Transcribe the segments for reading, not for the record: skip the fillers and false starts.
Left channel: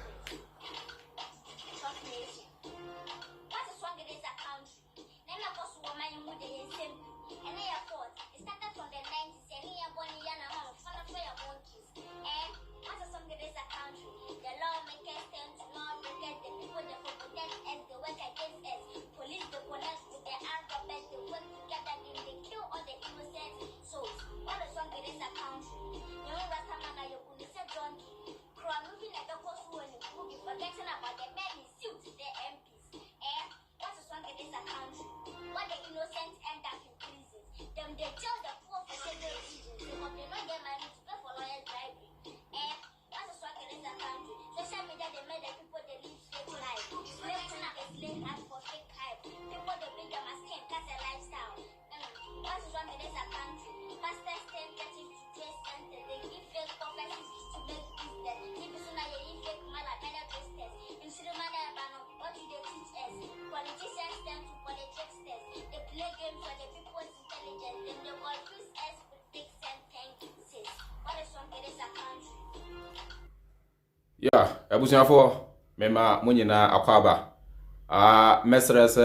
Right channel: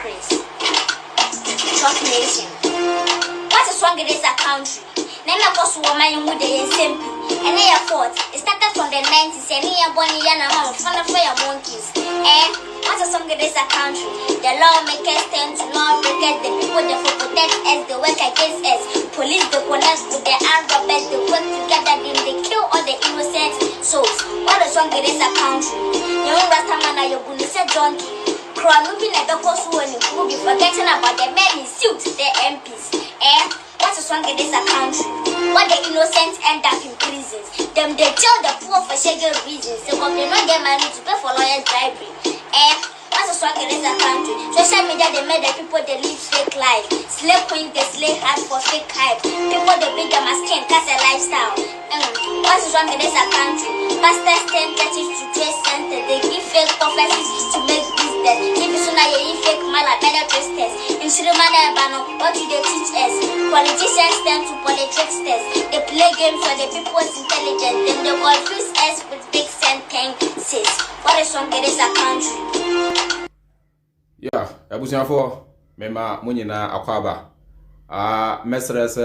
hypocrites. Trump nation. What is wrong with this country? Name a cost woman with the SMP. And they are fault. It started from the 90s. And here, Bonnie and I'm fun of your monkeys. And what is wrong with this country? The lawmakers tend to not protect the people that for protect us, they work against us. Police, they connect with the armed robbers, they work together, then they kill all the innocent souls. What is wrong with this country? You know, Rastaman, you're going to say donkey. Crime moving at the cost when you will be forgetting about the men in suits, the MPs. And what is wrong with this country? What the innocent end up in prisons. Them they tell the poor for shaking reasons. They will not get money to pay for lawyers' bribery. And what is wrong with this country? Social media they made the people they live fake life. Slave queen they slay hard for fake hype. People they beat them as king, cast a lifestyle. What is wrong with this country? Pastors turn churches to trade center. They give fake prophecies to make business. If you say you fake mala, better testers. In Srimana Bano, what do they teach us? Politicians turn to politics test. They play games for the people's intelligence. Then they confuse us with big sentences. What is wrong with this country? Yeah, Abusiafo, Mema Munina Akwaba. Mesres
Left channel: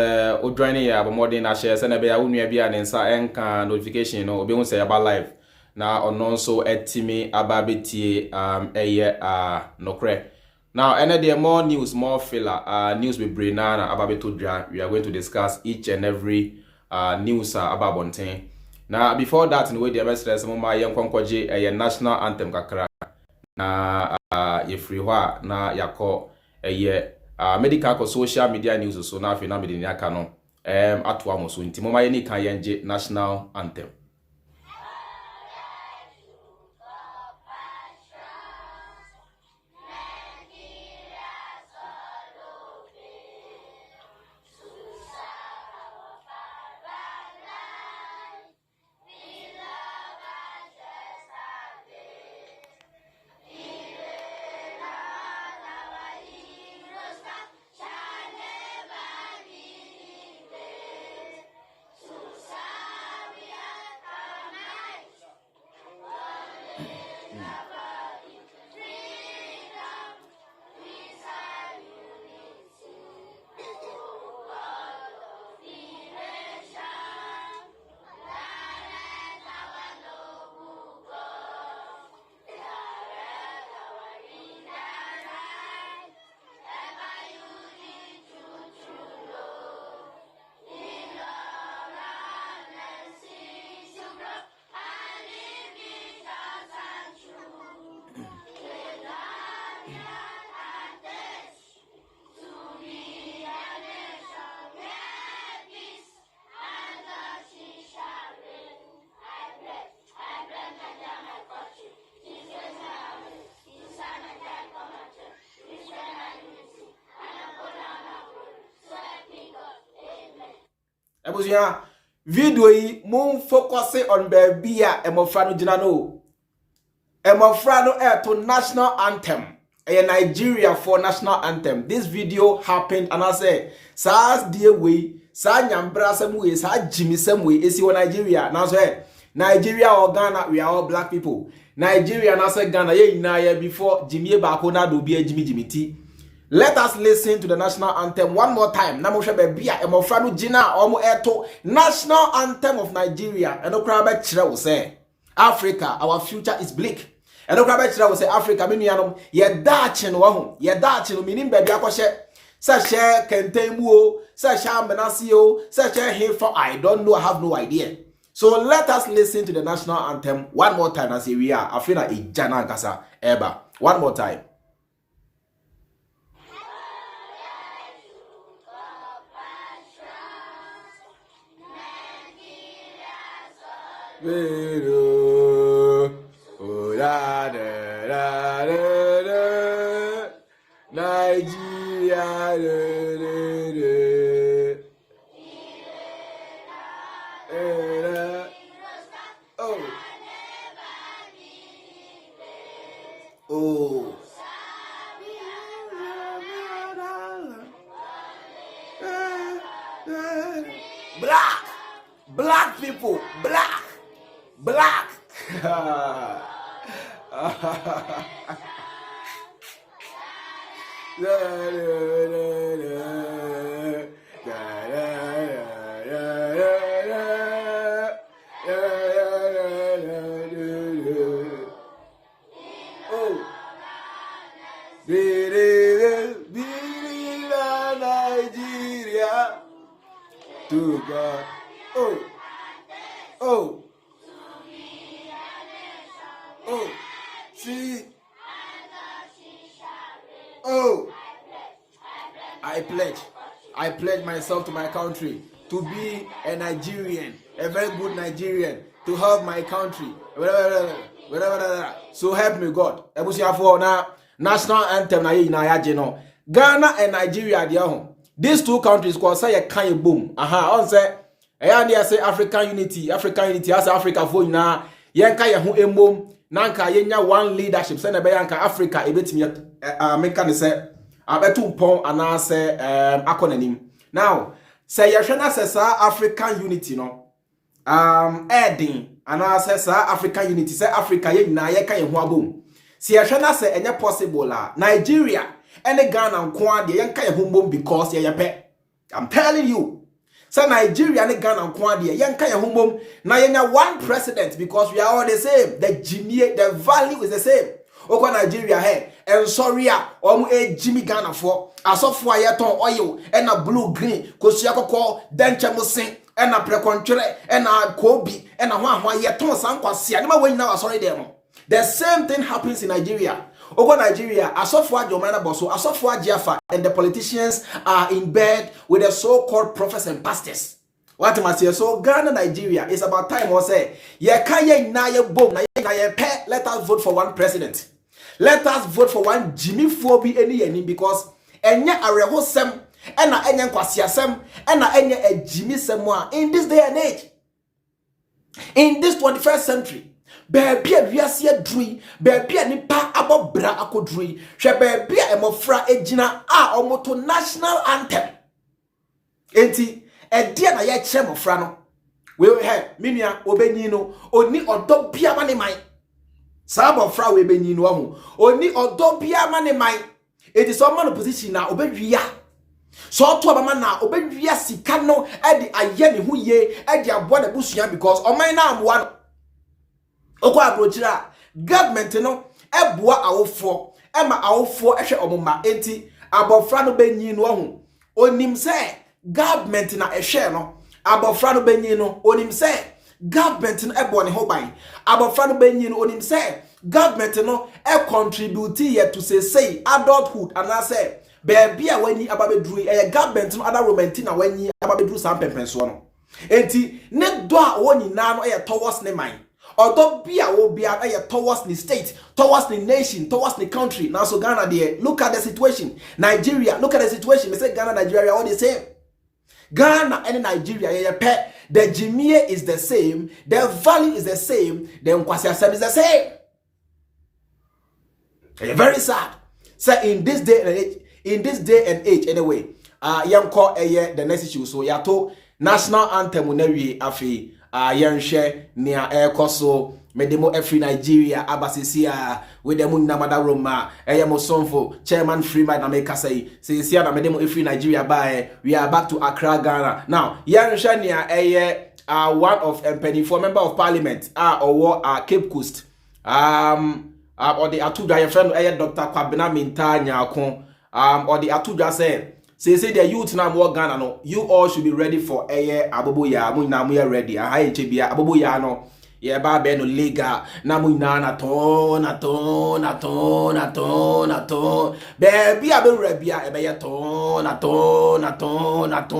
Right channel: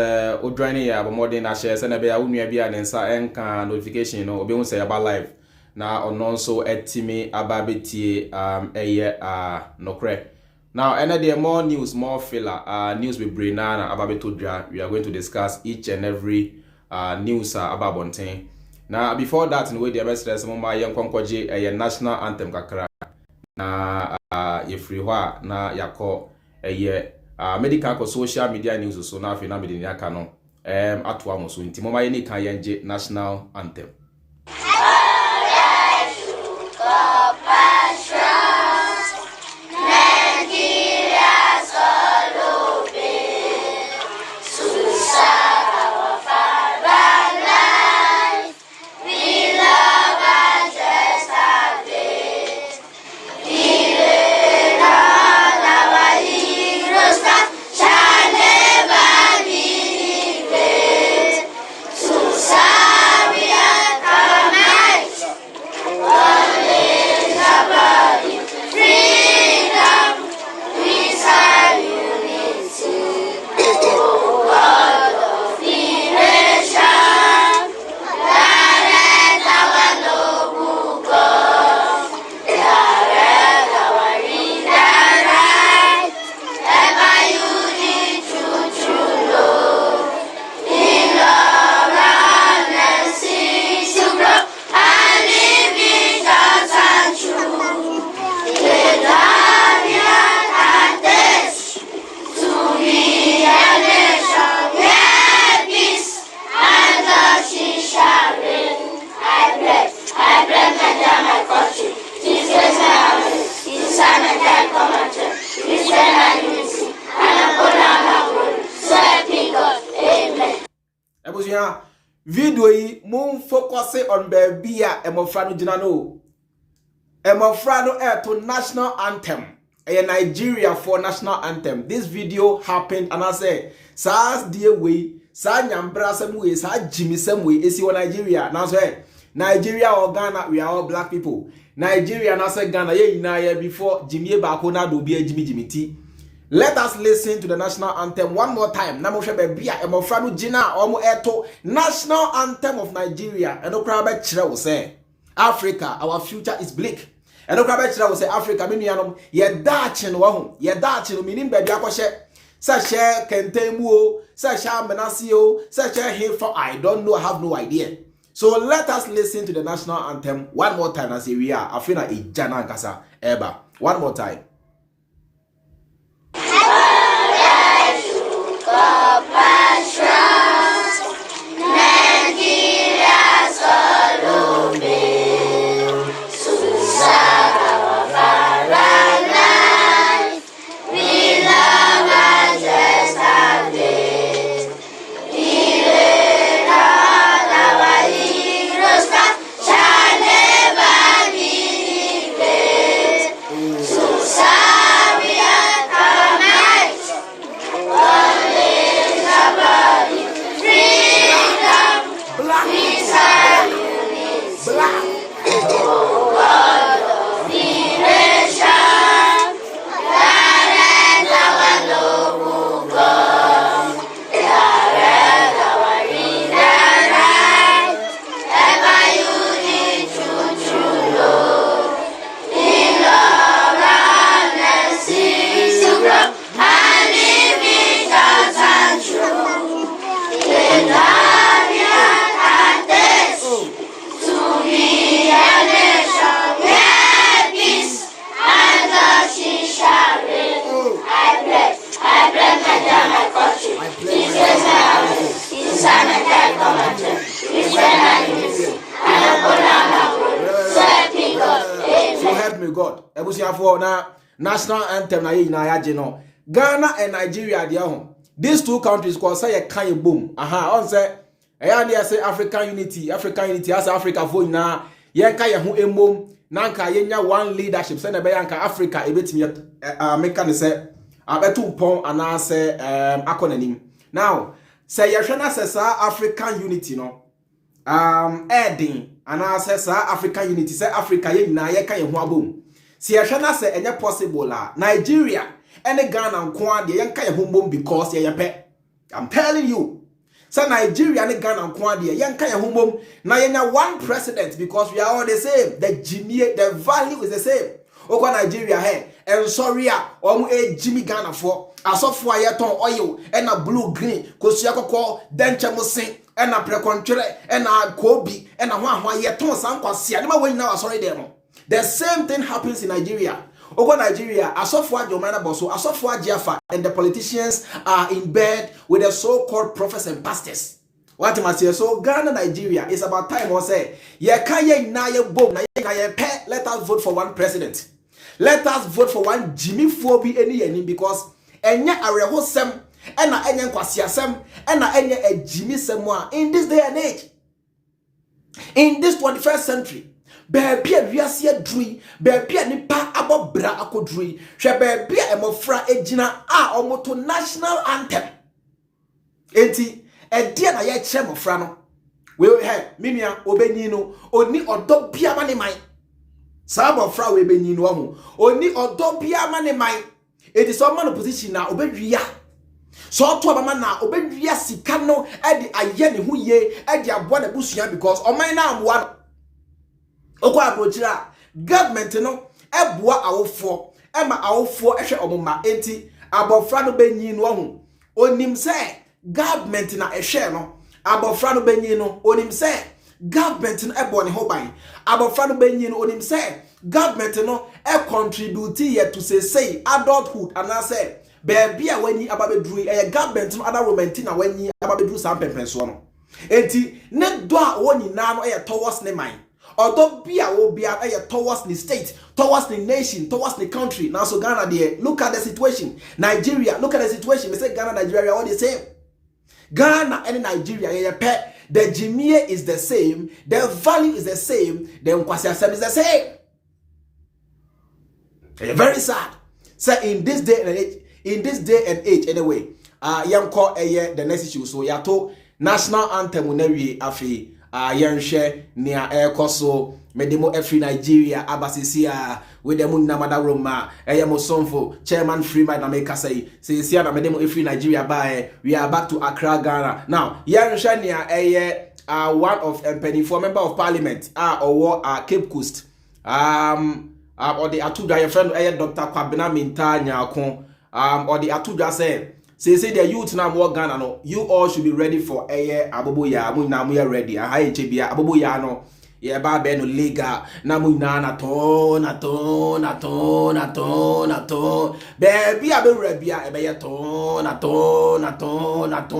Odrani ya bomodi na share se na be ya unua bia ne nsa enka notification no obi hu se ya ba live na ono so etimi ababetie eye nokre. Now any there more news, more filler news with Brenana ababeto dra. We are going to discuss each and every news about Bonten. Now before that in way the mesres mo ma yenkwankwaje eye national anthem kakra na ye free hwa na yakọ eye medical social media news so na afina medini aka no ato amoso nti moma ye ni kan yenje national anthem. Video yi mun focus on baby a emofra no gina no. Emofra no to national anthem. A Nigeria for national anthem. This video happened and I say SARS dear way, sa nyambra some way, sa Jimmy some way, is Nigeria. Now say Nigeria or Ghana, we are all black people. Nigeria now say Ghana ye na before Jimmy Bakona do be a Jimmy T. Let us listen to the national anthem one more time. Namosha bebia emofranu jina omo eto national anthem of Nigeria. Eno krabe chira will say Africa, our future is bleak. Eno krabe chira will say Africa minu yanom ye dachi no wahu. Ye dachi no minim bebi akoshe. Sa share kentemu, sa share menasio, sa share here for I don't know, I have no idea. So let us listen to the national anthem one more time as we are. I feel like a jana kasa eba. One more time. help me God. Ebusiafo na national anthem na ye na yaje no. Ghana and Nigeria dey ho. These two countries cause say kan boom. On say eya say African unity as Africa for na yenka ye ho emom na nka yenya one leadership say na be yanka Africa ebetimi make ne say abetu pon ana say akonanim. Now say ye na say African unity no Eden and I say African unity, say Africa ye na ye kan ye ho abom. Si ye hwe na say enye possible la Nigeria and the Ghana nko de ye kan ye ho bom because ye pe. I'm telling you. Say Nigeria and the Ghana nko de ye kan ye ho bom na ye nya one president because we are all the same. The value is the same. Oko Nigeria he en sorry a omo Jimmy Ghana for asofo ayeton oil and a blue green kosia kokko denche musin and a precontre and a kobi and a one yeton sankwasi and ma now sorry them. The same thing happens in Nigeria. Oko Nigeria asofo ajomana boso asofo ajiafa and the politicians are in bed with the so-called prophets and pastors. What must say? So Ghana, Nigeria, it's about time we say, ye kanye na ye bom na ye pe. Let us vote for one president. Let us vote for one Jimmy Fobi any because enye areho sem ena enye nkwasia sem ena enye a Jimmy semwa in this day and age. In this 21st century, baby wiase adui, baby nipa abobra akodui, hwe baby emofra ejina a omoto national anthem. Enti edie na ye kire mofra no. We he minia obenyi no oni odo bia ma ne man. Sabo fra we benyi no ho oni odo bia ma ne man. It is some man position na obedwia. So to abama na obedwia sika no e de aye ne ho ye e de abo na busua because oman na amwa no. Okwa abrochira government no eboa awofo e ma awofo ehwe omoma enti abofra no benyi no ho onim se government na ehwe no abofra no benyi no onim se government no ebo ne ho ban abofra no benyi no onim se government no e contribute here to say adulthood and I say baby a wani ababedru e government no other romantic na wani ababedru sam pempenso no enti ne do a woni na no e towards ne man odo bia wo bia e towards the state towards the nation towards the country now so Ghana there look at the situation Nigeria look at the situation me say Ghana Nigeria all the same Ghana and Nigeria ye pe the Jimmy is the same the value is the same the nkwasi asem is the same. Very sad. So in this day and age anyway, yanko the next issue so yato national anthem na wie afi yanhwe nia ekoso medemo every Nigeria abasisi with them namada roma mo sonfo chairman Freeman na make say na medemo every Nigeria by we are back to Accra Ghana now yanhwe nia one of for member of parliament or Cape Coast or the Atuja your friend Dr. Kwabena Minta Nyako or the Atuja say the youth now more Ghana no you all should be ready for abobo ya mu na mu ready HBA abobo ya no ye ba be no liga na mu na to baby abewura e be ye to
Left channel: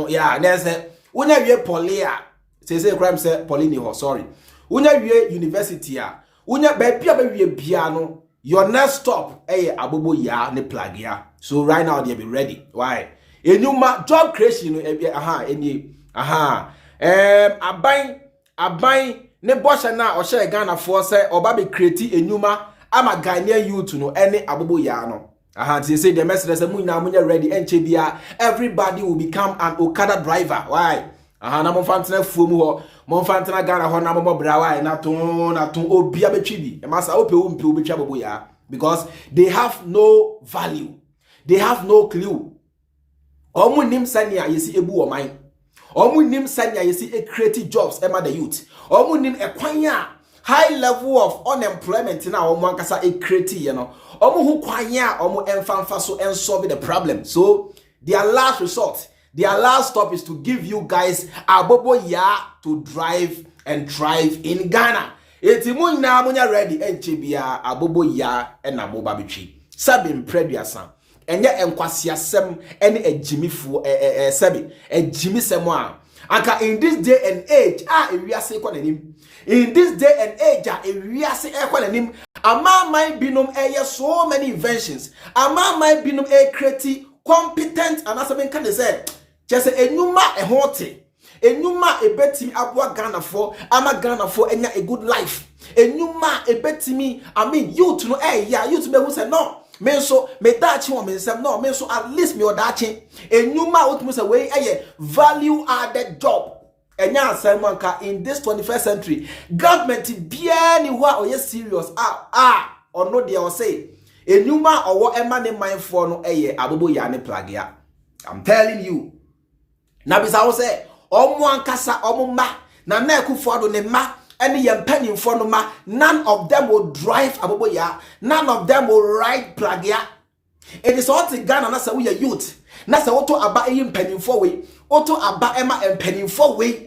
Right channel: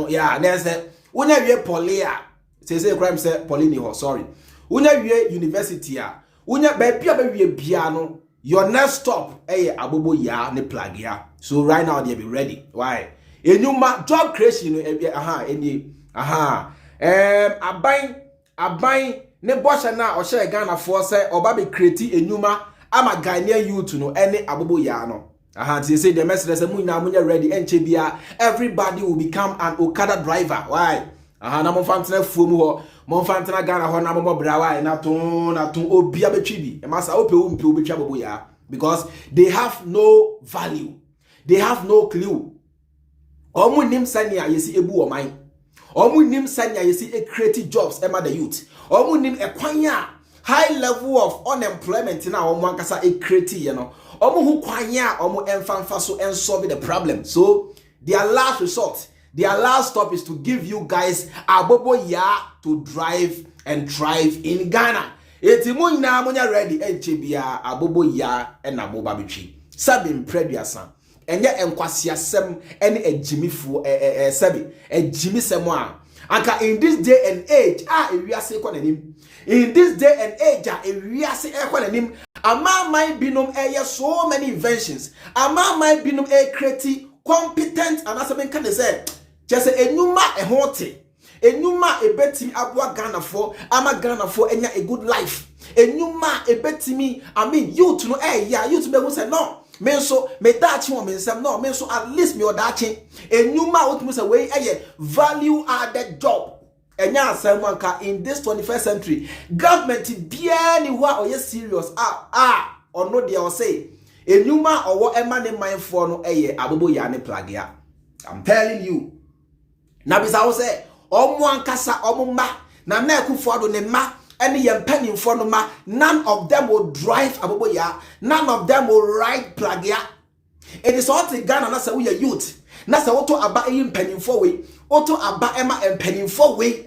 ya na say unya wie polia say crime say polini ho sorry unya wie university unya baby abewie bia no your next stop abobo ya ne plug ya so right now they be ready why enyuma job creation aban ne bosha na o share Ghana for say oba be create enyuma ama Ghanaian youth no ene abobo ya no they say the message say munya ready enche bia everybody will become an Okada driver why na mo fantena fuomu ho mo fantena Ghana ho na mo brawa na to obi abetwi bi e masa ope wo mpe obetwa bobo ya because they have no value they have no clue omu nim sanya yesi ebu oman omu nim sanya yesi create jobs ema the youth omu nim ekwanya high level of unemployment na omu ankasa create you know omu hu kwanya omu emfanfa so and solve the problem so their last resort their last stop is to give you guys abobo ya to drive and thrive in Ghana. Eti munya munya ready enchebia abobo ya na moba betwi. Sabi mpreduasa. Enye enkwasiasem ene ejimifu sabi ejimi semo a Anka in this day and age, ewiase kwa nanim. In this day and age, ewiase kwa nanim. Ama my binom so many inventions. Ama my binom create competent and as I can say, just enuma ehote. Enuma ebetimi abwa Ghana for ama Ghana for enya a good life. Enuma ebetimi, I mean you to know you to be who say no. Men so me dachi one men say no, men so at least me odachi. Enuma what must say a value added job. Enya asemanka in this 21st century. Government bia ni wa oye serious or no dey or say. Enuma or what emma ne mind for no abobo ya ne plagia. I'm telling you. Na bisa wo say omo ankasa omo ma na na Akufo Addo ne ma ene ye mpanimfo no ma, none of them will drive abobo ya, none of them will ride plagia. It is all to Ghana na say we youth na say woto aba mpanimfo we woto aba ema mpanimfo we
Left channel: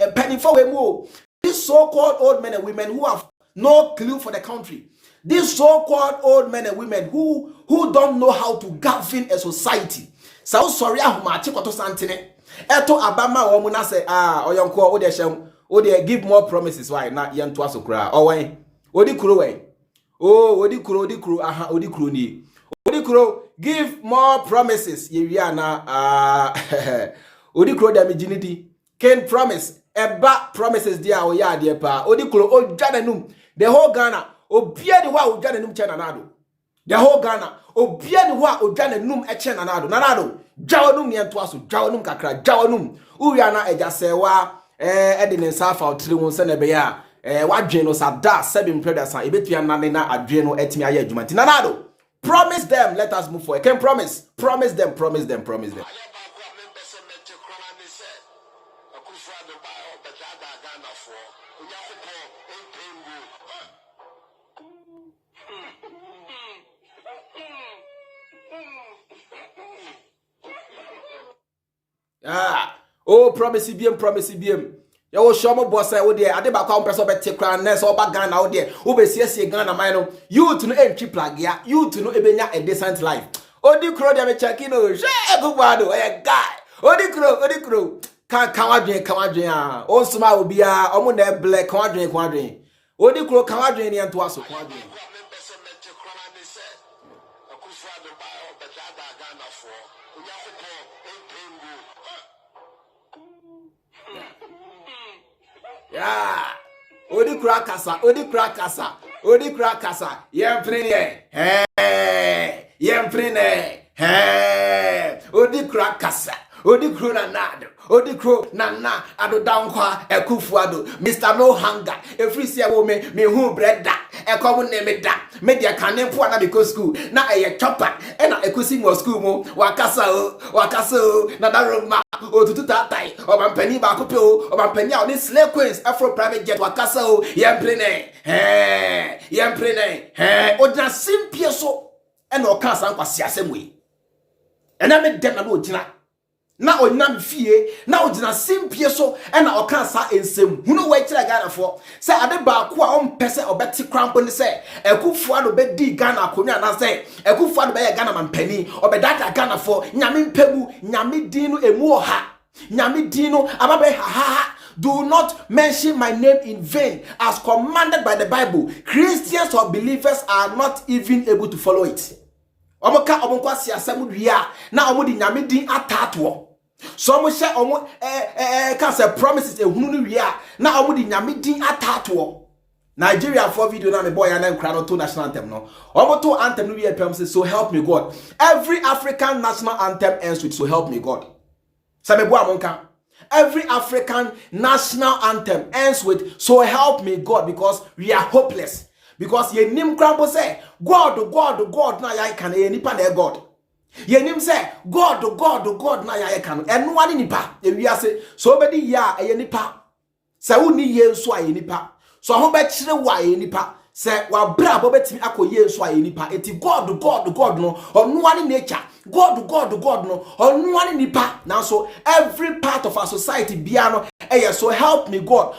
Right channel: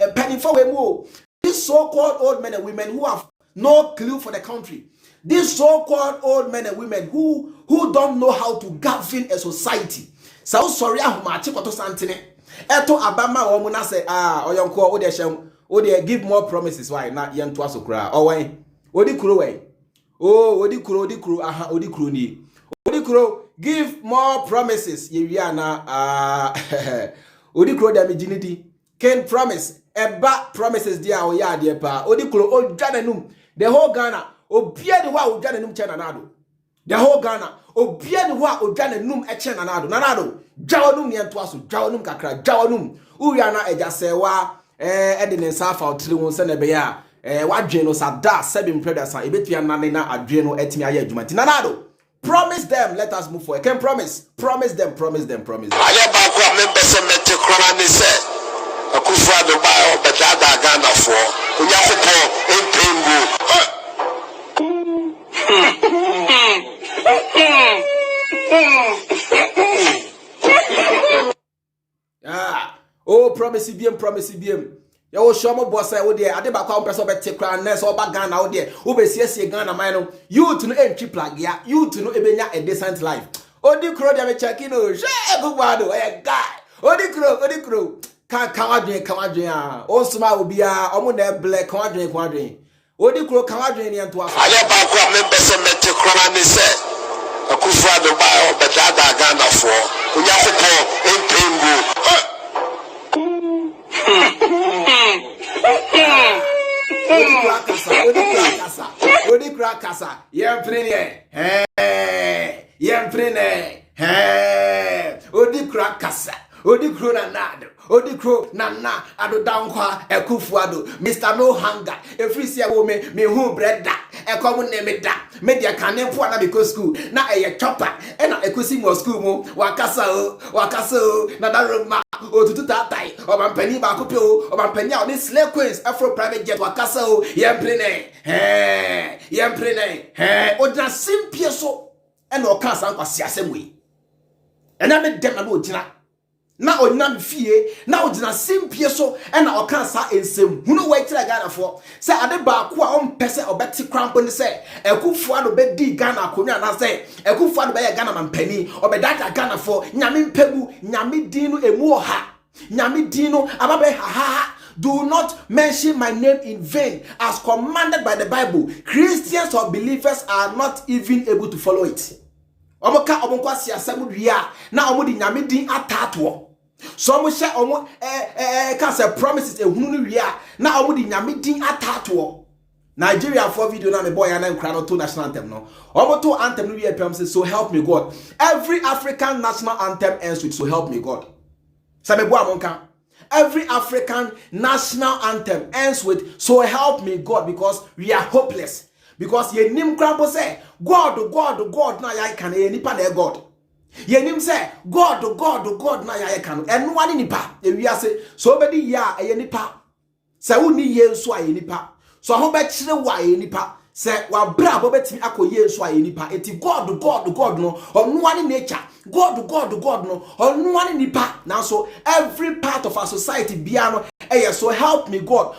mo. These so-called old men and women who have no clue for the country, these so-called old men and women who don't know how to govern a society. So sorry ahuma chikoto santene eto abama wo mu na say oyonko o de hyem o de give more promises why na yento asokra o wen odi kuro wen odi kuro aha odi kuro ni odi kuro give more promises ye wi ana odi kuro da mijinidi can promise eba promises dia o ya de pa odi kuro o jananum the whole Ghana obia de wa o jananum chena nado the whole Ghana obia de wa o jananum e chena nado jawanum ne ento aso jawanum kakra jawanum uya na eja sewa ede ne safa otri won se na be ya wadwen no sada seven brothers an ebetua nane na adwen no etimi aye adwuma ti nanado. Promise them, let us move forward. Can promise them. Aye ba ko member se mete krona ni se Akufo Addo ba o beta Ghana for Onyankopon empengu. Promise BM. Ya wo show mo boss I wo de ade ba kwa mpeso bete kra na so ba Ghana wo de wo be siesie Ghana man no youth no entry plug ya youth no ebenya a decent life. Odi kro de me check in o she Akufo e guy. Odi kro kan wadwen o suma obi a omo na black kan wadwen odi kro kan wadwen ni ento aso. Aye ba kwa member se mete kra ni se Akufo Addo ba o beta Ghana for Onyankopon empengu. Odi krakasa yemprene odi krakasa odi kro nana Addo Dankwa Akufo Addo Mr. No Hunger every see wo me hu bread da ekom ne me da me dia kanempo na because school na chopper na ekosi mo school mo wakasa o na daroma otutu tatai obampani ba kope o obampani a oni slave queens afro private jet wakasa o yemprene odina simpie so na okasa nkwasi asemwe ena me dem na no odina na onyam fie na ogina simpie so na okansa ensem hunu we tira Ghana for say ade ba ko a ompese obeti krampo ni say Akufo Addo be di Ghana akonwa na say Akufo Addo be ye Ghana mampani obedata Ghana for nyame mpegu nyame din no emu oha nyame din no ababe ha. Do not mention my name in vain as commanded by the Bible. Christians or believers are not even able to follow it. Omoka omonkwa siasem dua na omo di nyame din atato. So mo share omo can say promises ehunu no wia na omo di nyame din atato. Nigeria for video na me boy and nkra no to national anthem no. Omo to anthem no wia pem say so help me God. Every African national anthem ends with so help me God. Say me boy amonka. Every African national anthem ends with so help me God because we are hopeless. Because ye nim krampo say God na ya kan e nipa na God. Ye nim say God na ya kan eno ani nipa e wi ase so obedi ya e nipa say woni ye nso a ye nipa so ho be kire wa ye nipa say wa bra bo betimi akoye nso a ye nipa eti God no ono ani nature God no ono ani nipa now so every part of our society bia no so help me God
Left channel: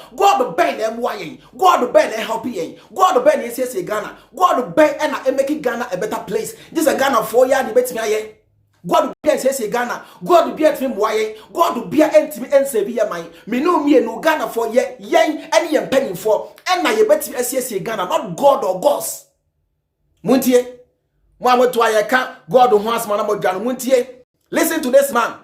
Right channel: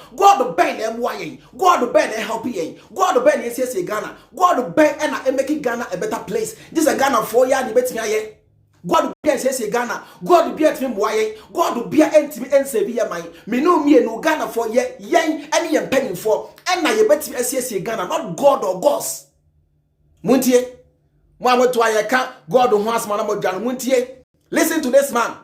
ben na emwa yen God ben na help yen God ben na Ghana God ben na make Ghana a better place this a Ghana for ya de betimi aye God be say Ghana. God be at him why. God be entimi ense bi yaman. Me no me no Ghana for ye yen any yen penny for. And na ye beti say Ghana, not God or gods. Muntie. Mwa to ayeka God who has man amodwan muntie. Listen to this man.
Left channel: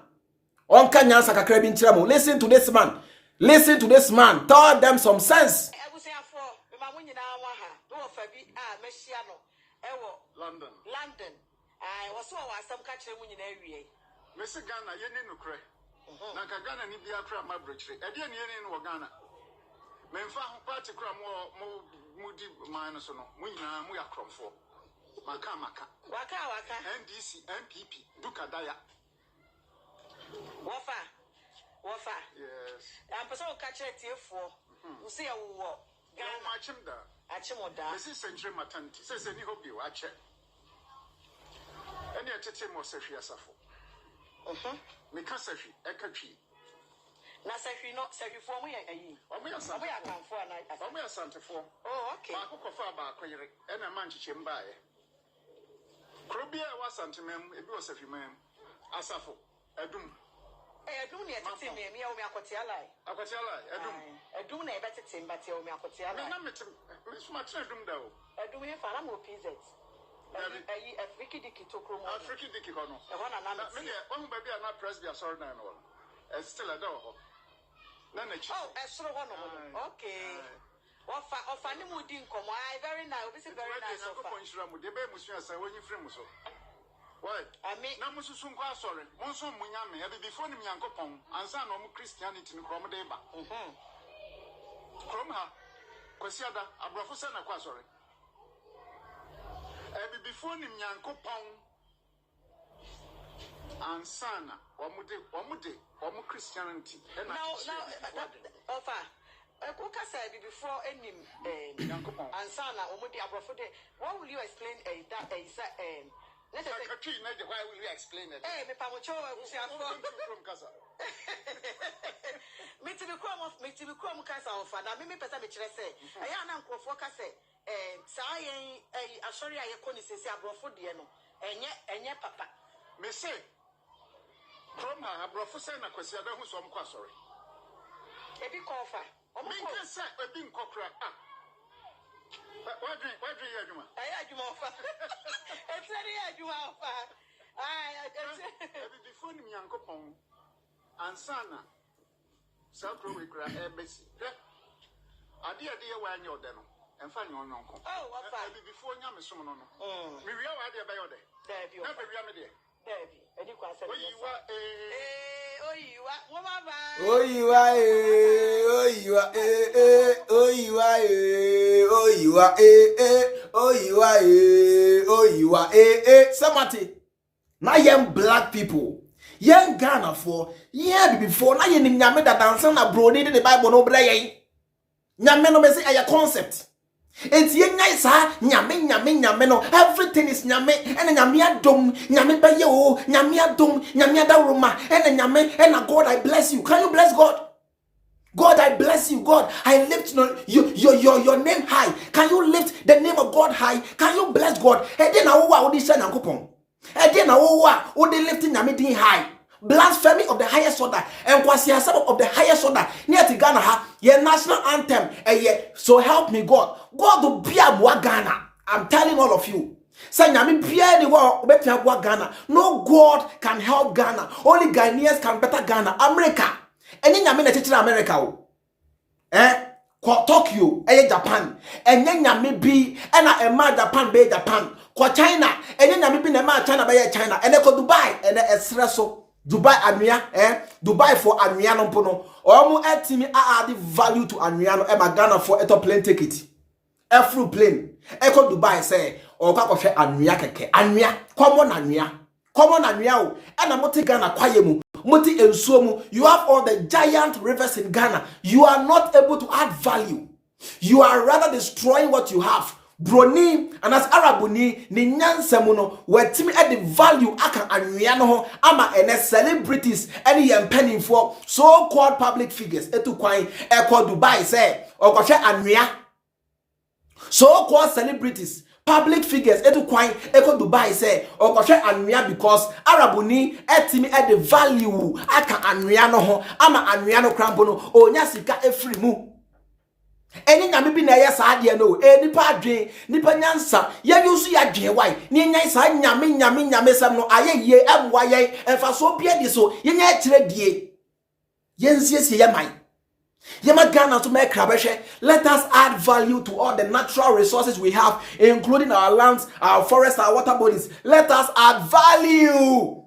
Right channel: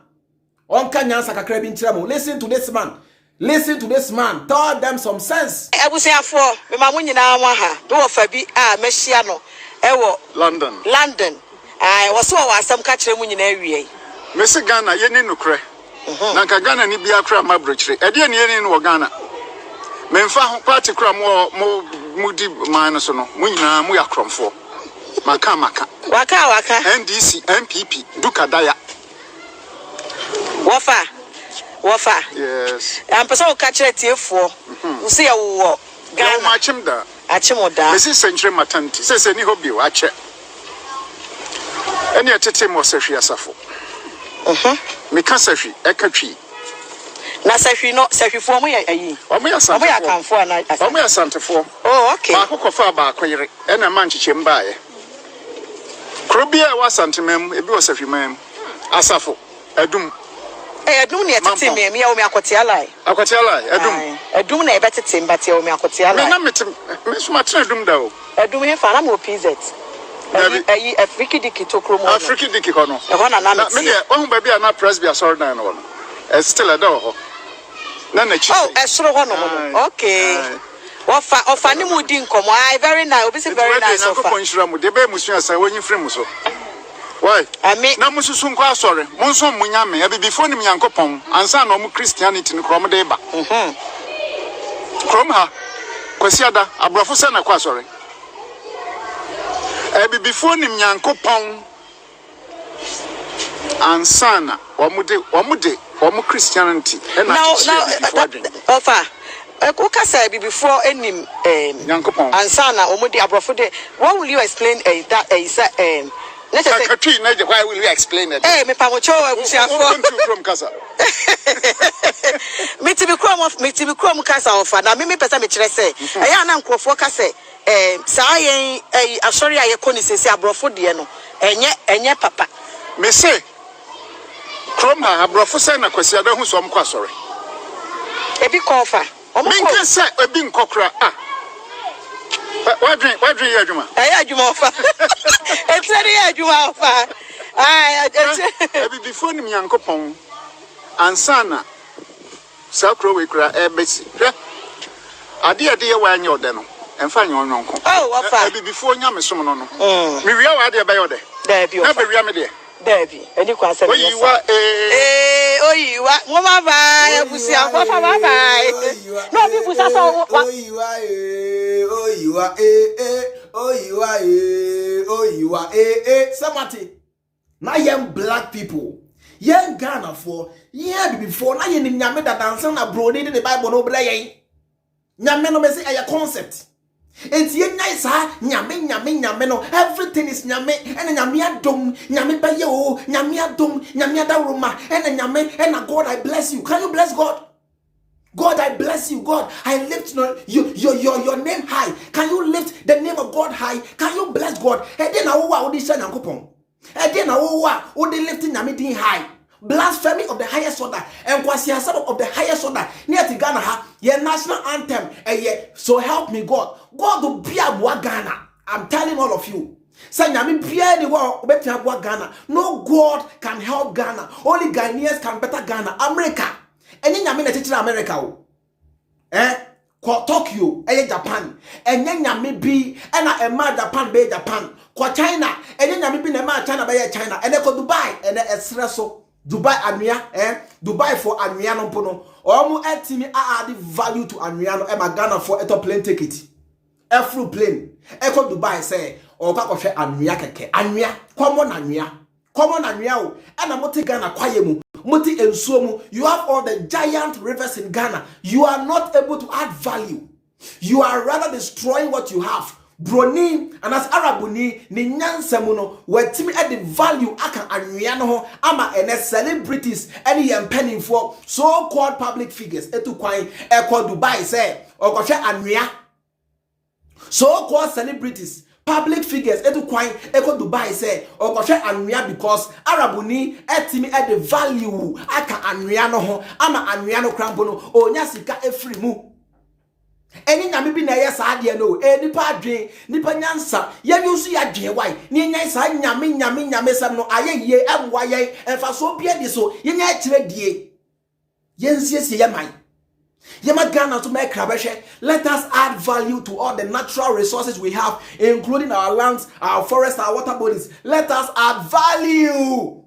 Onka nyansa kakra bi ntiramo. Listen to this man. Listen to this man. Tell them some sense. Abusiafo, me ma munyina wa ha. Do ofa bi a mehia no. Ewo London. Ai woso wa asam ka kire munyina awie. Me se Ghana ye ni nukre. Na ka Ghana ni bia kra ma brochire. E de ne ye ni no Ghana. Me mfa ho party kra mo mudi man so no. Munyina mu ya kromfo. Maka. Waka. NDC, MPP, Dukadaya. Wafa. Yes. I'm person who catch it here for. You see a Ghana. Achimoda. This is century maternity. Says any hobby watch it. Any attempt more Safi Asafo. Mika Safi, Ekachi. Na Safi no Safi for me. Omoya Santa for. Oh, okay. Mako fa ba kwere. E na man chichemba ye. Krobia wa santimem ebi o Safi mam. Asafo. Adum. Adum ne tete me ya o me akwoti alai. Adum. Adum na e betete mbati o me akwoti alai. Me na metem me so matena adum da o. Adum he fa na mo PZ. Ayi Afriki diki to kromo. Afriki diki kono. E ho na me de ohun ba bia na presbya sorry na no. E still a do ho. Na chi. Oh, e soro ho no. Okay. Ofa ni mu di nkomo. Ai very nice. Obi say very nice ofa. Ko ponshira mu de be musu asan wonyi frem mu so. Why? Na mususu nko asore. Monso munyame. E before ni Nyankopon. Ansa na omu Christianity ni krom de ba. Krom ha. Kwasiada abrafo se na kwa asore. E before ni Nyankopon. Ansa na omu Christianity. Now, ofa. Oka say before enim Nyankopon. Ansa na omu de abrafo de. What will you explain that is why will you explain it? Hey, me pamocho abusiafo. From Kasa. Me to be krom Kasa ofa. Na me pesa me kire say. Eya na nkrofo ka say saa yen asori aye koni sese abrofo de no. Enye papa. Me say krom ha abrofo say na kwasi ada hu so mkwa asori. Ebi kofa. Me nka say ebi nkokra What drink you adwuma? Adwuma ofa. It's very adwuma ofa. Before ni Nyankopon ansana sakro we kra ebesi. Ade ye wa anya ode no. Emfa anya onwonko. Oh, ofa. Before nya mesom no no. Me wia wa ade ba yode. There be ofa. Na be wia me de. Debbie, any question? Oyiwa mama bye. Busia papa bye. No people say oyiwa Samati. Na young black people. Young Ghana for before na yen nyame da dansa na broni de Bible no bra yen. Nyame no me say aya concept. Enti nyai sa nyame no everything is nyame and nyame adom nyame baye o nyame adom nyame adawroma and nyame and God I bless you. Can you bless God? God I bless you. God I lift your name high. Can you lift the name of God high? Can you bless God? E dey na wo a wo dey sha Nyankopon. E dey na wo a wo dey lift nyame din high. Blasphemy of the highest order and kwasiasaba of the highest order near to Ghana ha your national anthem so help me God will be a Ghana. I'm telling all of you say nyame bia ni wa obeti aboa Ghana. No God can help Ghana. Only Ghanaians can better Ghana. America eni nyame na teaching America o ko Tokyo Japan enye nyame bi na ema Japan be Japan ko China enye nyame bi na ema China be China ene ko Dubai ene esreso Dubai anwia Dubai for anwia no mpono omu etimi add value to anwia no e Ghana for eto plane ticket every plane eko Dubai say o kwa kohwe anwia keke anwia common anwia o e na moti Ghana kwaye mu moti ensuo mu you have all the giant rivers in Ghana you are not able to add value you are rather destroying what you have. Bronii and as Arabuni ni nyansemu no wetimi at the value aka anwia no ho ama ene celebrities any penny for so called public figures etu kwan e called Dubai say okohwe anwia so called celebrities public figures etu kwan eko Dubai say okoshe anwea because Arabuni etimi e the value aka anwea no ho ama anwea no krampo no onya sika efiri mu eni nyame bi na ye saa de no nipa adwen nipa nyansa ye yusu ya dwen wai ne nyan saa nyame sam no aye ye emwa ye emfa so bia di so ye nya kire die ye nsiesie ye mai Yema Ghana to make krabeshe. Let us add value to all the natural resources we have, including our lands, our forests, our water bodies. Let us add value.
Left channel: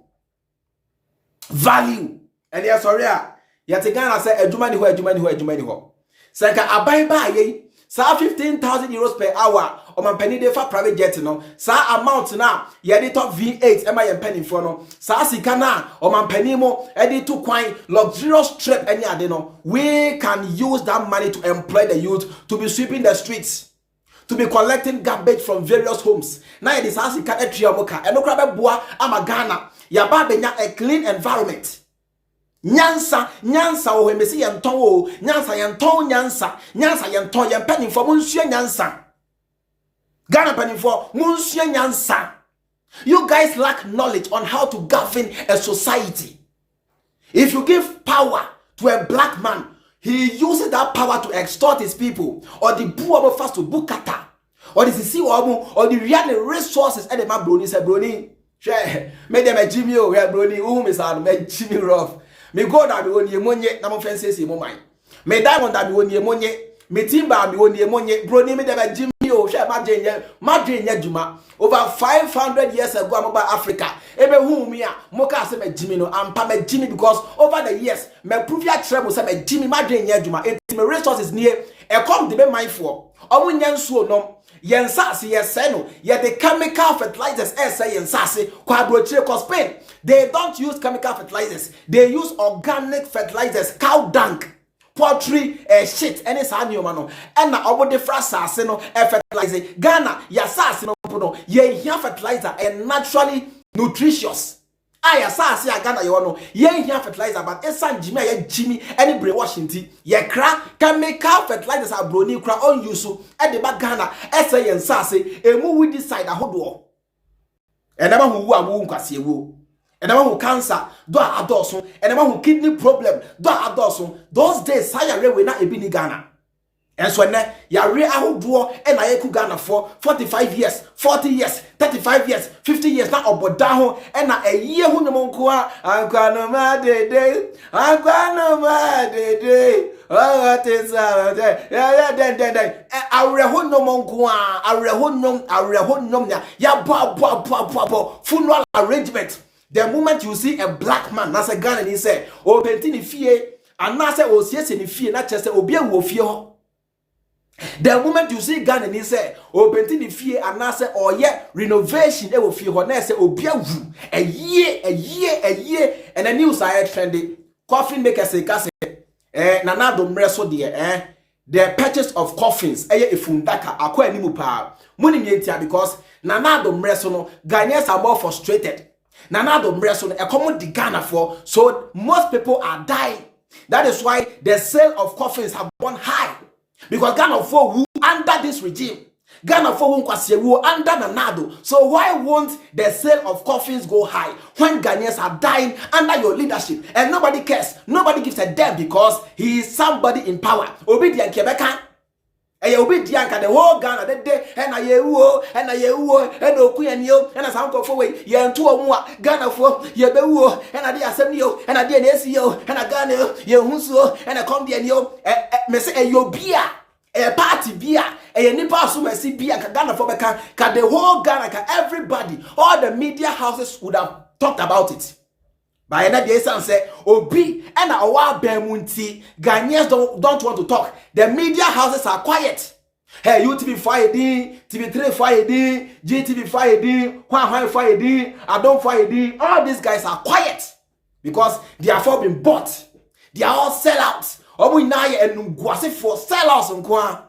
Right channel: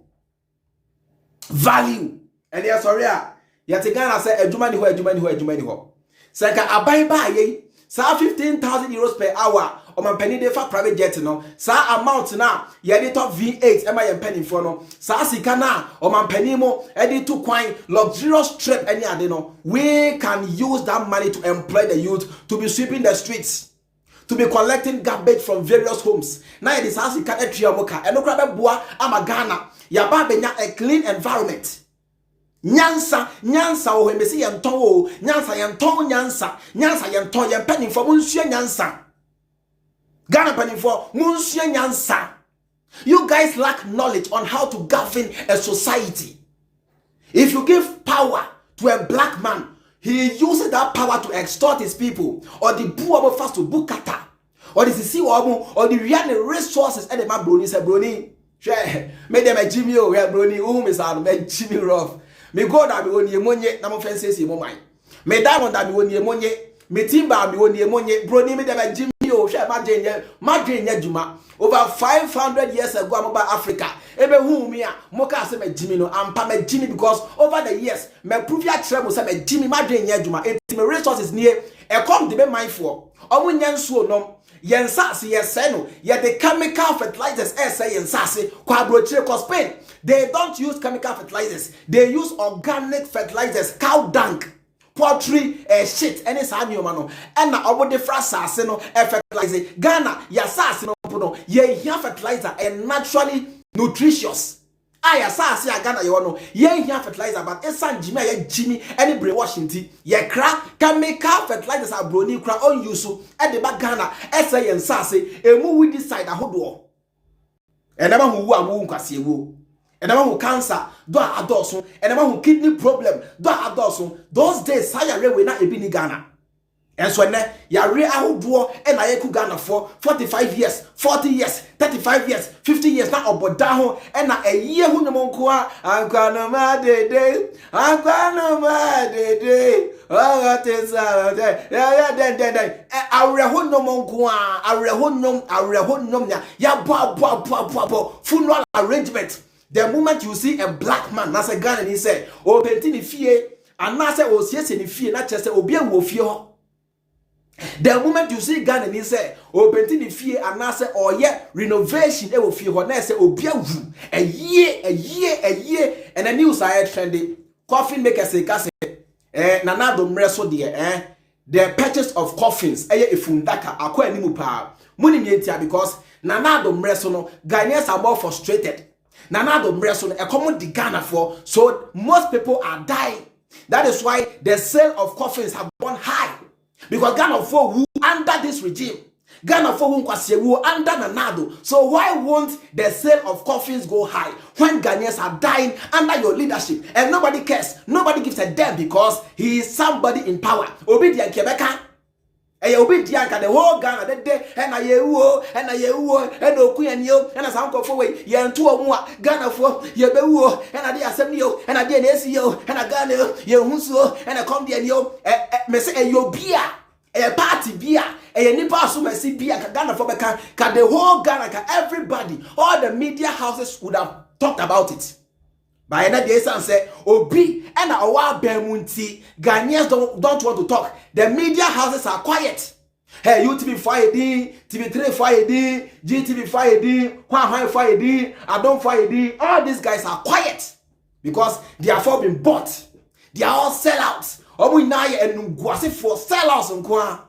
Value. And yes, sorry, yet Ghana say ejumani ho. Senka abai ye. Sa 15,000 euros per hour. O man penny de for private jet no. Sa amount na yedi top V8 ema yen penny for no. Sa sika na o man penny mo edi to kwine luxurious trip any ade no. We can use that money to employ the youth to be sweeping the streets, to be collecting garbage from various homes. Na yedi sa sika etria moka. Eno kra be boa ama Ghana. Ya ba benya a clean environment. Nyansa o hemesi yenton o nyansa yenton yen penny for munsua nyansa Ghana penny for munsua nyansa. You guys lack knowledge on how to govern a society. If you give power to a black man, he uses that power to extort his people, or the poor first to bukata, or the sisi or the real resources and the man Bronii say Bronii share made them a Jimmy o Bronii is out me Jimmy rough. Me God that be won ye monye na mo fences ye mo man. Me diamond that be won ye monye. Me timber be won ye monye. Bronii me dem Jimmy o share madrenye juma. Over 500 years ago I'm about Africa. Ebe hu me a mo ka say me Jimmy no ampa me Jimmy because over the years me prove ya trebo say me Jimmy madrenye juma. It me resources near e come de be mindful. Omo nyansuo nom yensase yeseno ye the chemical fertilizers say yensase kwa brochire cause Spain. They don't use chemical fertilizers. They use organic fertilizers, cow dung, poultry, shit, any sanyo no. And na obo de frasase no fertilizer. Ghana ya sase no no ye here fertilizer and naturally nutritious. Aya sase ya Ghana ye no ye here fertilizer but esan Jimmy ye Jimmy any brainwashing ye kra chemical fertilizers are Bronii kra on use e de ba Ghana say yensase emu we decide ahodo. And never who awu nkwase wo. And the who cancer, do adoso, and the who kidney problem, do adoso. Those days, saya we na ebi ni Ghana. And so ne ya re aho do and I ku Ghana for 45 years, 40 years, 35 years, 50 years na oboda ho and na a year hu no nko anka no ma de oh things yeah then areho no nko areho nom ya bo funeral arrangement. The moment you see a black man, that's a gun and he say, "Oh, pentini fie," and now say, "Oh, yes, in fie," not just say, "Oh, be a wofio." The moment you see gun and he say, "Oh, pentini fie," and now say, "Oh, yeah, renovation," they will feel when I say, "Oh, be a year," and the news I trendy. Coffin maker say, "Nana do mreso dear, the purchase of coffins, ifundaka, akwa ni mupa, money because Nana do mreso no, Ghanaians are more frustrated." Nanado mreso a common the Ghana for, so most people are dying. That is why the sale of coffins have gone high. Because Ghana for who under this regime, Ghana for who under Nanado. So why won't the sale of coffins go high when Ghanaians are dying under your leadership and nobody cares? Nobody gives a damn because he is somebody in power. Obedient Quebecan. And you be the whole Ghana that day, and I and Okuyanio, and a sound of away, yan two or more Ghana for Yabu, and I did Assembly, and I did an SEO, and a Ghana, Yahuso, and a Condianio, a yo beer, a party beer, a nipa so mercy beer, Ghana for Becan, the whole Ghana, everybody, all the media houses would have talked about it. By another son say, Obi and our Bermunti, Ghanaians don't want to talk. The media houses are quiet. Hey, UTV fire D, TV3 fire D, GTV fire D, Huawei fire D, Addo fire D. All these guys are quiet because they have all been bought. They are all sellouts. Obu inaye and Nguasi for sellouts and Kwa.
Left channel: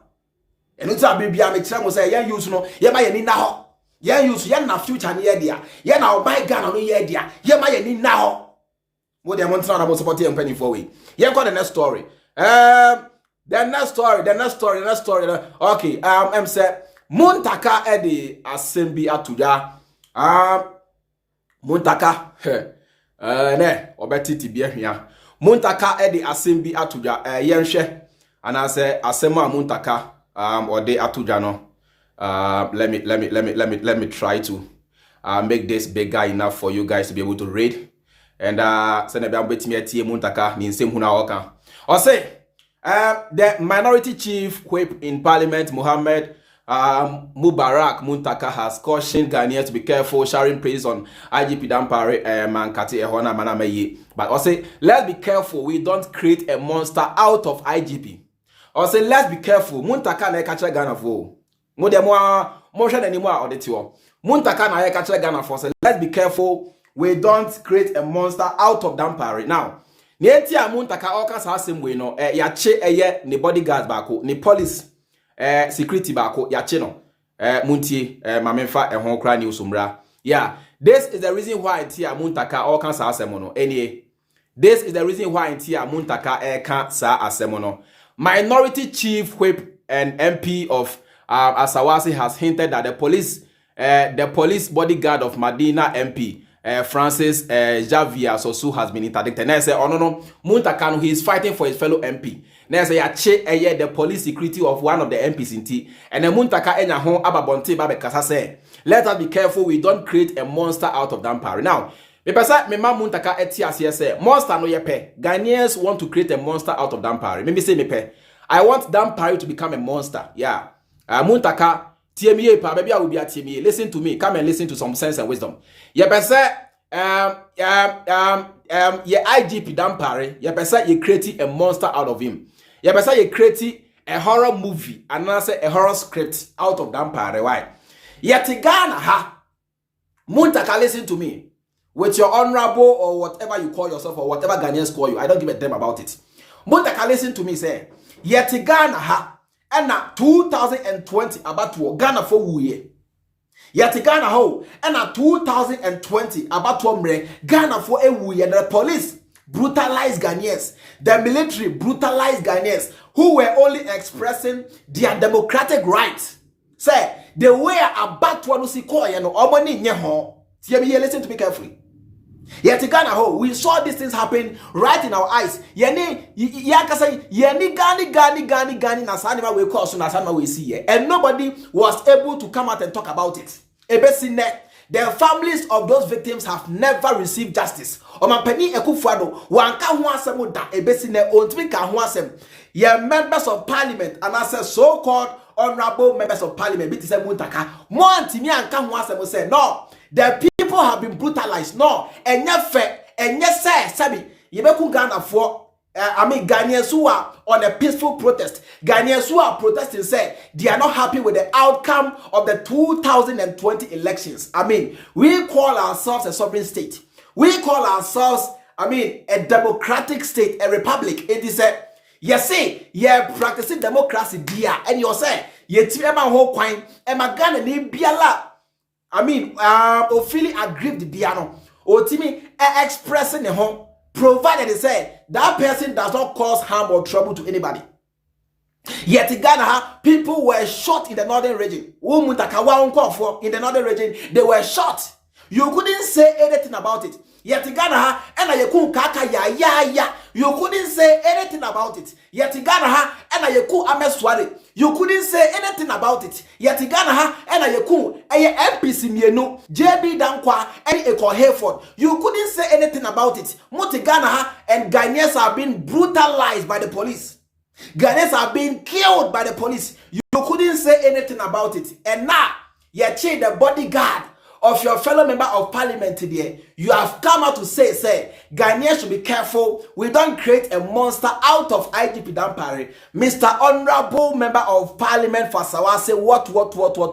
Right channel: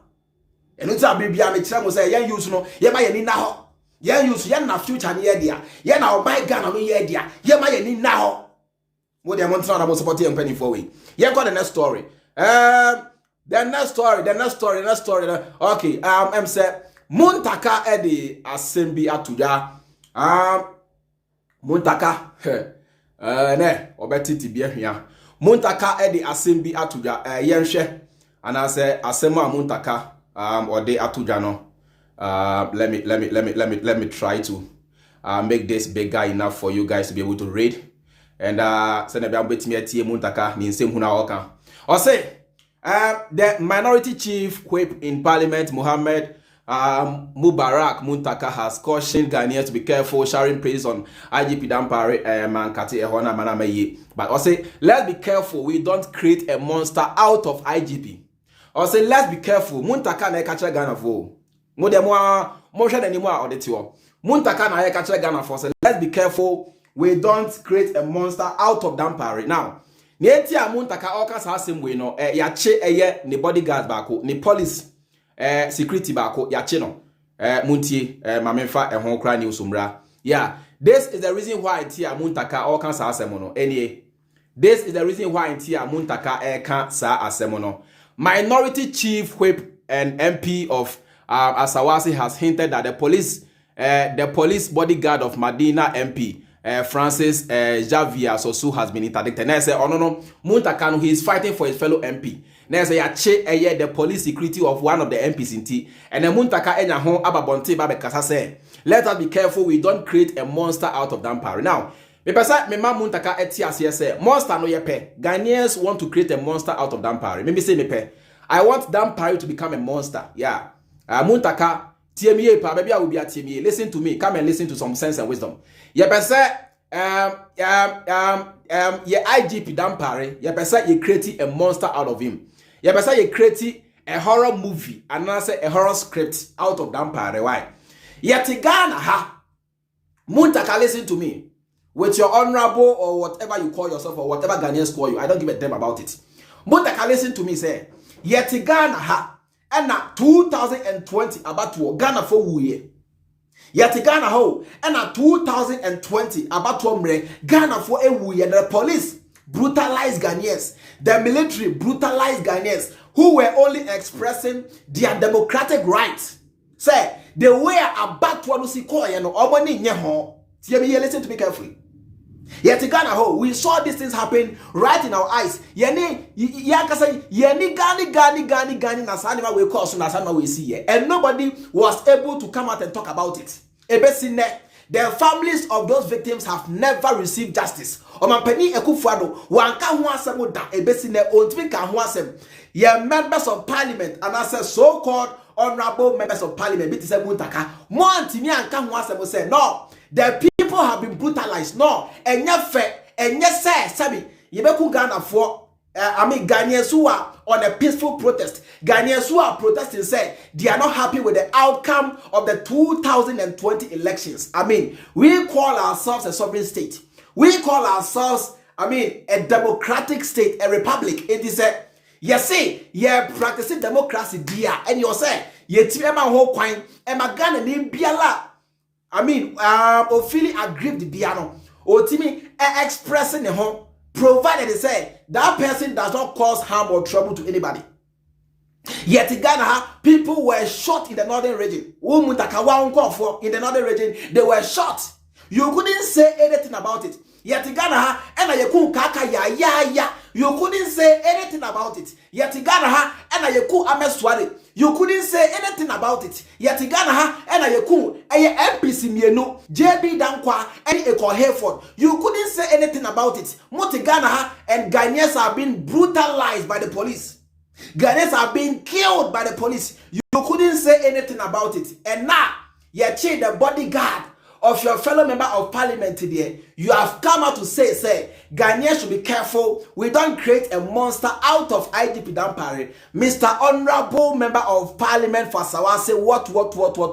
And it's a baby, I'm a chamo say, yeah, use no, yeah, my ni now. Yeah, use yeah, na future near dear. Yeah, now my Ghana no yeah, dear. Yeah, my ni now. What they want to know about supporting and penny for we. Yeah, got the next story. The next story. Okay, say Muntaka edi assembly atuja. Muntaka ne obeti tibia hia. Muntaka edi assembly atuja yenhwe anase asema Muntaka ode atuja no. Let me try to make this bigger enough for you guys to be able to read. And send a bit me Muntaka ni same huna oka. Or say the minority chief whip in parliament, Mohammed Mubarak Muntaka, has cautioned Ghanaians to be careful sharing praise on IGP Dampare Mankati Ehona Manameye. But also let's be careful we don't create a monster out of IGP. Also let's be careful Muntaka na catch Ghana for. Mo de mo hwe anymore or the tiwo. Muntaka na catch Ghana for. So let's be careful we don't create a monster out of Dampare. Now, Nieti a Muntaka oka sa same way no yache eye ni bodyguard bako ni police security bako yache no muntie mamemfa ehon kra ni usumra. Yeah, this is the reason why Tia Muntaka oka sa asemo no. Anyway, this is the reason why Tia Muntaka eka sa asemo no. Minority chief whip and MP of Asawasi has hinted that the police bodyguard of Medina MP Francis Javier Sosu has been interdicted. Now say, oh no, Muntaka, he is fighting for his fellow MP. Now say, the police security of one of the MPs in T. And then Muntaka enya hon ababonte babe kasa say, let us be careful we don't create a monster out of Dampare. Now, me pesa me ma Muntaka etias say, monster no yepe. Ghanaians want to create a monster out of Dampare. Maybe say me pe. I want Dampare to become a monster. Yeah. Muntaka TMA pa baby I will be at TMA. Listen to me. Come and listen to some sense and wisdom. Ye pese ye IGP Dampare, ye pese ye create a monster out of him. Ye pese ye create a horror movie and say a horror script out of Dampare. Why? Yet Ghana ha Muntaka, listen to me. With your honorable or whatever you call yourself or whatever Ghanaians call you, I don't give a damn about it. Muntaka, listen to me, say. Yet Ghana ha and na 2020 about to Ghana for wuye. Yet Ghana ho and na 2020 about to Ghana for a wuye. The police brutalized Ghanaians. The military brutalized Ghanaians who were only expressing their democratic rights. Say they were about to see koye no omoni nye ho. Listen to me carefully. Yet Ghana ho, we saw these things happen right in our eyes. Yeni gani nasanima we call so nasanima we see here. And nobody was able to come out and talk about it. Ebesine, the families of those victims have never received justice. Omampeni Akufo wanka ho asem da ebesine ontimi ka ho asem. Ye members of parliament and as so-called honorable members of parliament bit say Muntaka mo antimi anka ho asem say no. The people have been brutalized. No, and yes, Sabi, Yebeku Ghana for Ghanaians who are on a peaceful protest. Ghanaians who are protesting say they are not happy with the outcome of the 2020 elections. We call ourselves a sovereign state. We call ourselves, a democratic state, a republic. It is a practicing democracy, dear, and you say, whole coin, and my Ghana name Biala. Ofili aggrieved the piano. Otimi expressing the home, provided they say that person does not cause harm or trouble to anybody. Yet in Ghana, people were shot in the northern region. In the northern region, they were shot. You couldn't say anything about it. Yet in Ghana, and you couldn't say anything about it. Yet in Ghana, and you couldn't say anything about it. Yet in Ghana, and MPC Mienu, JB Dankwa, and Eko Hayford. You couldn't say anything about it. Ghana and Ghanaians are being brutalized by the police. Ghanaians are being killed by the police. You couldn't say anything about it. And now, you change the bodyguard of your fellow member of parliament today, you have come out to say, Ghanaians should be careful. We don't create a monster out of IGP Dampare. Mr. Honorable Member of Parliament for Serwaa say, what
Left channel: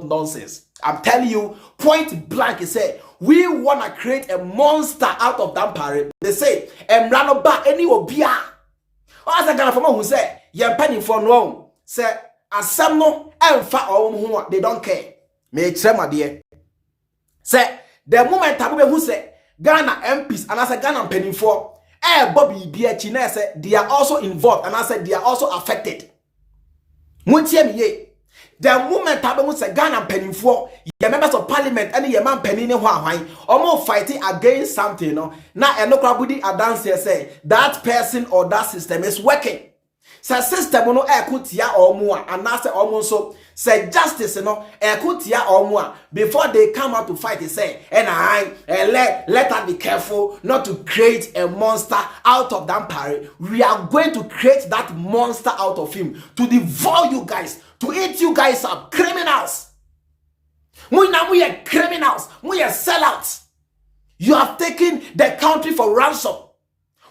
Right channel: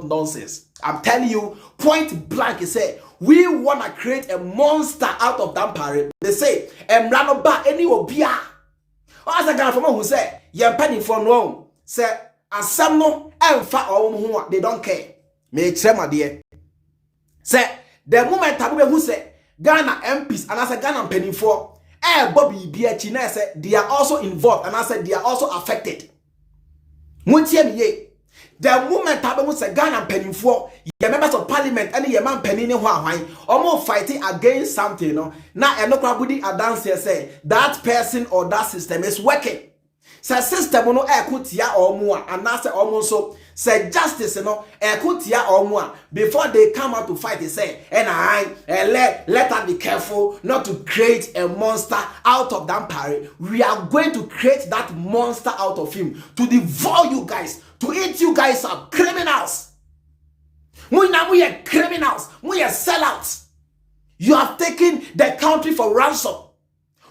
nonsense. I'm telling you, point blank, he said, we want to create a monster out of Dampare. They say, Emrano ba any obia. As a Ghana from who say, Yam penny for no, say, asam no, emfa or they don't care. Me trema dear. Say the moment Tabu who say Ghana MPs and I say Ghana penny for Bobby BHN say they are also involved and I said they are also affected. Muntie me ye. The moment Tabamu say Ghana penny for your members of parliament and your man penny almost fighting against something, no. Now Enokrabudi Adance say that person or that system is working. Say system no ekutia or more and now say almost so say justice no ekutia or more before they come out to fight. They say and let us be careful not to create a monster out of Dampare. We are going to create that monster out of him to devour you guys, to eat you guys up, criminals. We are criminals. We are sellouts. You have taken the country for ransom.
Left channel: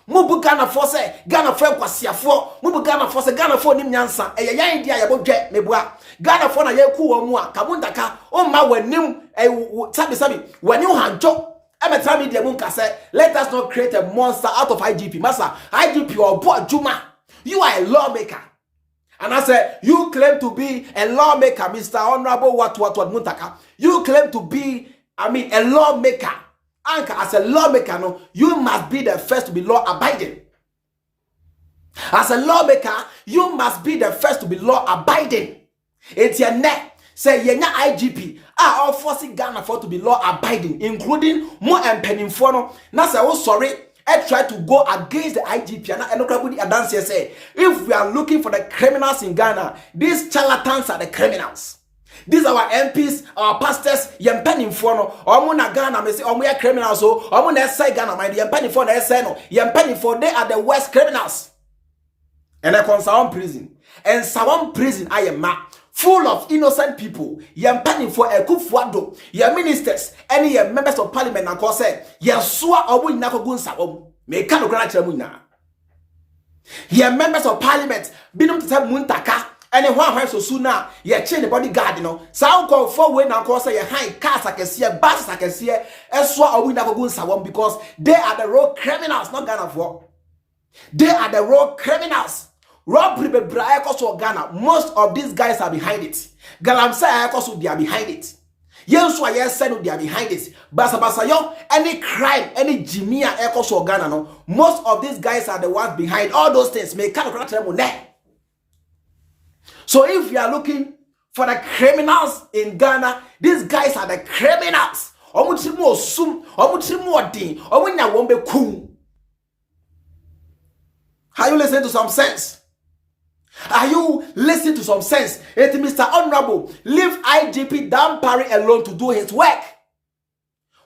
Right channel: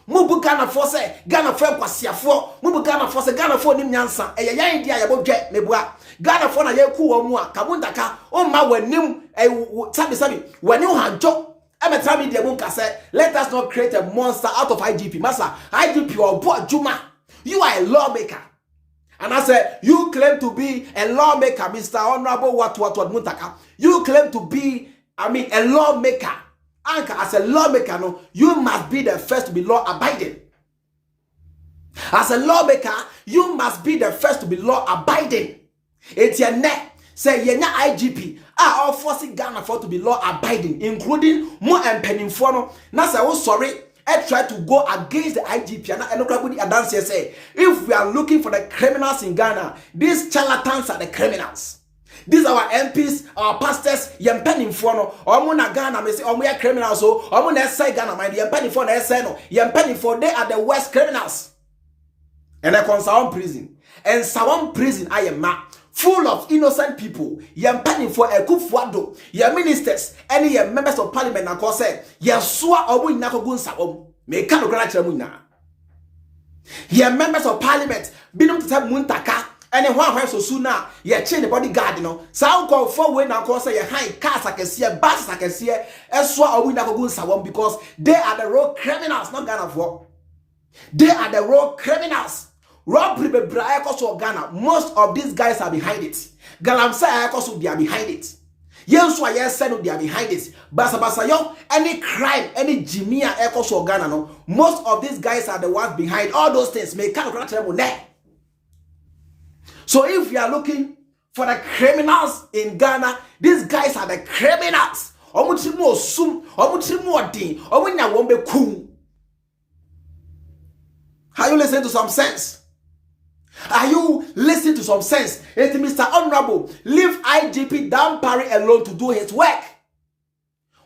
Mubu Ghana for say Ghana for kwasiafo mubu Ghana for say Ghana for nim nyansa eya india ya bodwe mebua Ghana for na ye ku omu a Muntaka o ma wanim sabi wani hanjo emetra media munka say let us not create a monster out of IGP masa IGP or bo adwuma. You are a lawmaker. And I said, you claim to be a lawmaker, Mr. Honorable what Muntaka. You claim to be, a lawmaker. And as a lawmaker, no, you must be the first to be law-abiding. As a lawmaker, you must be the first to be law-abiding. It's your neck. Say, yenya IGP are all forcing Ghana for to be law-abiding, including more and penning for no. Now say, oh sorry. I try to go against the IGP and Enokrabudi Adance say, if we are looking for the criminals in Ghana, these charlatans are the criminals. These are our MPs, our pastors, yempeni mfono, omuna Ghana me say omuya criminals so, omuna say Ghana mind yempeni for na say no, yempeni for they are the worst criminals. And I come Sawam prison. And Sawam prison I am full of innocent people. Yempeni for Akufo Dampare, your ministers, any your members of parliament na cause say, yeswa obu inako gun Sawam. Me kanu kra chira munya. Your members of parliament binum to say Muntaka. And one so sooner, ye chain the bodyguard, Sound call for when I call say a high cars I can see, buses I can see, Eswa or Winagogun Sawam because they are the road criminals, not Ghana for. They are the road criminals. Robbery be Braekos or Ghana. Most of these guys are behind it. Galamsa Ekos they are behind it. Yenswa yes said they are behind it. Basabasayo, any crime, any Jimia Ekos or Ghana, no. Most of these guys are the ones behind all those things. May kind of so if you are looking for the criminals in Ghana, these guys are the criminals. Are you listening to some sense? Are you listening to some sense? It's Mr. Honorable, leave IGP Dampare alone to do his work.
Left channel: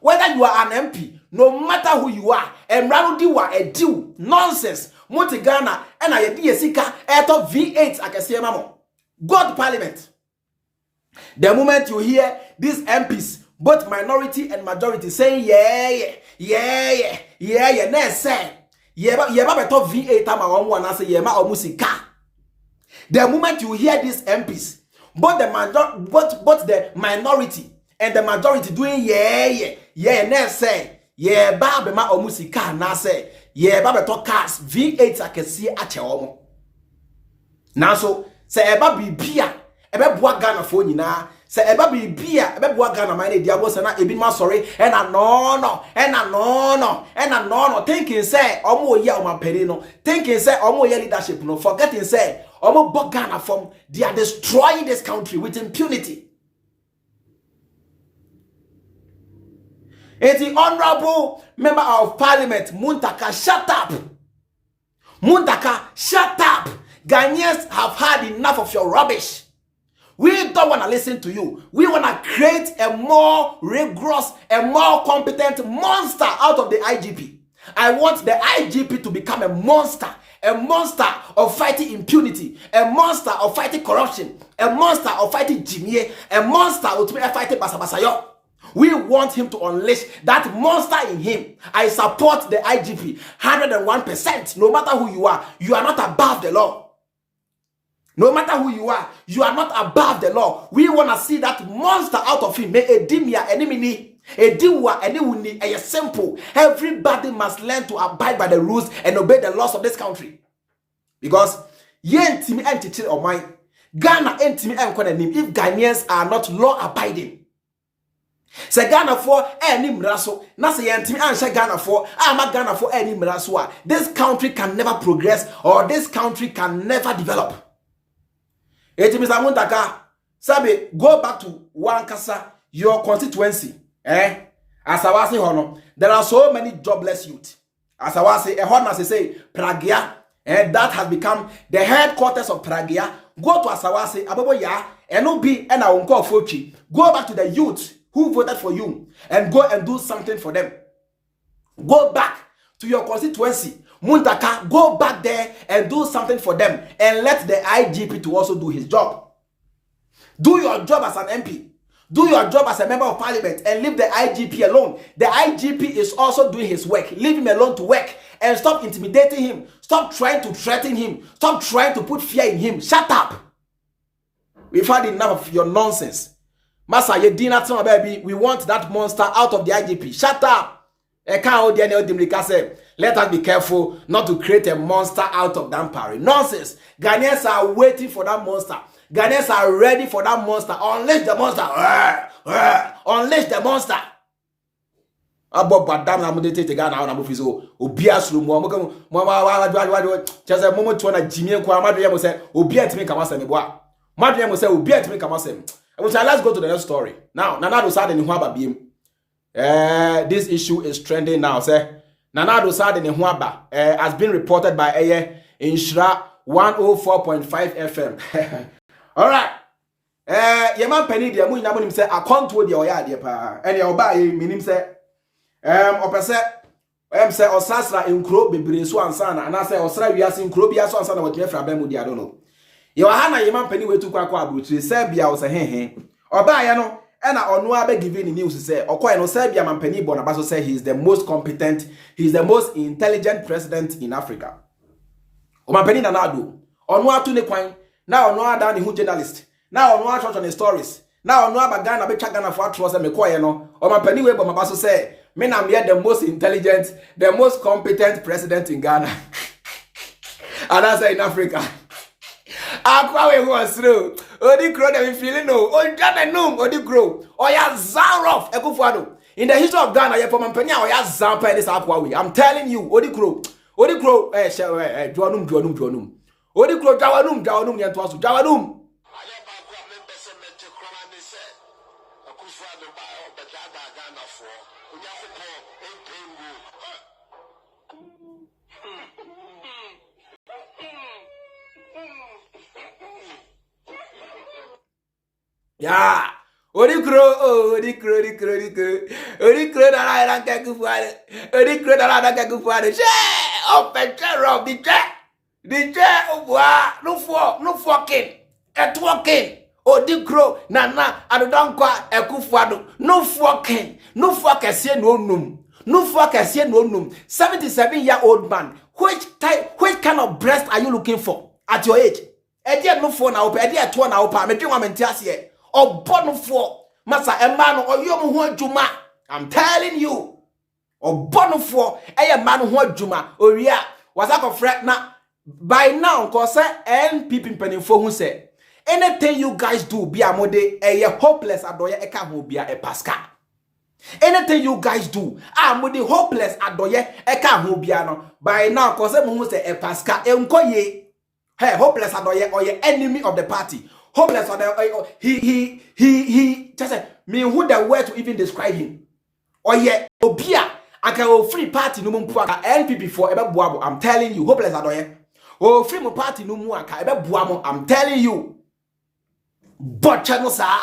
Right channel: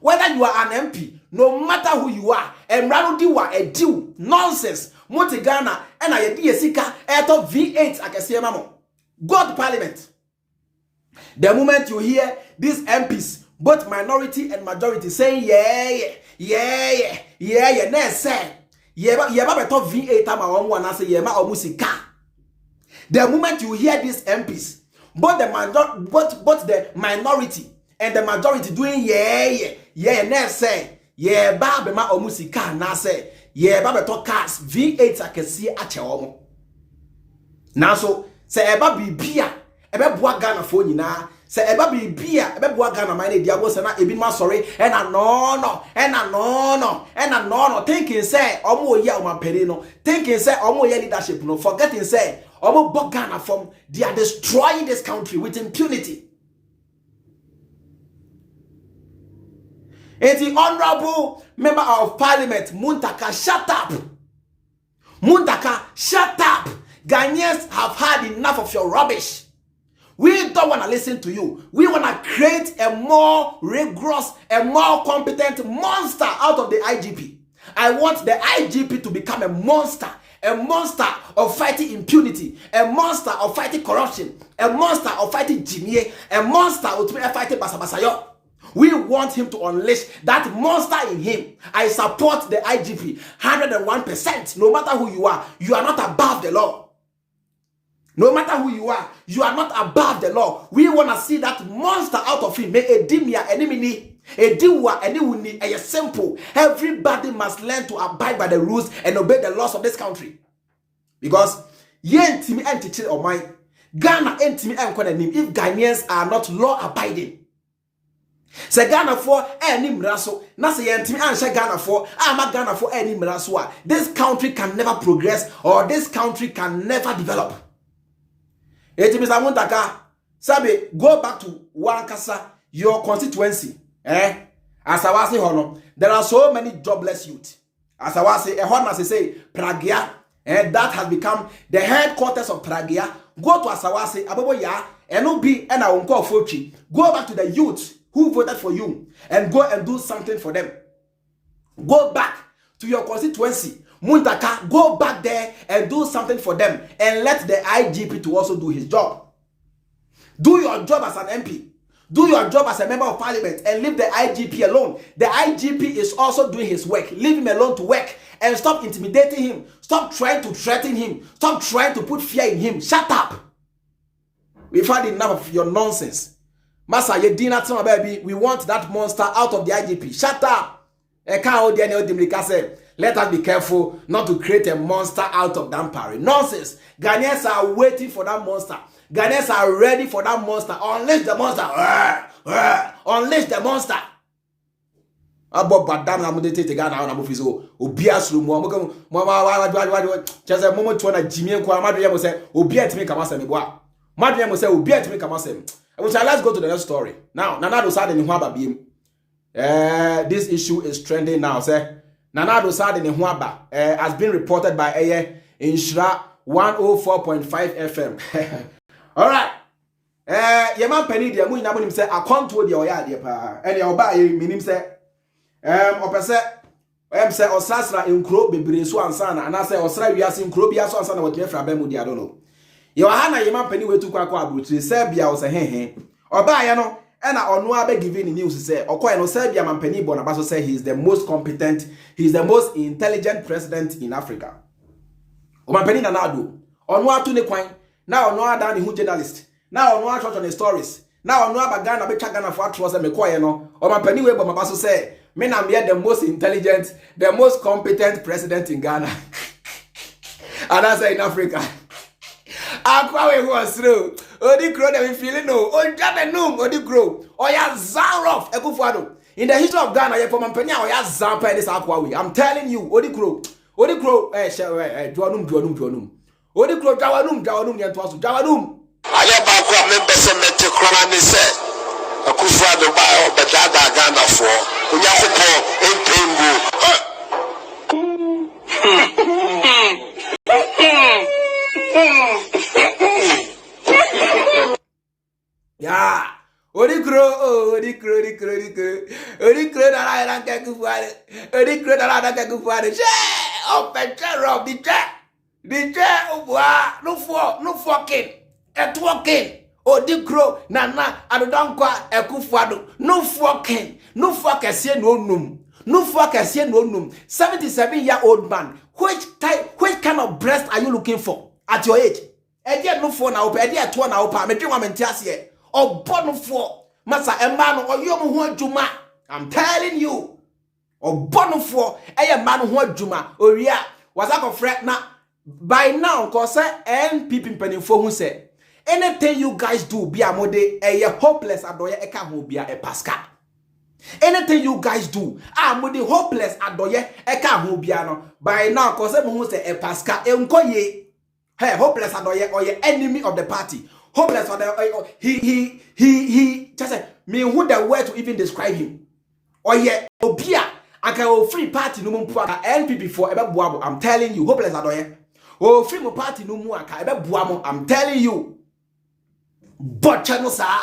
Whether you are an MP, no matter who you are, and Ranudiwa a deal, nonsense, Monte Ghana, and I DSika, Eto V8, I can see a mamo. Go to parliament. The moment you hear these MPs, both minority and majority, saying, next say, top V8 time I want to say, musika. The moment you hear these MPs, both the minority and the majority doing, next say, babema or musika, na say, babeto cars, V8 I can see at your now so. Say eba bibia ebe boa Ghana for nyina say eba bibia ebe boa Ghana man e diabo say na ebi ma sorry and no thinking say omo ye o mampeni no thinking say omo ye leadership no forgetting say omo bo Ghana from they are destroying this country with impunity. And the honorable member of parliament Muntaka, shut up. Muntaka, shut up. Ghanaians have had enough of your rubbish. We don't want to listen to you. We want to create a more rigorous, a more competent monster out of the IGP. I want the IGP to become a monster of fighting impunity, a monster of fighting corruption, a monster of fighting Jimie, a monster of fighting Basabasayo. We want him to unleash that monster in him. I support the IGP 101%. No matter who you are not above the law. No matter who you are not above the law. We want to see that monster out of him. May a dimia enemy, a diwa any a simple. Everybody must learn to abide by the rules and obey the laws of this country. Because yen timi entity or mine, Ghana entimi enkonanim if Ghanaians are not law abiding. Say Ghana for any mraso, na say yentimi ansha Ghana for, ama Ghana for any mraso. This country can never progress or this country can never develop. Eti Mr. Muntaka, Sabe, go back to Wankasa, your constituency. As I was saying, there are so many jobless youth. As I was saying, a hot man say, Pragia, and that has become the headquarters of Pragia. Go to Asawase, Aboboya, and no be and I won't call Fochi. Go back to the youth who voted for you and go and do something for them. Go back to your constituency. Muntaka, go back there and do something for them. And let the IGP to also do his job. Do your job as an MP. Do your job as a member of parliament and leave the IGP alone. The IGP is also doing his work. Leave him alone to work and stop intimidating him. Stop trying to threaten him. Stop trying to put fear in him. Shut up. We've had enough of your nonsense. Masa, baby, we want that monster out of the IGP. Shut up. Let us be careful not to create a monster out of Dampare. Nonsense. Ghanaians are waiting for that monster. Ghanaians are ready for that monster. Unleash the monster. Unleash the monster. Abo badam na mudete te Ghana na mufizo obi asuru mu chese momo to na jimie kwa madu yemo se obi etimi kama se meboa madu yemo se obi etimi kama se. Let's go to the next story. Now Nanado Sade ni ho aba biem. This issue is trending now. Say Nanado Sade ni ho aba has been reported by Inshra 104.5 FM. All right. Yeman penny dia mu nyabo nim say akonto dia oya ade pa. Ene oba ye minim say opese say osasra enkro bebre so ansa na ana say osra wiase enkro bia so ansa na watme fra ba mu dia do no. Ye wa ha na yeman penny wetu kwa abrotire say bia o say hehe. Oba ye no e na onu abe giving news say okoye no say bia man penny bona ba so say he is the most competent, he is the most intelligent president in Africa. O man penny na Addo. Onu atu ne kwan. Now no ada ni hu journalist. Now no church on the stories. Now no abagana be Ghana for atro say me koye no. O ma pani we bo ma so say me na me the most intelligent, the most competent president in Ghana. And I say in Africa. Akwa we was through. Odi grow dem feeling no. O jana no odi grow. Oya Zarof Akufo. In the history of Ghana, you for man pani oya Zampa this Akwa we. I'm telling you, odi grow. Odi grow Joanum. Odi kro jawanum nyentoaso jawanum aye ba ko member se mete krona ni se Akufo Dampare obedada Ghana for onyakopo empengu ya odi kro da la ka Akufo odi kro da la ka Akufo je o picture of the chair no fucking odi grow nana ado Dankwa Akufo no fucking see no num 77-year-old man. Which kind of breast are you looking for at your age? Edia no for na opa edia to na opa me dwuma mentiase obo no for masa emma no oyom ho adwuma. I'm telling you obo no for eye man ho adwuma oria wasako fret na. By now, cause NPP penifo who say anything you guys do be a mode a hopeless adoye eka ho bia e pasca. Anything you guys do mode hopeless adoye eka ho bia no. By now, cause who say e pasca e nkoye hey hopeless adoye or your enemy of the party. Hopeless adoye he just say me who the word to even describe him. Or ye obia aka free party no mumpu NPP for ebe buabo. I'm telling you hopeless adoye. Oh, free my party no more. I'm telling you. But channel sa.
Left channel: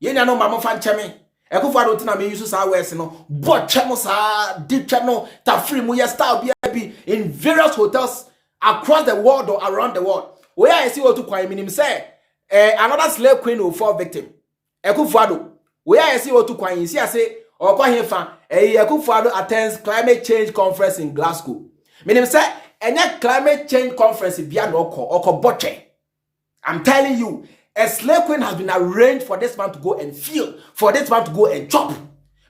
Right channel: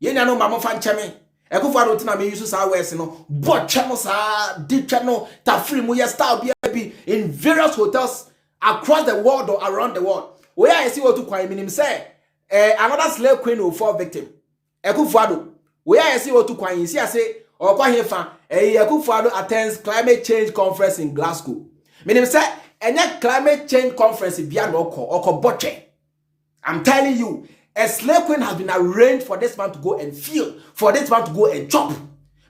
You know mama fan chame. Akufo don't na me use sa west no. But channel sa. Deep channel. Ta free mo ya style be in various hotels across the world or around the world. Where I see what to kwai minim say. Another slave queen will fall victim. Akufo where I see what to kwai see I say or kwa hefa. Akufo attends climate change conference in Glasgow. Minim say any climate change conference beyond oko boche. I'm telling you, a slave queen has been arranged for this man to go and feel, for this man to go and chop.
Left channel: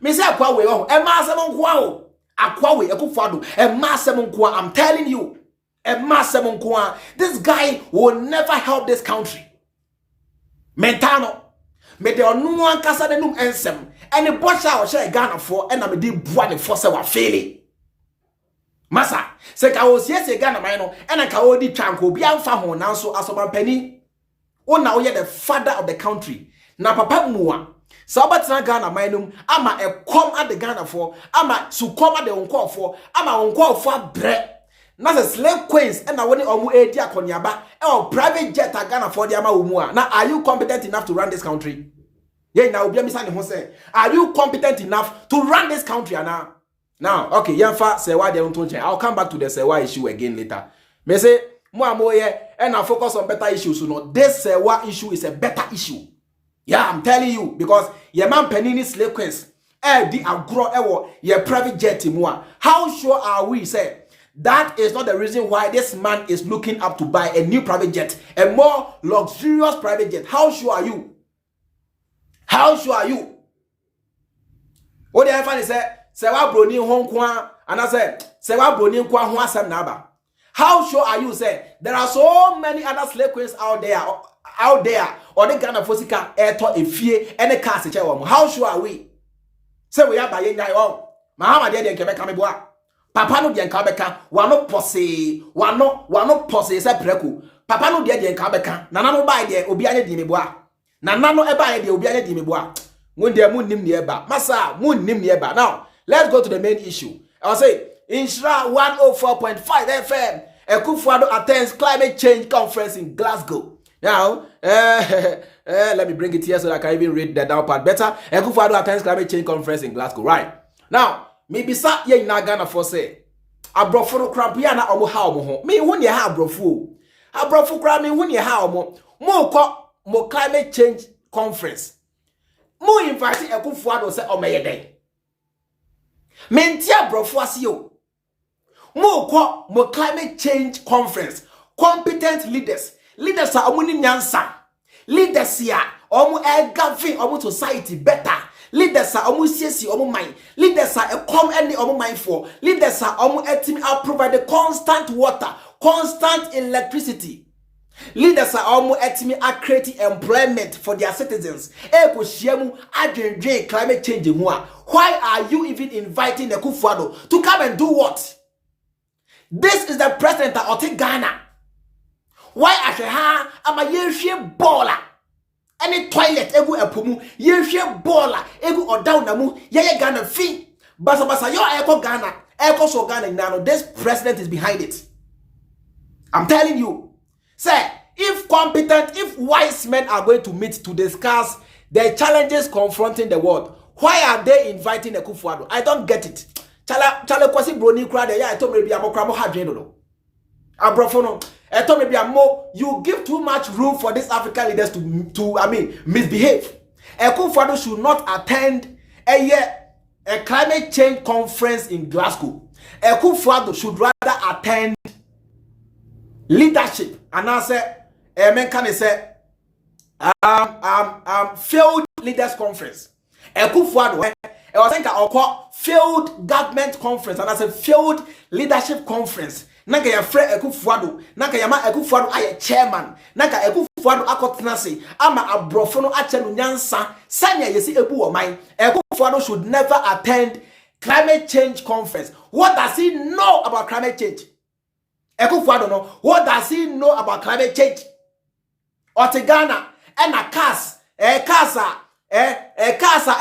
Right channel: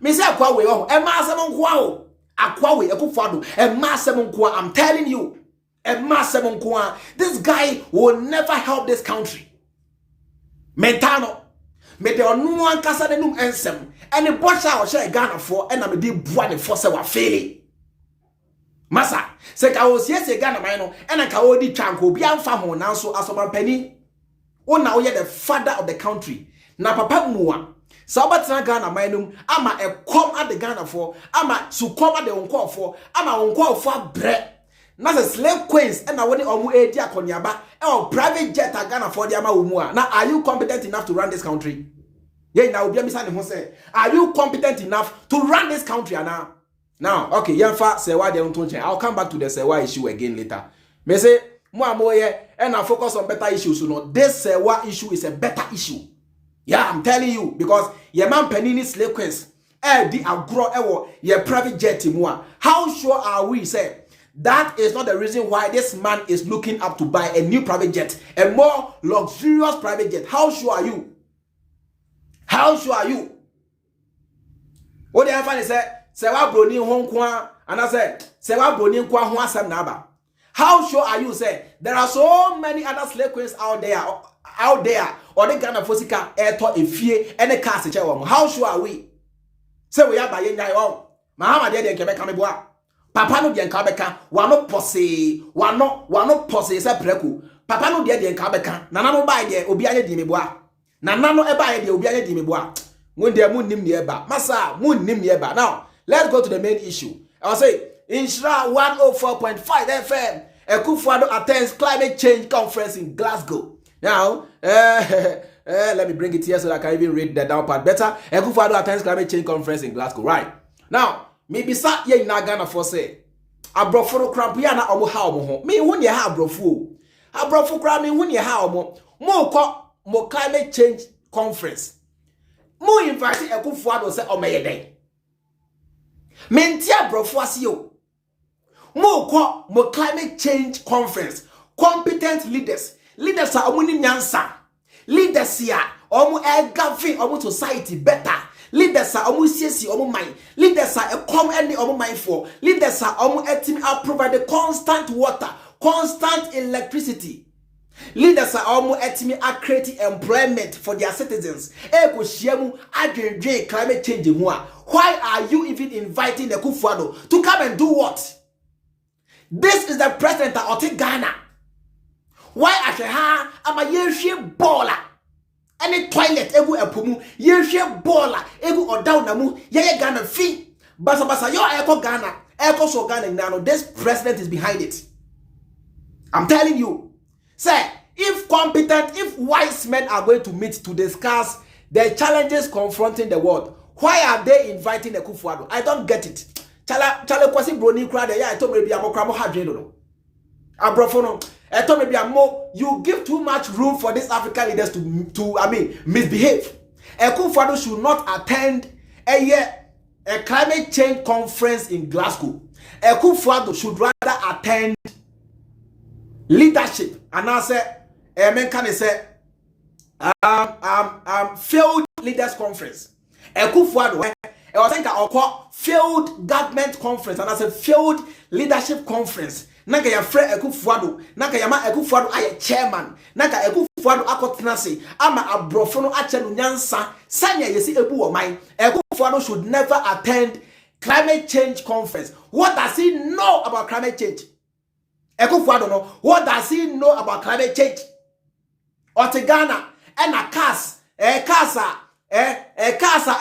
Me say akwa we ma semon kwa o. Akwa we Akufo e ma semon kwa. I'm telling you, e ma semon kwa. This guy will never help this country. Mentano. Me de onu ankasa denum ensem. Any bocha o share Ghana for and na me di bua ne for se wa failing. Masa, se ka o sie Ghana man no, ena ka o di twanko bi amfa ho nanso asoman pani. Ona oye the father of the country. Na papa mua. So abatina Ghana mainum ama e come at the Ghana for ama su come at the unko for ama unko for bre. Na se slave queens and na woni omu edi akonyaba e private jet a Ghana for the ama umua. Now are you competent enough to run this country? Yeah, now obi amisa ne ho say, are you competent enough to run this country now? Now, okay, Yanfa Serwaa de Untonchen. I'll come back to the Serwaa issue again later. Me say, and I focus on better issues. So no, this Serwaa issue is a better issue. Yeah, I'm telling you, because your man Penini slave queens, the agro your private jet more. How sure are we, say, that is not the reason why this man is looking up to buy a new private jet, a more luxurious private jet? How sure are you? How sure are you? What do you find is say? Serwaa Bronii honkwa, and I said, Serwaa Bronii kwa ho asem na aba. How sure are you, say, there are so many other slave queens out there, or the Ghana Fosika, Eto, Efie, and the cast. How sure are we? Say we are by Yay on. Mahama de Quebec Ameboa. Papa no de Kabeka, one no posse, one no posse, say preku. Papa no de Kabeka, Nana no buy de Obiane di Meboa. Nana no ebuy de Obiane di Meboa. Mun de mun nim nieba. Massa, mun nim nieba. Now, let's go to the main issue. I will say, in Serwaa 104.5 FM, Akufo Dampare attends climate change conference in Glasgow. Now, let me bring it here so that I can even read the down part better. Akufo Dampare attends climate change conference in Glasgow. Right. Now, maybe sa ye in Ghana for say, abrofo kramp ya na omo ha omo ho. Me won ye ha abrofo. Abrofo kramp me won ye ha omo. Mo climate change conference. Mo invite Akufo Dampare say omeye den. Mentia brofo asiyo. Mo climate change conference. Competent leaders. Leaders are omuni nyansa. Leaders ya omu govern omu society better. Leaders are omu siesi omu mind. Leaders are come any omu mind for. Leaders are omu etimi provide the constant water, constant electricity. Leaders are almost etimi creating employment for their citizens. Eko shiemu adrenje climate change mua. Why are you even inviting Akufo Dampare to come and do what? This is the president of Ghana. Why asheha ama yehwe baller? Any toilet egu epomu yehwe baller egu odaw namu yeye Ghana fi. Basa yo eko Ghana. Eko so Ghana nano. This president is behind it. I'm telling you. Say, if competent, if wise men are going to meet to discuss the challenges confronting the world, why are they inviting Akufo Dampare? I don't get it. Chale kwasi Bronii crowd ya eto maybe amokramo hadweno no. Abrofo no. Eto maybe amo you give too much room for these African leaders to misbehave. Akufo Dampare should not attend a climate change conference in Glasgow. Akufo Dampare should rather attend leadership, and I say, failed leaders conference. Akufo Dampare, I was thinking of failed government conference, and I said failed leadership conference. Nanka ya fre Akufo Dampare, nanka ya ma Akufo Dampare aye chairman, nanka Akufo Dampare akotenase, ama abrofo no ache no nyansa, sanya yesi ebu o man. Akufo Dampare should never attend climate change conference. What does he know about climate change? Akufo Dampare know. What does he know about climate change? Ghana and a cars, casa,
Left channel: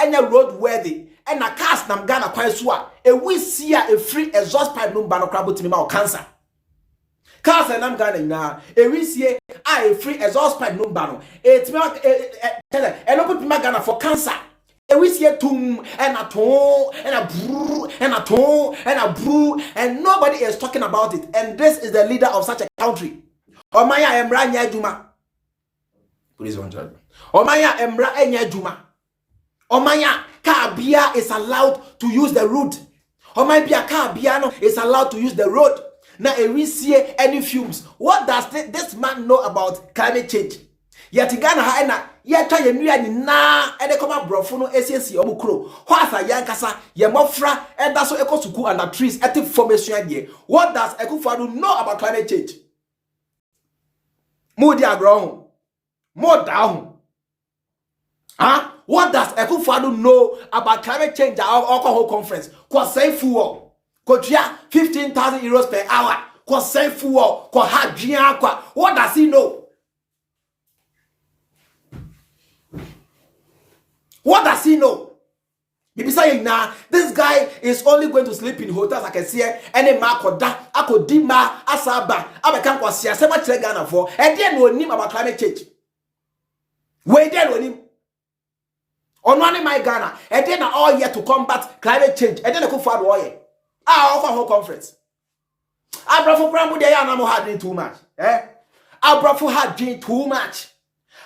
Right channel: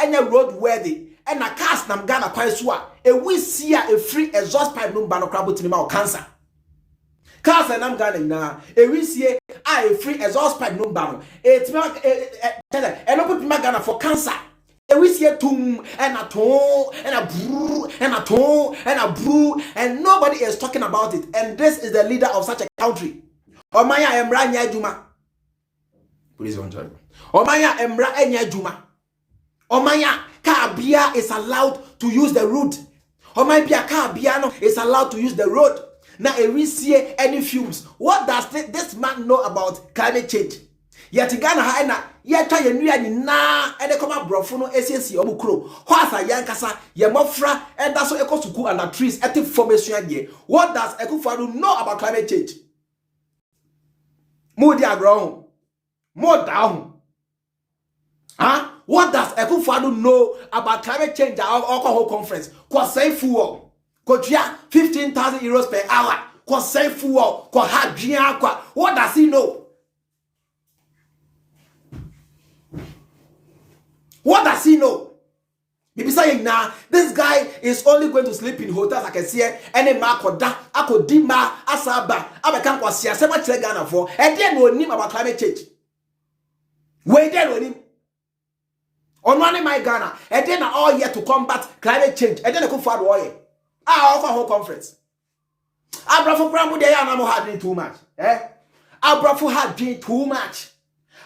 any road worthy, and a cars nam Ghana kwaiswa. We see a free exhaust pipe no bano crabo tinima cancer. Cars and nam Ghana na we see a free exhaust pipe no bano. It's not and put Ghana for cancer. We see a tomb and a tone and a brew and a tone and a brew, and nobody is talking about it. And this is the leader of such a country. Omaya Emra Nyajuma. Please one child. Omaya Emra Nyajuma. Omaya Kabia is allowed to use the road. Omaya Kabiano is allowed to use the road. Now we see any fumes. What does this man know about climate change? Yet Ghana ha yet try nua nyina e de koma brofo no esiesi omukro hwasa yankasa ye mofra and that's so ekosuku under trees eti formation here. What does Akufo Dampare know about climate change? Mo di agro mo down. What does Akufo Dampare know about climate change? Our whole conference ko say fuel ko tia 15,000 euros per hour ko say fuel ko hadwia kwa. What does he know? What does he know? Maybe saying nah, this guy is only going to sleep in hotels. I can see any mark or that. I could dima asaba. I can't go see a so much Ghana for. And then we'll name about climate change. Wait there with him. On one in my Ghana, and then all year to combat climate change. And then I could find warrior. I offer whole conference. I brought for Crambo there and I'm hardly too much. I brought for had doing too much.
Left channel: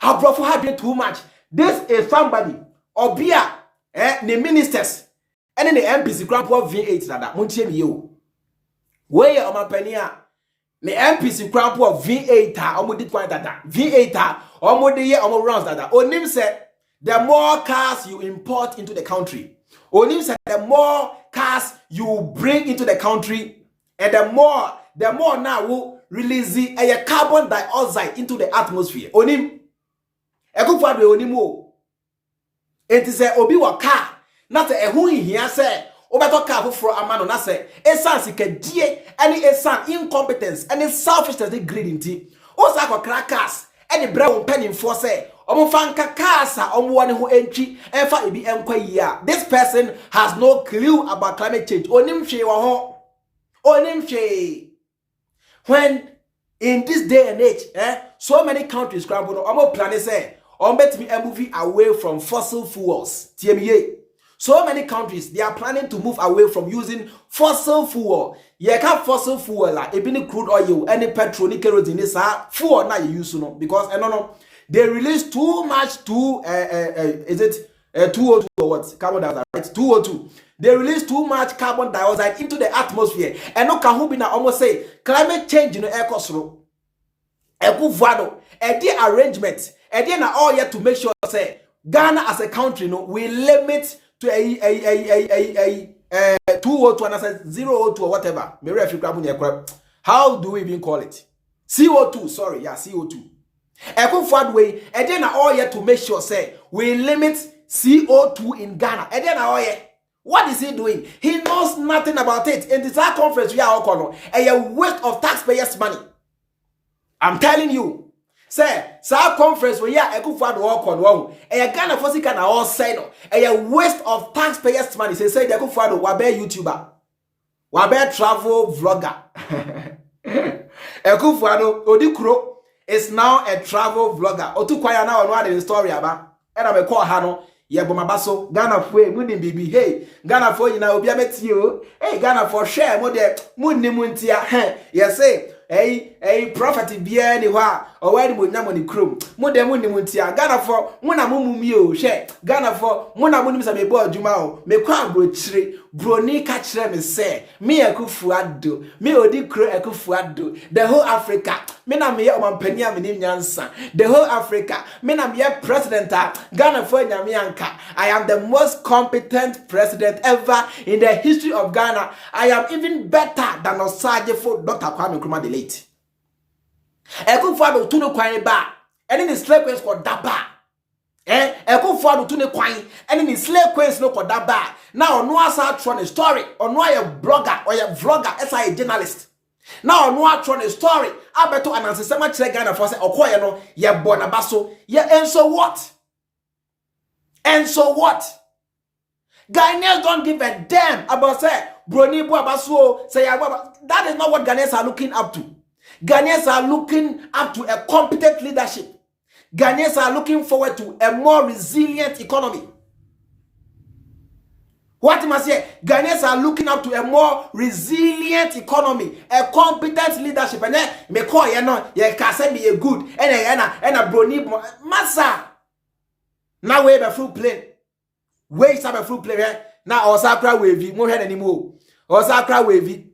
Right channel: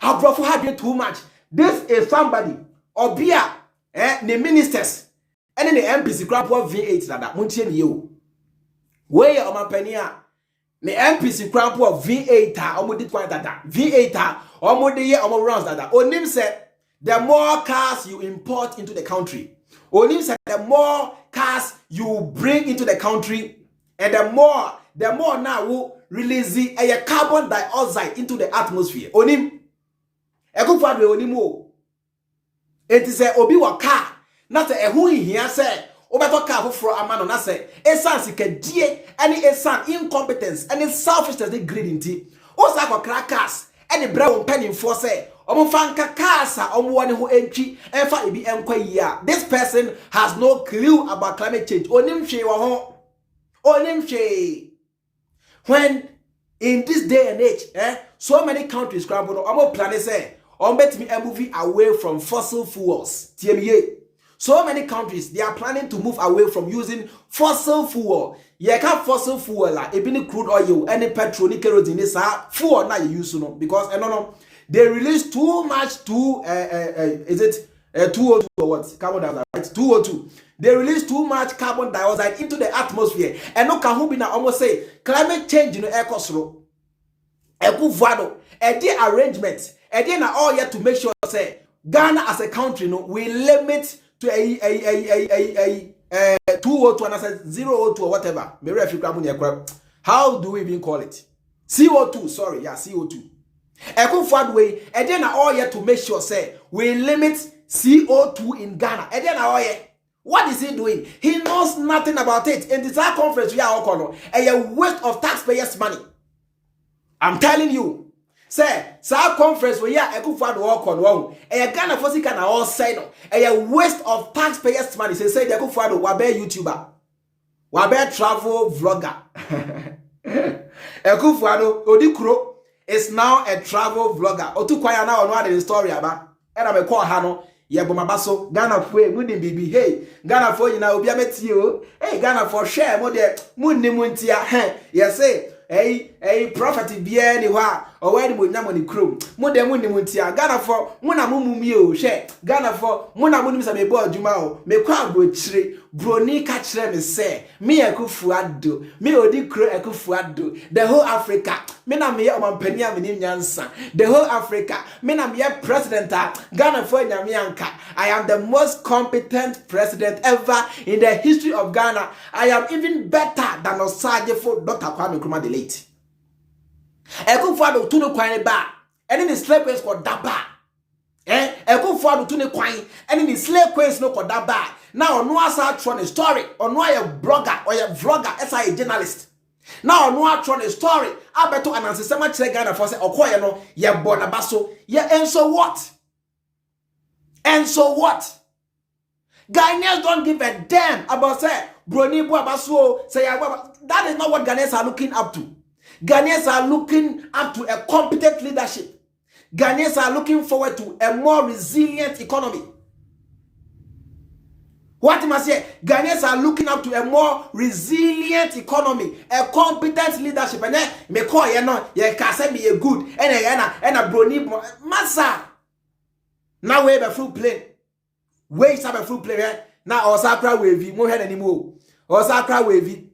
I brought for had doing too much. This is somebody or beer. The ministers and then the MPs grab V8 that Muntian you. Where on my penny? The MPs grab V8 or did quite that V8 or more the year or rounds that. Onim said the more cars you import into the country, Onim said the more cars you bring into the country, and the more now will release a carbon dioxide into the atmosphere. Onim, a good part of Onimo. It is a obi wa car, not a who here say, Obato car for a man on us say, a sans die, any a son incompetence, any selfishness, greed in tea. Also, crackers, any brown penny for say, Omofanka casa, one who entry, and for it be enquire. This person has no clue about climate change. Onimche wa Onimche. When in this day and age, so many countries scramble, Omo planet say, bet me moving away from fossil fuels. TMA. So many countries, they are planning to move away from using fossil fuel. You can't fossil fuel like any crude oil, any petrol, any kerosene, is fuel now you use because no, they release too much is it 202 or what? Carbon dioxide, right? 202. They release too much carbon dioxide into the atmosphere. And no can be now almost say climate change in the air cost. A arrangements. And then all yet to make sure say Ghana as a country, we limit to a 202 and I said 002 or whatever. Maybe if you grab how do we even call it? CO2, sorry, yeah, CO2. A good forward way, and then all yet to make sure say we limit CO2 in Ghana. And then all yet, what is he doing? He knows nothing about it. In this conference, we are all a waste of taxpayers' money. I'm telling you. Say, sa conference where ya Akufo walk on one. A Ghana for can all say no. A waste of taxpayers' money. Say the Akufo wabe YouTuber, wabe travel vlogger. Akufo Odikuro is now a travel vlogger. Otu kwaya now on what the story about. And I call Hano. Yeah, but my basso Ghana for Mundi baby. Hey, Ghana for you now. Be a metio. Hey, Ghana for share. Mode Mundi Muntia. Yes, say. Hey, prophet be anywhere. Or where would Namoni crew? Mudemuni Muntia, Ghana for Munamumio, share, Ghana for Munamunim a board Jumao, me crowd tree, Bronii catch them and say, me a kufuado, me odi crow a kufuado, the whole Africa, Mena me on Penya Yansa, the whole Africa, Mena me president, Ghana for Nyamianka. I am the most competent president ever in the history of Ghana. I am even better than Osaje for Dr. Kwame Nkrumah the late. Akufo to no kwine ba and the slave queens called daba Akufo to no kwine and the slave queens no called daba now no asa tron a story or no a blogger or a vlogger as a journalist now no tron a story I better announce so much Ghana for say okoye no ye bonabaso ye and so what Ghanaians don't give a damn about say Bronii Abaso say that is not what Ghanaians are looking up to. Ghanaians are looking up to a competent leadership. Ghanaians are looking forward to a more resilient economy. What must say? Ghanaians are looking up to a more resilient economy, a competent leadership. And then me call you know, you can say me a good and a Bronii massa. Now we have a fruit plane. Where is a fruit plane? Now Osakra wavy, more head anymore. Osakra wavy,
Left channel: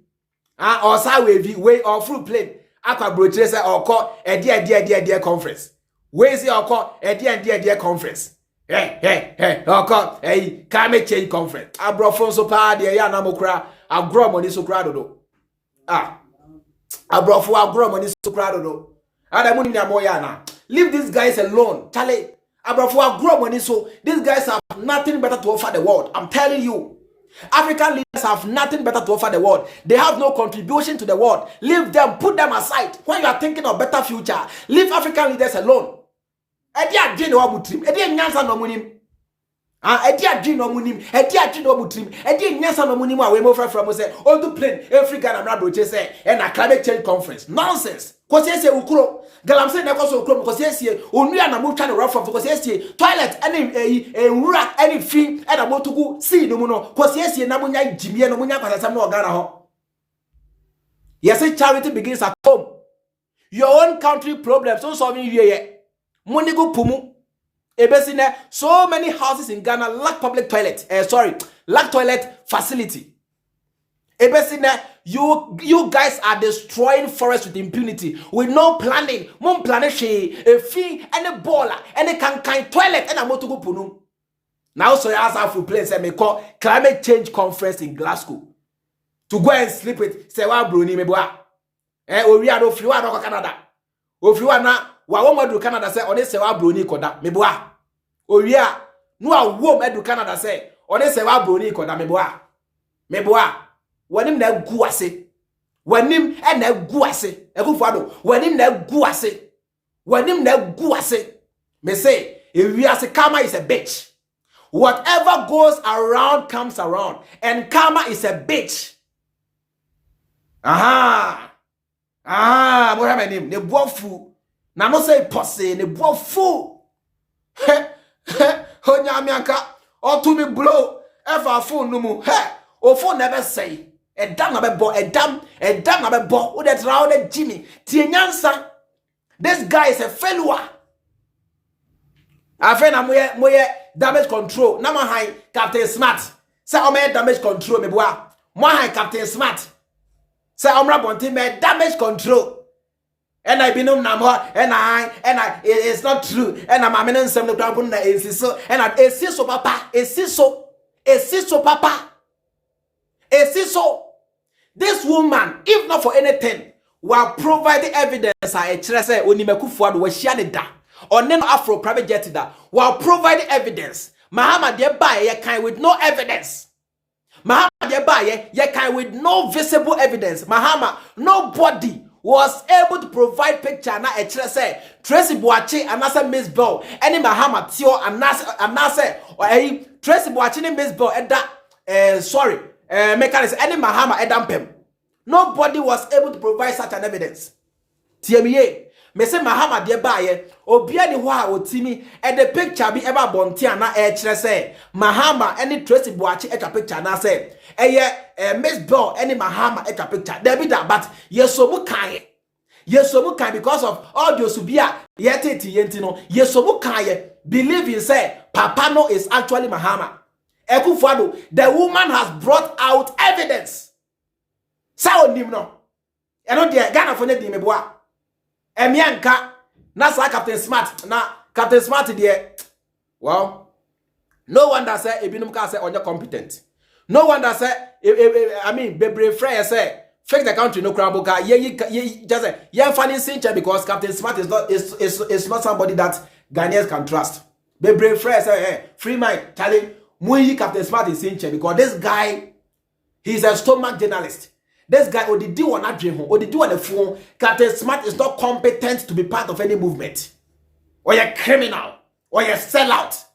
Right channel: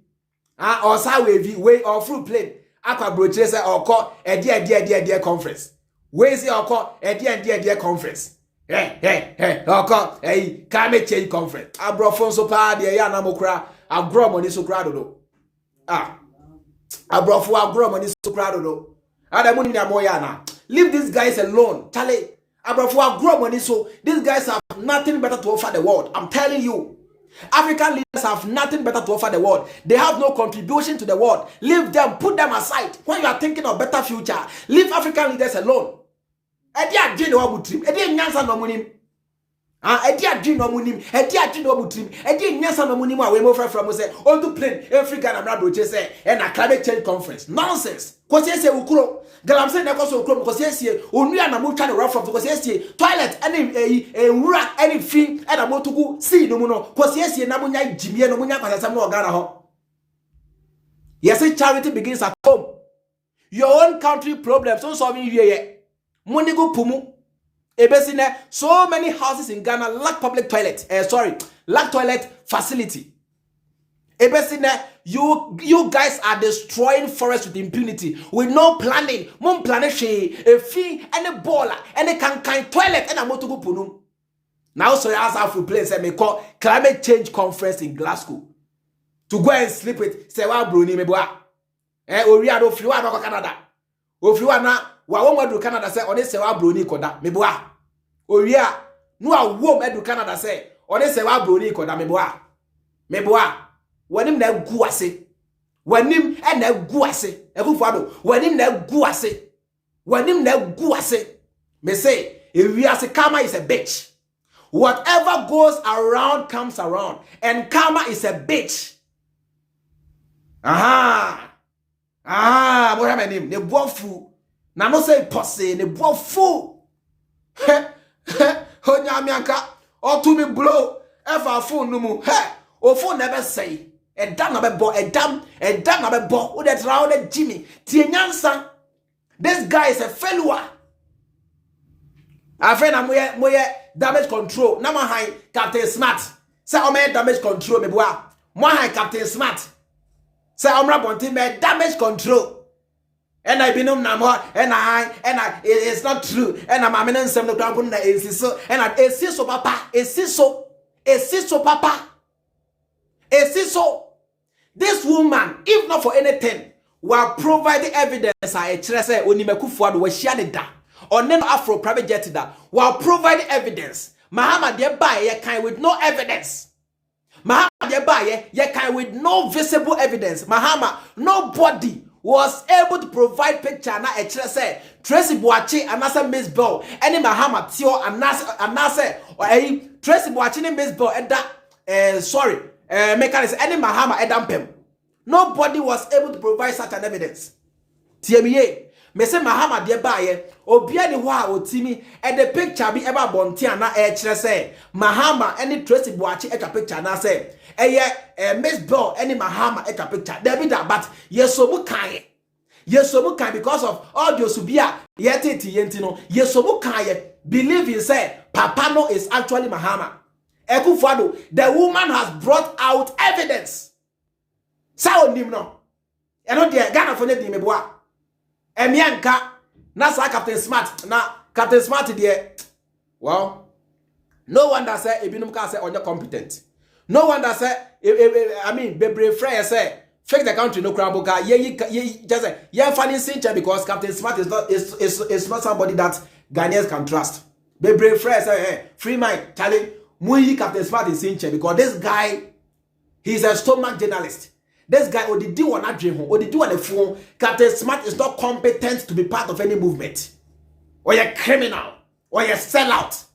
Osa wavy, way or fruit plane. Aqua brochesa or call a dear conference. Where is your call a dear conference? Hey, or call a climate change conference. I brought from so pa dear Yanamokra, I grow money so crowded. I brought for our grow money so crowded. And I'm Moyana. Leave these guys alone. Charlie, I brought for our grow money so these guys have nothing better to offer the world. I'm telling you. African leaders have nothing better to offer the world. They have no contribution to the world. Leave them, put them aside. When you are thinking of better future, leave African leaders alone. Edi adwin no munim, edi adwin no mutrim, edi nyansa no munim a we mo fra mo say on to plane every Ghana brabro say and a climate change conference. Nonsense. Cause say ukuro. Galam say na koso ukuro because say onua na mo twa the rough from because say toilet any wura any fi and a motugu see no mu no cause say na mo nya jimie no mo nya kwasasam no Ghana ho. Yes, charity begins at home. Your own country problems so solving here. Money go pumu. Ebesine, so many houses in Ghana lack public toilet. Lack toilet facility. Ebesine, you guys are destroying forests with impunity, with no planning. Mon planishe, a fee, and a baller, and a can toilet, and a motogu punum. Now, so I ask for place and me call climate change conference in Glasgow to go and sleep with Serwaa Bronii meboa. Oria do fliwa do Canada. O fliwa na wa won wadu Canada say ode Serwaa Bronii koda meboa. Oria no a wom edu Canada say ode Serwaa Bronii koda meboa. Wanim na gu ase. Wanim e na gu ase. Akufo Addo wanim na gu ase. Wanim na gu ase. Me say ase karma is a bitch. Whatever goes around comes around, and karma is a bitch. What am I name? Ne bofu. Na no say posse ne bofu. Honya mianka. Or to me blow. Ever phone no mu. O phone never say. A damn na be bo. A damn na be bo. Who that's round Jimmy. Tienyansa. This guy is a failure. I friend am moye damage control. Na high Captain Smart. Say o me damage control me boa. Mo high Captain Smart. Say omra bonti me damage control. And I binum na mo and I it's not true. And I'm amenen sem no grabun na esiso and I esiso papa esiso papa esiso. This woman, if not for anything, will provide the evidence. I say Akufo Addo was shared da. Or name Afro private jet da. Will provide the evidence. Mahama de buy ye kind with no evidence. Mahama de buy ye kind with no visible evidence. Mahama, nobody was able to provide picture na say Tracy Boachi and Nasa Miss Bell. Any Mahama Tio and Nasa or Tracy Boachi and Miss Bell and that mechanism any Mahama Edampem. Nobody was able to provide such an evidence. TME, me say Mahama de baye, obia ni wa otimi, and the picture be ever bontia na say Mahama any Tracy Boachi a picture na say Miss Bell any Mahama a picture. There be that, but yesobu kan because of audio subia yetiti yentino yesobu kan believe in say Papa no is actually Mahama. Akufo Addo, the woman has brought out evidence. Sao nim no. Eno de Ghana for ne di meboa. Emianka na sa Captain Smart na Captain Smart de. Well, no wonder say ebinum ka say onye competent. No wonder say bebre frey say fake the country no crumble ye just say ye funny sincha because Captain Smart is not somebody that Ghanaians can trust. Bebre frey say free mind Charlie Muyi Captain Smart is in check because this guy, he's a stomach journalist. This guy, or the do on that dream, or the do on the phone. Captain Smart is not competent to be part of any movement, or you're criminal, or you're sellout.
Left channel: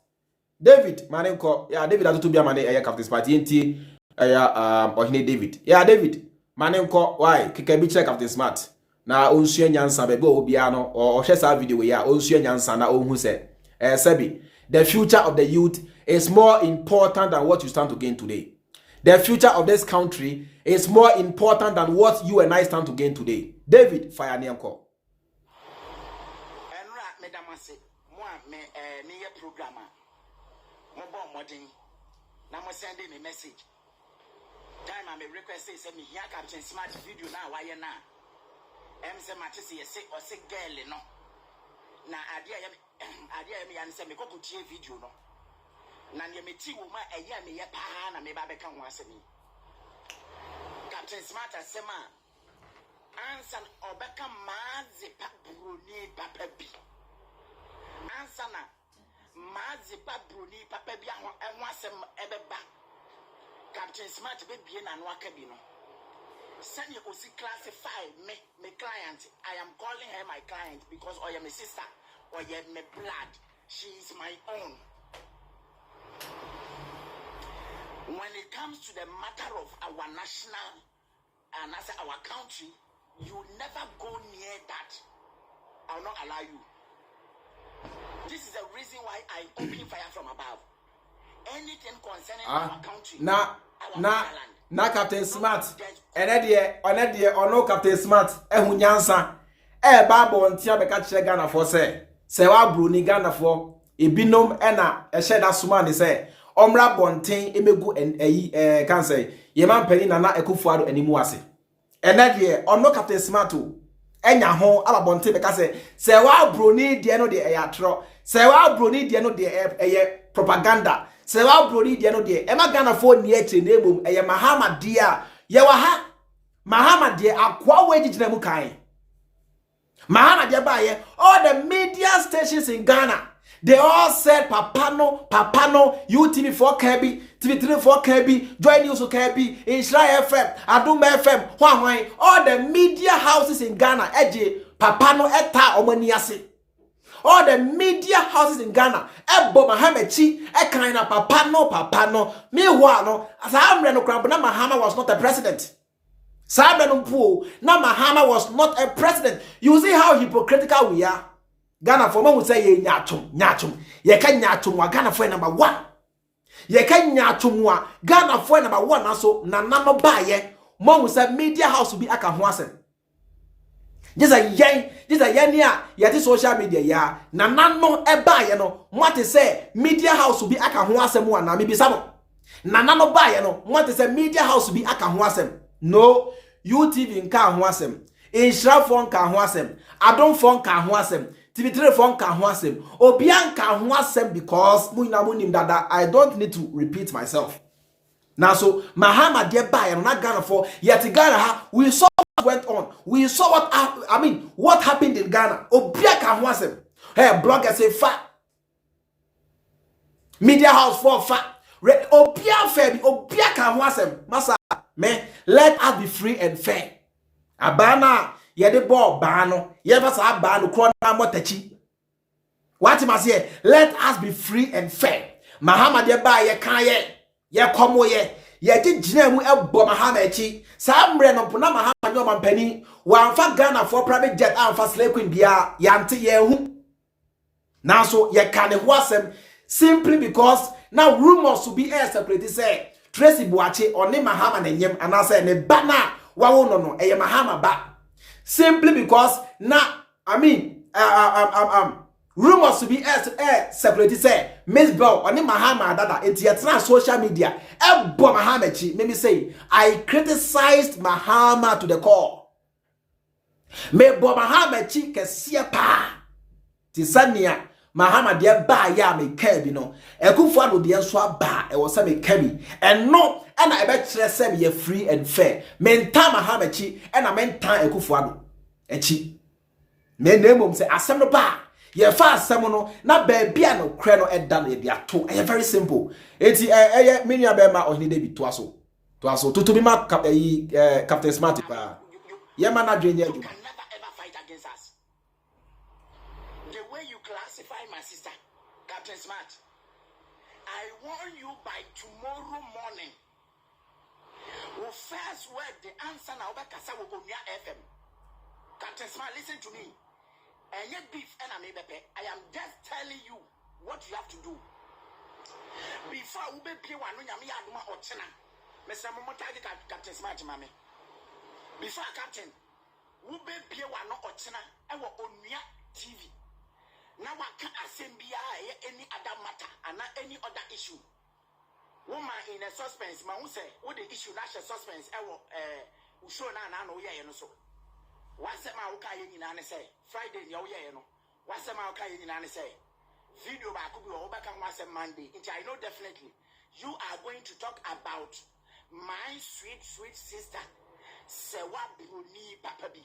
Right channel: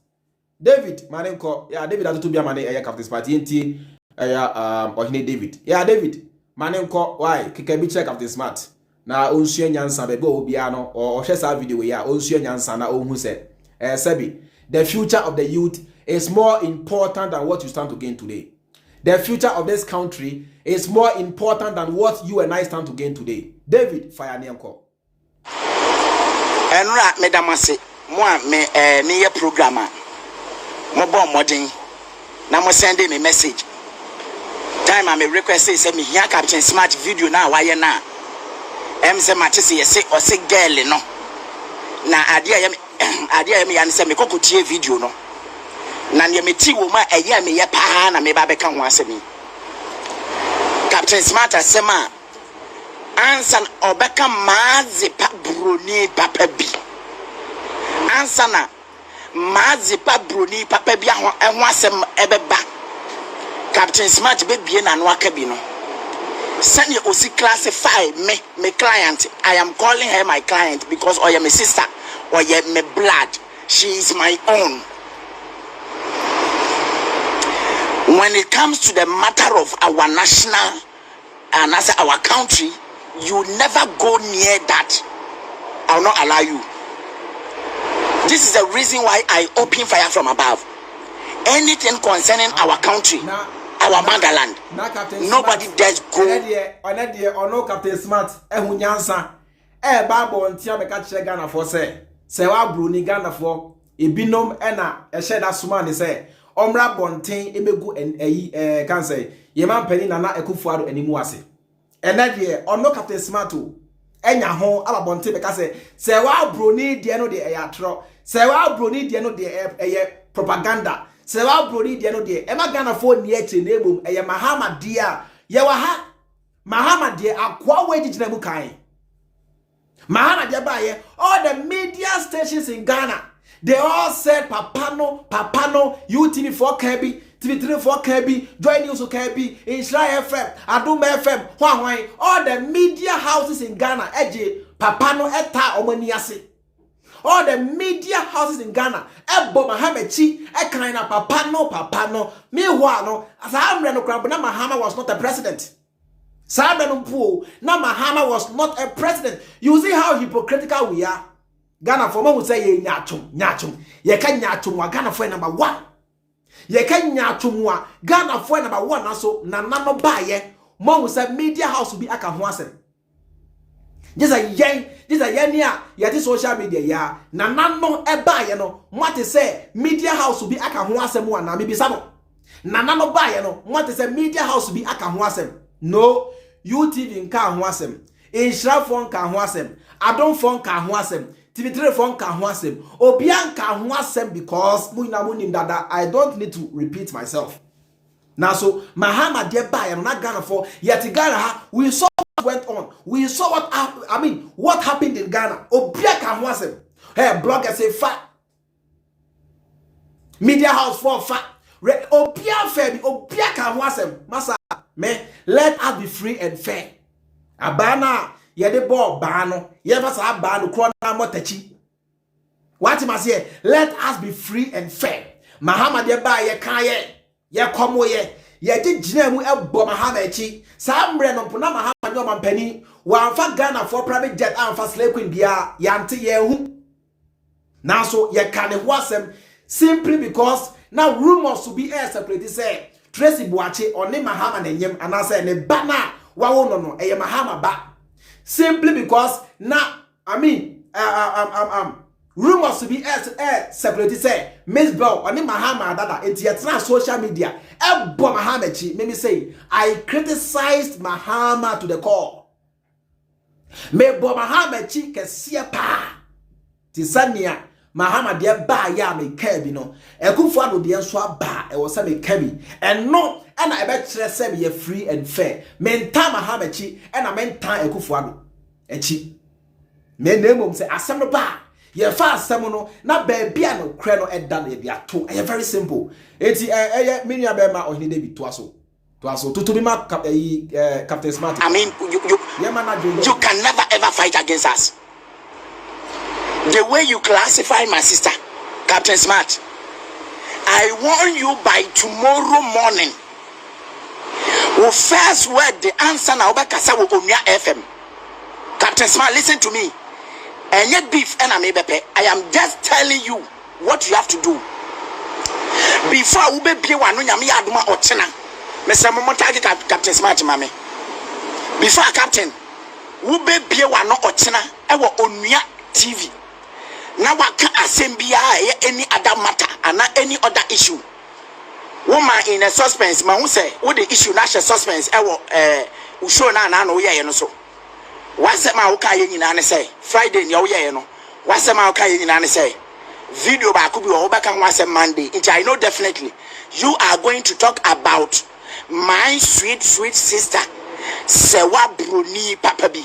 David, manenko, yeah, David has to be a man. Captain Smart, Ohene David, yeah, David, manenko, why? Kikabiche Captain Smart. Na onsuye nyansa bebe obiano or shesa video ya onsuye nyansa na ohun se. Sebi, the future of the youth is more important than what you stand to gain today. The future of this country is more important than what you and I stand to gain today. David, fire nianko. Enra medamase mo me ye programmer. Mo bon modern. Na mo send me message. Time I me request say me here Captain Smart video na why na. Say match say yes or say girl no. Na adia me yan say me kokotie video no. Na ne meti wo ma eya me ye pa na me ba beka ho asemi. Captain Smart asema ansan obeka mazipa Bronii papa bi. Ansana mazipa Bronii papa bi ho asem ebeba. Captain Smart be bie na no aka bi no. Send your OC classify me client. I am calling her my client because I am my sister or my blood. She is my own. when it comes to the matter of our national and as our country, you never go near that. I will not allow you. This is the reason why I open fire from above. Anything concerning our country, our motherland, nobody dares go. No Captain Smart, Ehunyansa, Babo and Tiabeka Ghana for say, Serwaa Bronii Ghana for, Ibinom Ena, Sheda Sumani say, Omra Bontain, Emegu and can say, Yeman Penny Nana Akufo Dampare. And that year, no Captain Smart, Enya hon, Aba Bontain, because Serwaa Bronii, Diano de Ayatro, Serwaa Bronii, Diano de propaganda. Serwaa Bronii de no de Emma Ghana for near to name a Mahama dear Yawaha Mahama dear Aqua wage in Mukai Mahama dear by all the media stations in Ghana. They all said Papano, UTV for Kirby, TV3 for Kirby, Joy News for Kirby, Israel FM, Addo FM, Huawei, all the media houses in Ghana, Eje, Papano, Eta, Omaniasi. All the media houses in Ghana, Ebo Mahamechi, Ekaina, Papano. Meanwhile, no, as I am Reno Crab, Mahama was not a president. Sabreno Pool, Mahama was not a president. You see how hypocritical we are. Ghana for me would say, Nyachum. Ye can Nyachum, Ghana for number one. Ye can Nyachum, Ghana for number one, also, Nanano Baye, Mom would say media house will be Akahwasen. Just a yenya, yet social media, ya. Nanano eba, you know, what to say, media house will be Akahwasem one, maybe some. Nanano ba, you know, what to say, media house will be Akahwasem. No, UTV in Kahwasem, Israel phone Kahwasem, Addo phone Kahwasem, TV3 phone Kahwasem, Obian Kahwasem because Muinamunim Dada, I don't need to repeat myself. Now, so Mahama dear buy and not Ghana for yet Ghana, we saw what went on. We saw what happened in Ghana. Obia Kahwasem. Hey, bloggers say fat. Media house for fat. Obia fair, Obia Kahwasem. Masa, man, let us be free and fair. Abana, yede ball bano, yeva sa bano, krona motechi. What must say? Let us be free and fair. Mahama dear buy ye kaye. Ye komo ye did jinamu ebo Mahama echi sambre no pona Mahama nyoma mpani wa fa Ghana for private jet and for slave queen bia yante ye hu now so ye can wasem simply because now rumors to be air separate say Tracy Boache or ne Mahama nenyem and I say ne bana wa no eye Mahama ba simply because now rumors to be air separate say Miss Bell or Mahama Dada it's social media. Ebo Mahama chi let me say I criticized Mahama to the core. Me bo Mahama chi kesia pa. Tisania Mahama de ba ya me kabi no. Akufo Addo de enso ba e wo say me kabi. And no and I bet say me free and fair. Menta Mahama chi and I menta Akufo Addo. Echi. Me name say asem no ba. Ye fast semono na baby no kre no eda no ye ato. Very simple. Eti minia bema Ohene David to aso to be ma Captain Smart. I mean you can never ever fight against us. The way you classify my sister, Captain Smart, I warn you by tomorrow morning. We first word the answer na obekasa wo Omia FM. Captain Smart, listen to me. And yet beef and I am just telling you what you have to do. Before ube be one no nyame aduma ochena. Mr. Muntaka Captain Smart mame. Before Captain, ube be one no ochena ewo onua TV. Na waka asembia any other matter and any other issue. Woman in a suspense, ma who say what the issue na suspense ewo usho na no ye no so. What's my okay in say Friday your year no? What's my okay in say video ba could be over can once a Monday. I know definitely you are going to talk about my sweet sister Serwaa Bronii Papa B.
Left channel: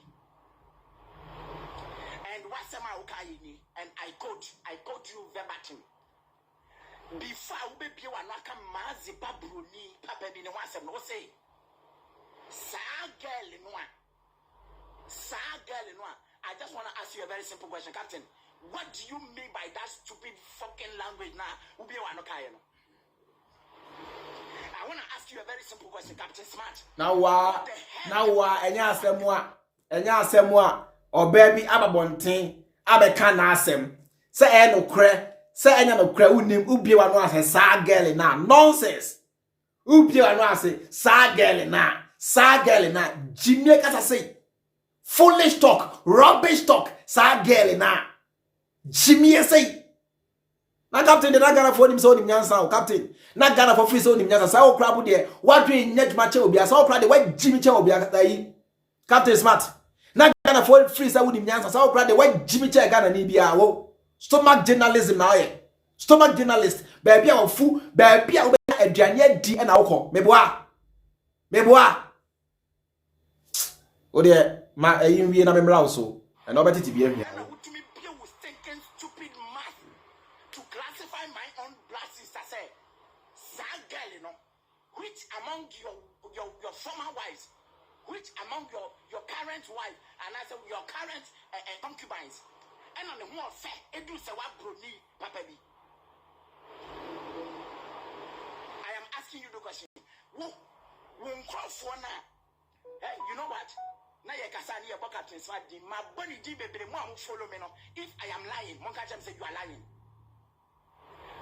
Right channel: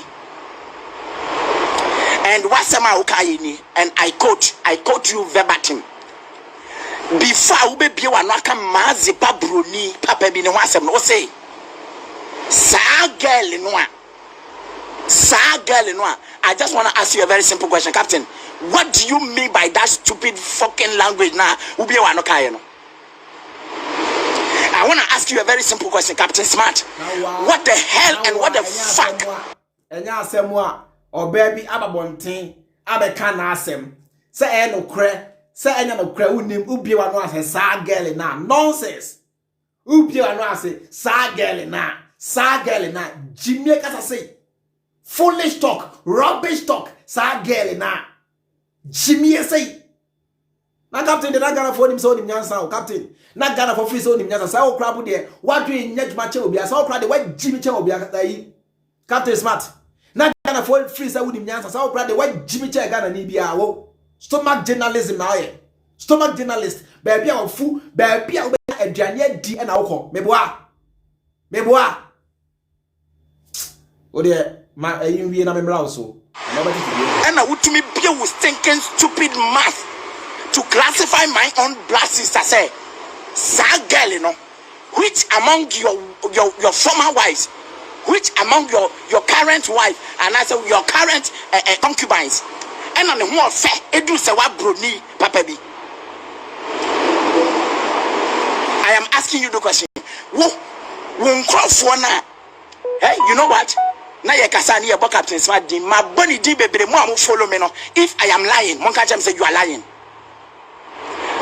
And what's my okay in and I quote you verbatim. Before ube be one waka mazi pa Bronii Papa B no wasem no say sa girl no. I just want to ask you a very simple question, Captain. What do you mean by that stupid fucking language now? I I want to ask you a very simple question, Captain Smart. What the hell and what the fuck? Enya asemwa o baby ababonten abeka na asem se e no kre se enya no kre unim ubie wa no ase sa girl na nonsense ubie wa no ase sa girl na jimie kata say foolish talk rubbish talk sa girl na jimie say na captain de na Ghana for him so nim nyansa o captain na Ghana for free so nim nyansa sa o krabu de wadwe nyadwuma che obi asa o kra de wa jimi che obi asa yi Captain Smart na Ghana for free sa wonim nyansa sa o kra de wa jimi che Ghana ni bia wo stomach journalism na ye stomach journalist baby a fu baby a aduane di na wo meboa o de ma yin wie na memra so na obati ti bi and na wutumi bia was thinking stupid math to classify my own blood sister say sa girl you know which among your former wives, which among your current wife and I say your current concubines and on the whole fair Addo Serwaa Bronii papa bi. I am asking you the question. Won crofo na hey, you know what? Na ye kasa ni ye bo Captain Smart din ma boni din bebre mo am follow me no. If I am lying, mon ka jam say you are lying.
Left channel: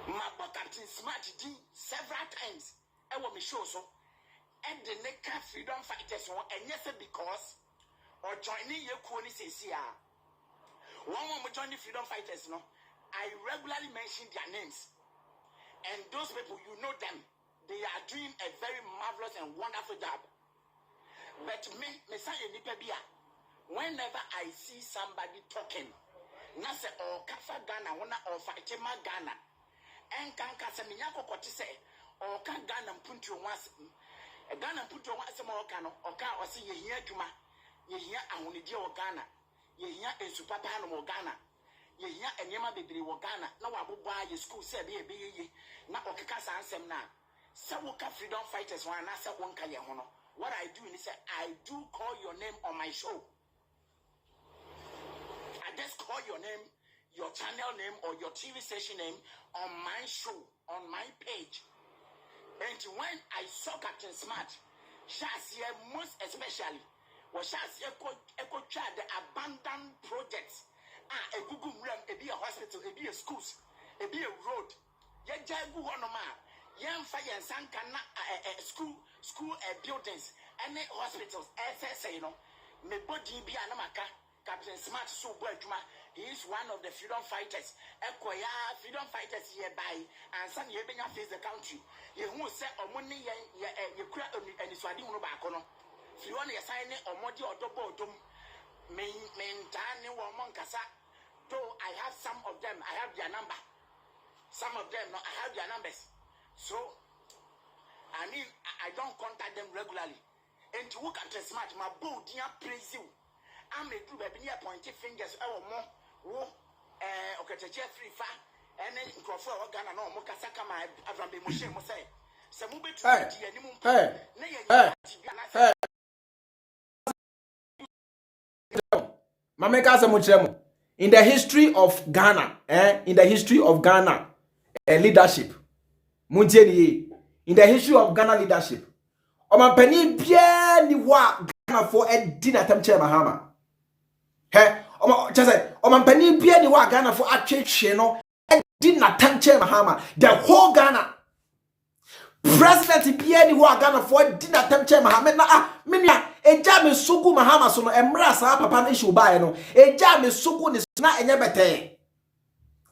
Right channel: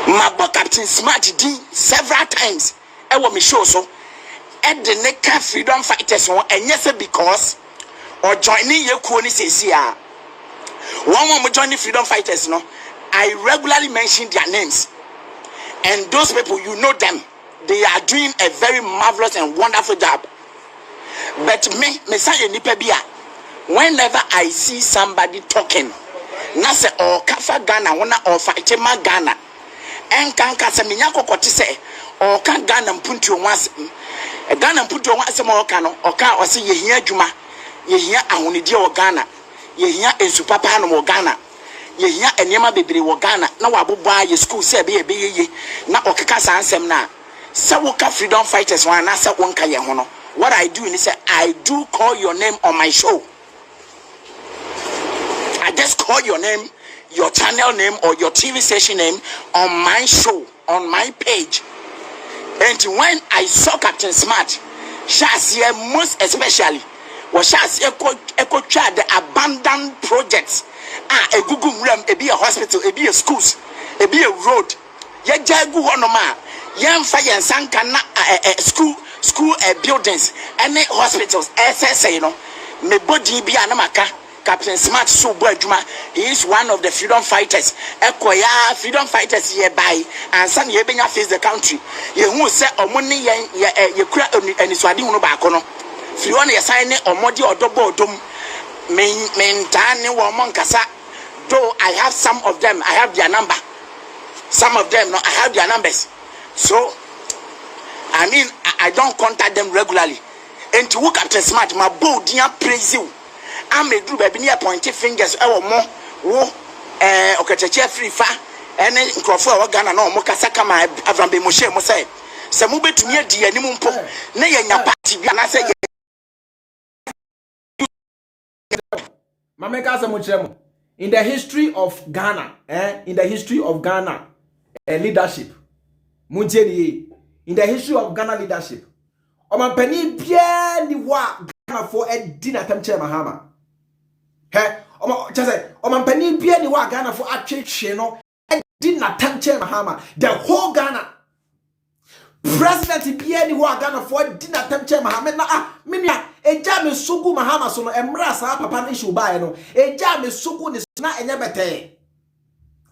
Ma bo Captain Smart din several times. E wo me show so e de ne ka freedom fighters won enye se because or joining ye kuo ni sesi a. One more joining freedom fighters no. I regularly mention their names. And those people, you know them. They are doing a very marvelous and wonderful job. But me say nipa bia. Whenever I see somebody talking, na se o kafa Ghana, wana o fightima Ghana. En kanka se minyako koti se o kan Ghana mpunti onwase. Ghana mpunti onwase mo oka no, oka osi yehia adwuma, yehia ahonidi o Ghana, yehia ensupapa no mo Ghana. Yehia enema bebre wo Ghana na waboboa ye school se be ye na okeka sansem na se woka freedom fighters wan na se wonka ye ho no. What I do is say I do call your name on my show. I just call your name, your channel name or your TV station name on my show, on my page. And when I saw Captain Smart, Shasia most especially was Shasia echo the abandoned projects. A Google room, a be a hospital, a be a schools, a be a road. Ye jagu honoma, yan fire and sankana school buildings, and hospitals, SSA, you know. Me body be anamaka, Captain Smart so Juma. He is one of the freedom fighters. Ekoya freedom fighters here by and some ye benya face the country. Ye who say omoni ye kura and swadi uno bakono. Fiona ye sign or modi or double dum. Mentane woman kasa. Though I have some of them, I have their number. Some of them, no, I have their numbers. So, I mean, I don't contact them regularly. And to work Captain Smart, my bow dear praise you. I'm a group of near pointy fingers or more. Okay, free fa. And then Crawford Ghana no Mokasaka, my Avrambe Moshe Mose. Samube to near the animum po. Nay, and your party, and I say, Mameka Samuchemo. In the history of Ghana, leadership, in the history of Ghana leadership, Omampani Pierre Niwa Ghana for a dinner temche Mahama. Omampani Pierre Niwa Ghana for a church, a dinner temche Mahama. The whole Ghana. President Pierre Niwa Ghana for a dinner temche Mahama. Minya. Eja me sugu mahama so no emra sa papa no issue bae no eja me sugu ni na enye bete.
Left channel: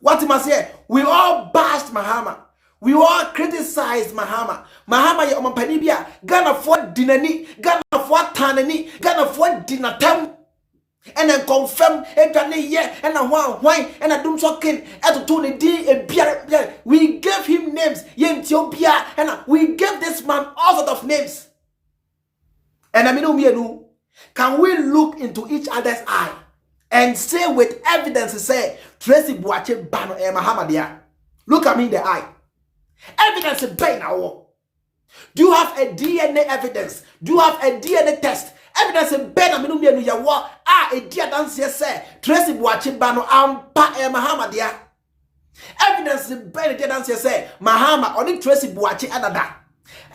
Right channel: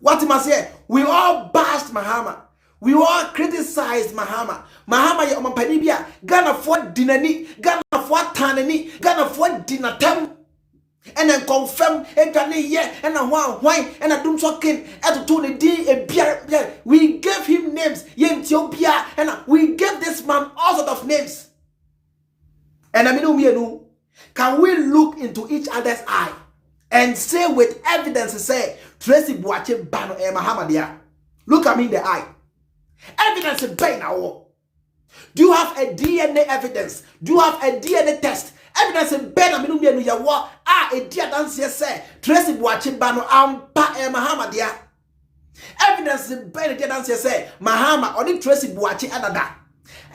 What you must say, we all bashed Mahama, we all criticized Mahama ye omampani bia Ghana for dinani, Ghana for tanani, Ghana for dinatam and then confirm edwane ye and a why and a dum so kin eto to ne din e bia. We gave him names ye Ethiopia and we gave this man all sort of names. And I mean, can we look into each other's eye and say with evidence, say, Tracy Boache Bano e Mahamadia? Look at me in the eye. Evidence is pain now. Do you have a DNA evidence? Do you have a DNA test? Evidence is pain. I mean, you wa a dear dance say, Tracy Boache Bano ampa e Mahamadia. Evidence is pain. Dear dance say, Mahama only Tracy Boache adada.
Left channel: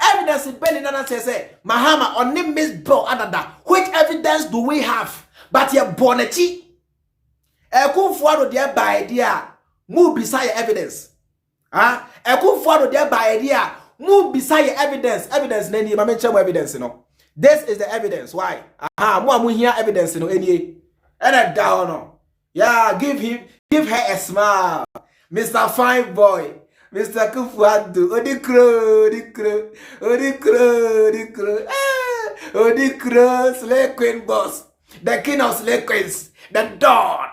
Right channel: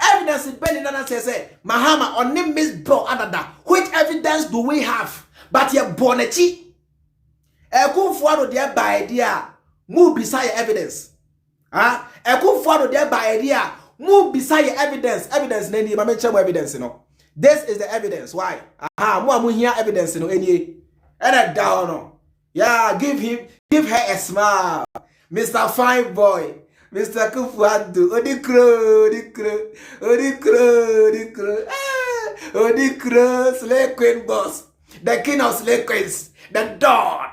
Evidence in Benny Nana says, Mahama on name Miss Bro Adada. Which evidence do we have? But you're Bonechi. Akufo there by idea. Move beside evidence. Akufo there by idea. Move beside evidence. Evidence, Nani, I mention evidence, you know. This is the evidence. Why? More here evidence, you know, any. And a down. Yeah, give her a smile. Mr. Fine Boy. Mr. Kufuadu, Odikro, Slay Queen boss, the king of Slay Queens, the dawn.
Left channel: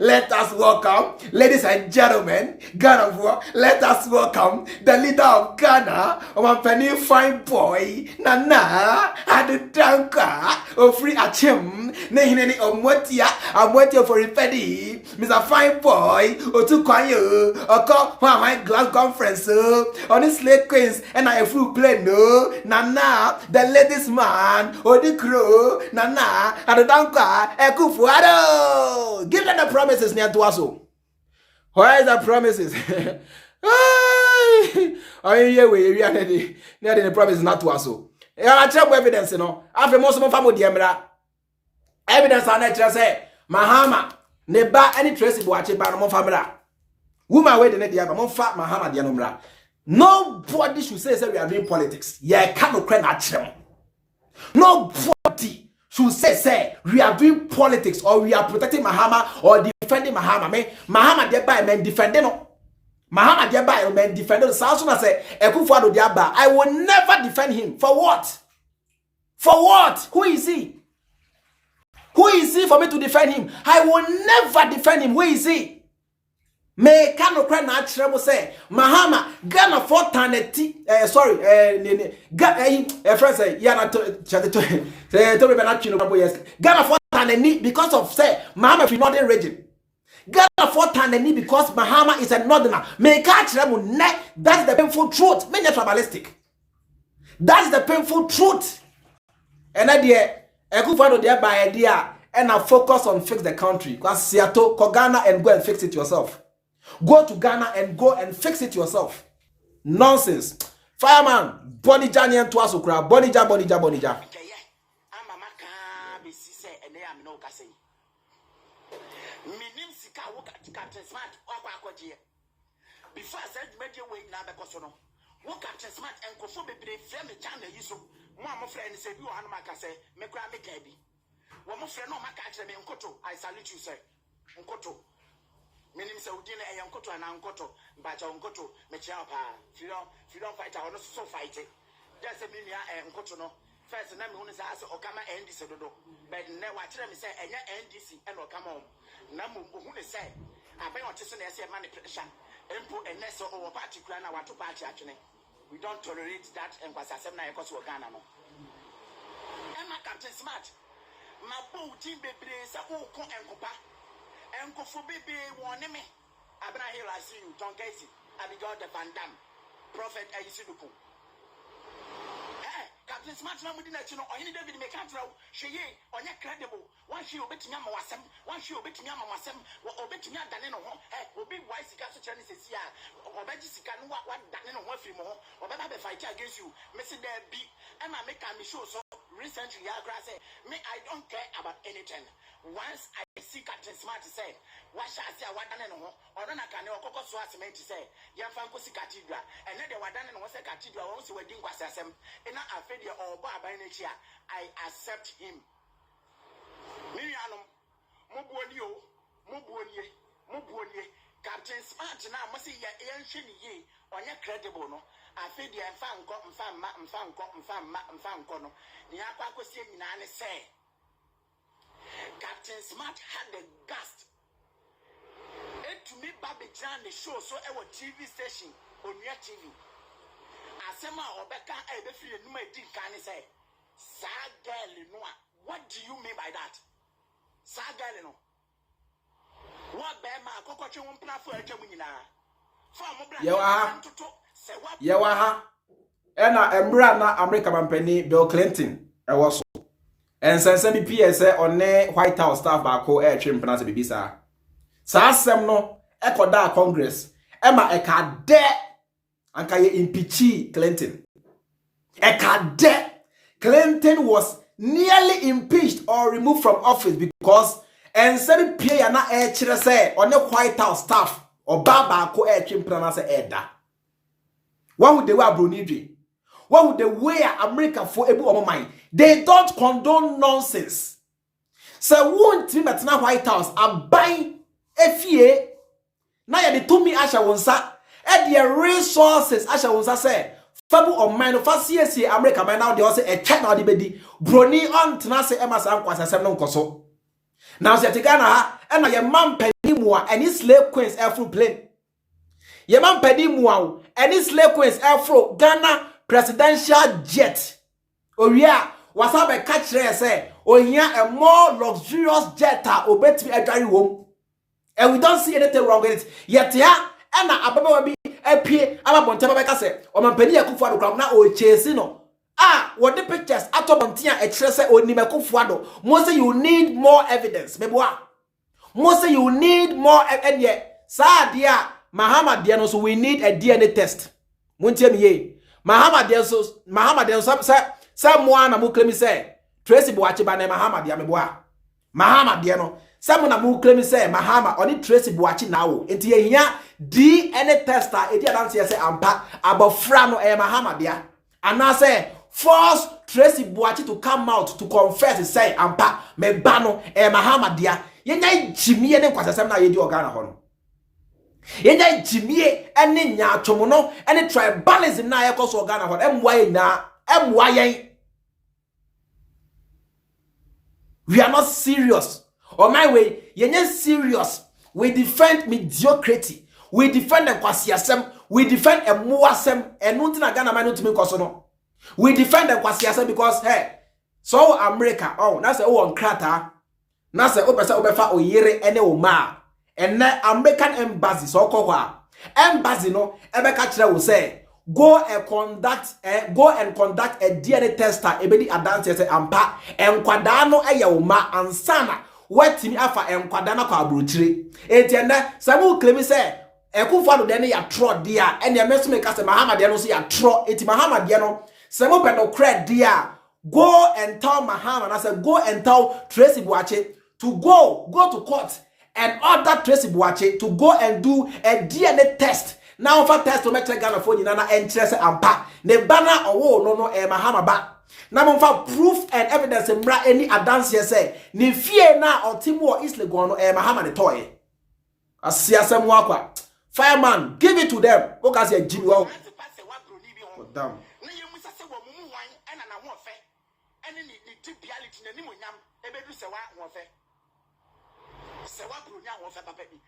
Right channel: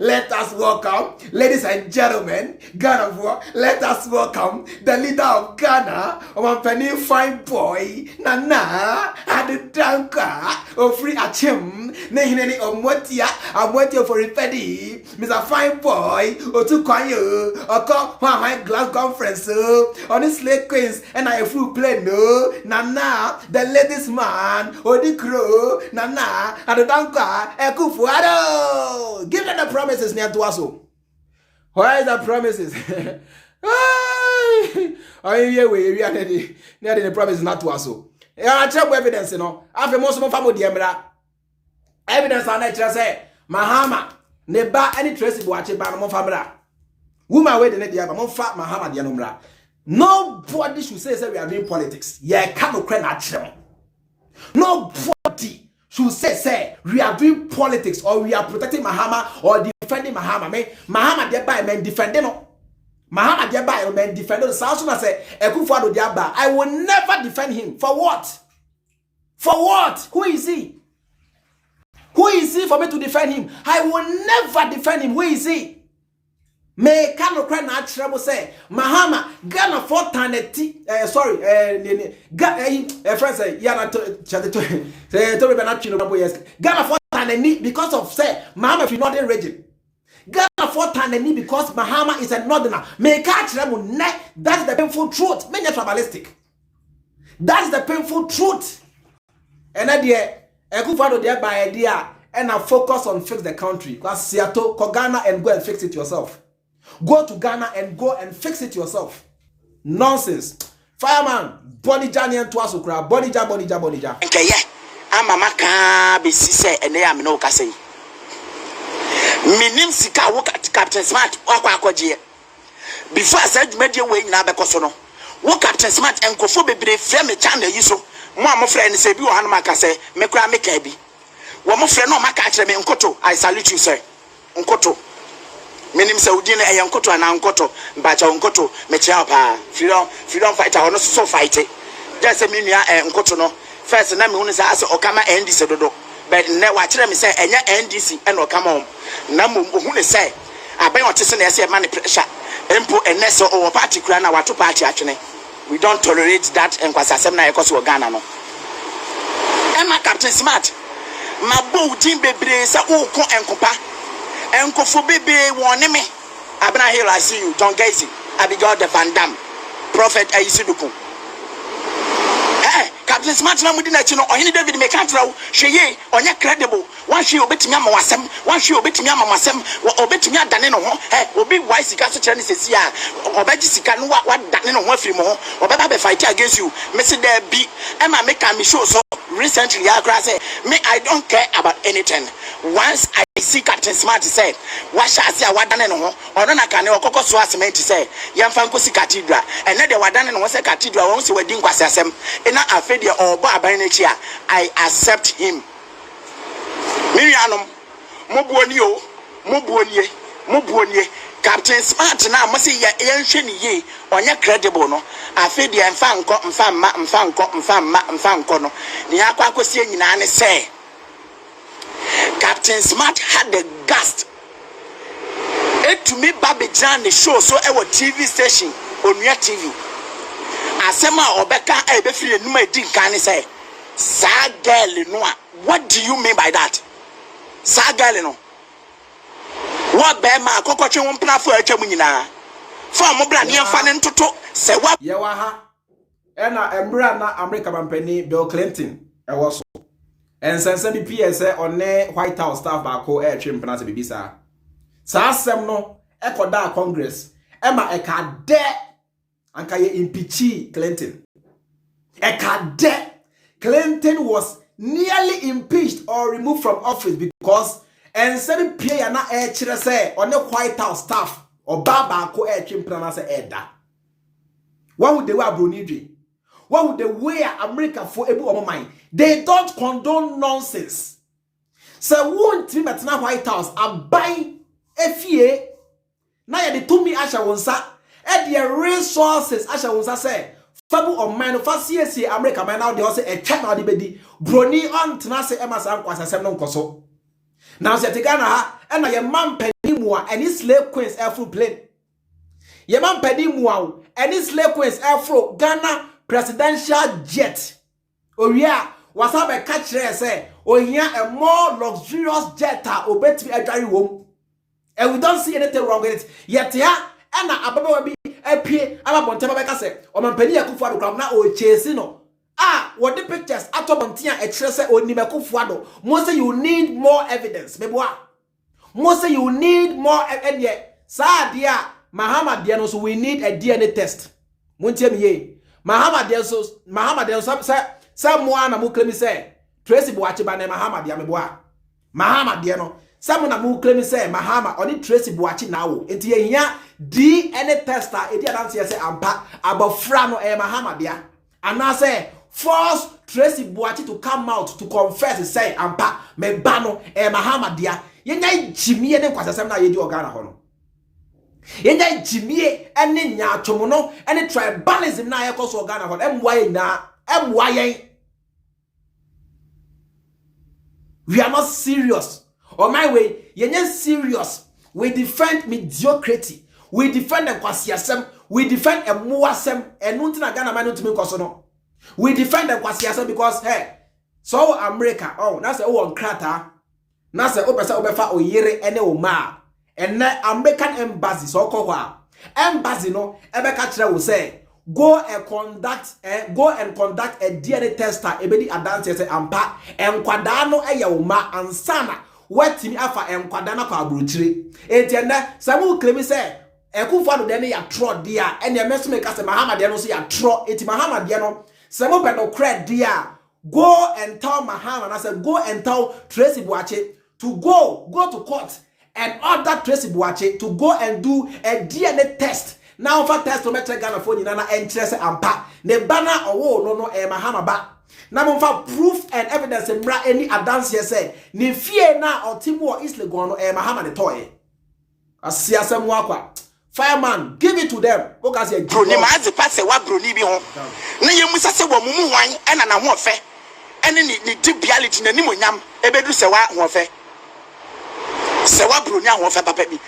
Let us welcome, ladies and gentlemen, Ghana War. Let us welcome the leader of Ghana, Penny Fine Boy, Nana, Addo Dankwa, Ofri Achim, Nehineni Omwetia for Repedi, Mr. Fine Boy, Otukwayo, Oko, my glass conference, on his Slay Queens, and I flew play no, Nana, the ladies man, Odikro, Nana, Addo Dankwa, Akufo Addo. Give them the promises near to us. Where is the promises? Oh, yeah, we are near the promises not to us. I check evidence, you know. After most of my family, evidence on nature say, Mahama, neba any traceable at my family. Woman wait in the other, fat Mahama, the Anumra. Nobody should say we are doing politics. Yeah, can't cry natural. Nobody should say we are doing politics or we are protecting Mahama or defending Mahama. Mahama thereby men defending no. Mahama thereby men defending. So soon as say Akufo Dampare, I will never defend him. For what? For what? Who is he? Who is he for me to defend him? I will never defend him. Who is he? Me cannot cry natural say Mahama Ghana for taneti friends say yana to be not Ghana for taneni because of say Mahama is northern region. Ghana for taneni because Mahama is a northerner. Me catch them that's the painful truth. Many tribalistic. That's the painful truth. And idea Akufo there by idea and I focus on fix the country. Because Seattle, go Ghana and go and fix it yourself. Go to Ghana and go and fix it yourself. Nonsense. Fireman, Bonija and Twasukra, Bonija. Okay, yeah. I'm a maka be say and they am no kase. Minim sika work at Captain Smart or Kwakoji. Before I said media way na bekosono. Wo Captain Smart and Kofo bebre frame me channel yiso. Mo am friend say bi wo hanuma kase me kura me ka bi. Wo mo friend no maka kire me nkoto. I salute you sir. Nkoto. Minim Saudi na yankoto na nkoto mbacha nkoto mechia pa freedom fighter ono so fight just say me nua nkoto no first na me hu say ase okama NDC dodo but ne wa kire me say enya NDC and okama om na mo hu ne say aben otese na say man pressure empo enese o party kura na wato party atwene we don't tolerate that enkwasa asem na yekoso Ghana no Emma Captain Smart mabo din bebre say o ko enkopa Enkofo bebe wone me. Abna here I see you. John Gacy. Abigail the Van Dam. Prophet Ayisiduku. Captain Smart na mudi na chi no Ohene David me kan trawo hweye onye credible wan hwe obetimi ama wasem wan hwe obetimi ama masem obetimi adane no ho obi wise sika so kire ne sesi a obeji sika no wa dane no ho afiri mo ho obeba be fight against you me se there be ema me can me show so recently I say me I don't care about anything once I see Captain Smart say what shall I say wadane no ho ono na kan e okoko so asement say yemfa nkosi cathedral ene de wadane no ho say cathedral won se wadi nkwase asem ena afedi obo aban na chi a I accept him mirianom mobuonie Captain Smart na mo say ye nhwe ni ye onye credible no afedi mfa nko no ni akwa akosie nyina ne say Captain Smart had the gust to me Babijan the show so our TV station on your TV asema obeka ebe free numa edin kan say sa girl no what do you mean by that sa girl no what be ma akokotwe wo mpna fo atwa nyina fa mo bra ne fa ne ntoto se wa ye wa ha ena embra na America mampani Bill Clinton e wo so ensense bi PSA on White House staff ba ko e twe mpna se bibisa sa asem no ekoda Congress ema eka de anka ye impeach Clinton. Ekade Clinton was nearly impeached or removed from office because and seven pay na chere say on the White House staff or baba ko chimpana say eda. What would they wear Bronii? What would they wear America for able of mind? They don't condone nonsense. So won't team at na White House are buying FA. Now ya de to me asha wonsa e the resources asha wonsa say fabu of mine of CSA America man now they also a check now the bedi Bronii on tena say emas am kwasa sem no nkoso. Now say Ghana ha e na ye man pani mu a any slave queens afro plane. Ye man pani mu a any slave queens afro Ghana presidential jet. Oria wasabe catch there say ohia a more luxurious jet obetimi adware wom. And we don't see anything wrong with it. Yet ya na ababa bi apie amabontema beka say o mampani Akufo Addo na o chase no. What the pictures atobontia e kire say oni Akufo Addo. Mo say you need more evidence. Meboa. Mo say you need more evidence. Sa dia Mahama dia no so we need a DNA test. Montie me ye. Mahama dia so say mo ana mo claim say Tracy Boachi ba na Mahama dia meboa. Mahama dia no some na mu claim say Mahama oni Tracy Boachi na wo enti ye hia DNA tester edi adanse say ampa abofra no Mahama dia ana say force Tracy Boachi to come out to confess say ampa me ba no Mahama dia ye nya jimie ne kwasasem na ye di Ghana ho no ye nya jimie ene nya atwomo no ene tribalism na ye koso Ghana ho emwa ye na emwa ye. We are not serious. On my way, you're not serious. We defend mediocrity. We defend the kwasiasem. We defend a muasem. And nothing Ghana man to me kosono. We defend the kwasiasem because hey, so America. Oh, that's a on krata. That's a opesa obefa oyere ene oma. And American embassy so kwa embassy no ebeka kire will say go and conduct a DNA tester ebedi adanse say ampa enkwada no eyawoma ansana watimi afa enkwada na kwa aburuchire entiende samu claim say Akufo Addo de ne ya tro dia ene emeso me ka say Mahama de no so ya tro enti Mahama de no samu pedo cred dia go and tell Mahama na say go and tell Tracy Boachi to go to court and order Tracy Boachi to go and do a DNA test. Now for test to make Ghana for you na interest ampa ne bana owo no Mahama ba na mo fa proof and evidence mra any advance say ne fie na otimu isle go no Mahama de toy asiasem wakwa fireman give it to them because you Bronii ma ze pass wa Bronii bi ho na ye musa se wo mumu hwan ena na ho fe ene ni debiality na nimonyam ebedu se wa ho fe Serwaa Bronii ho fe papa bi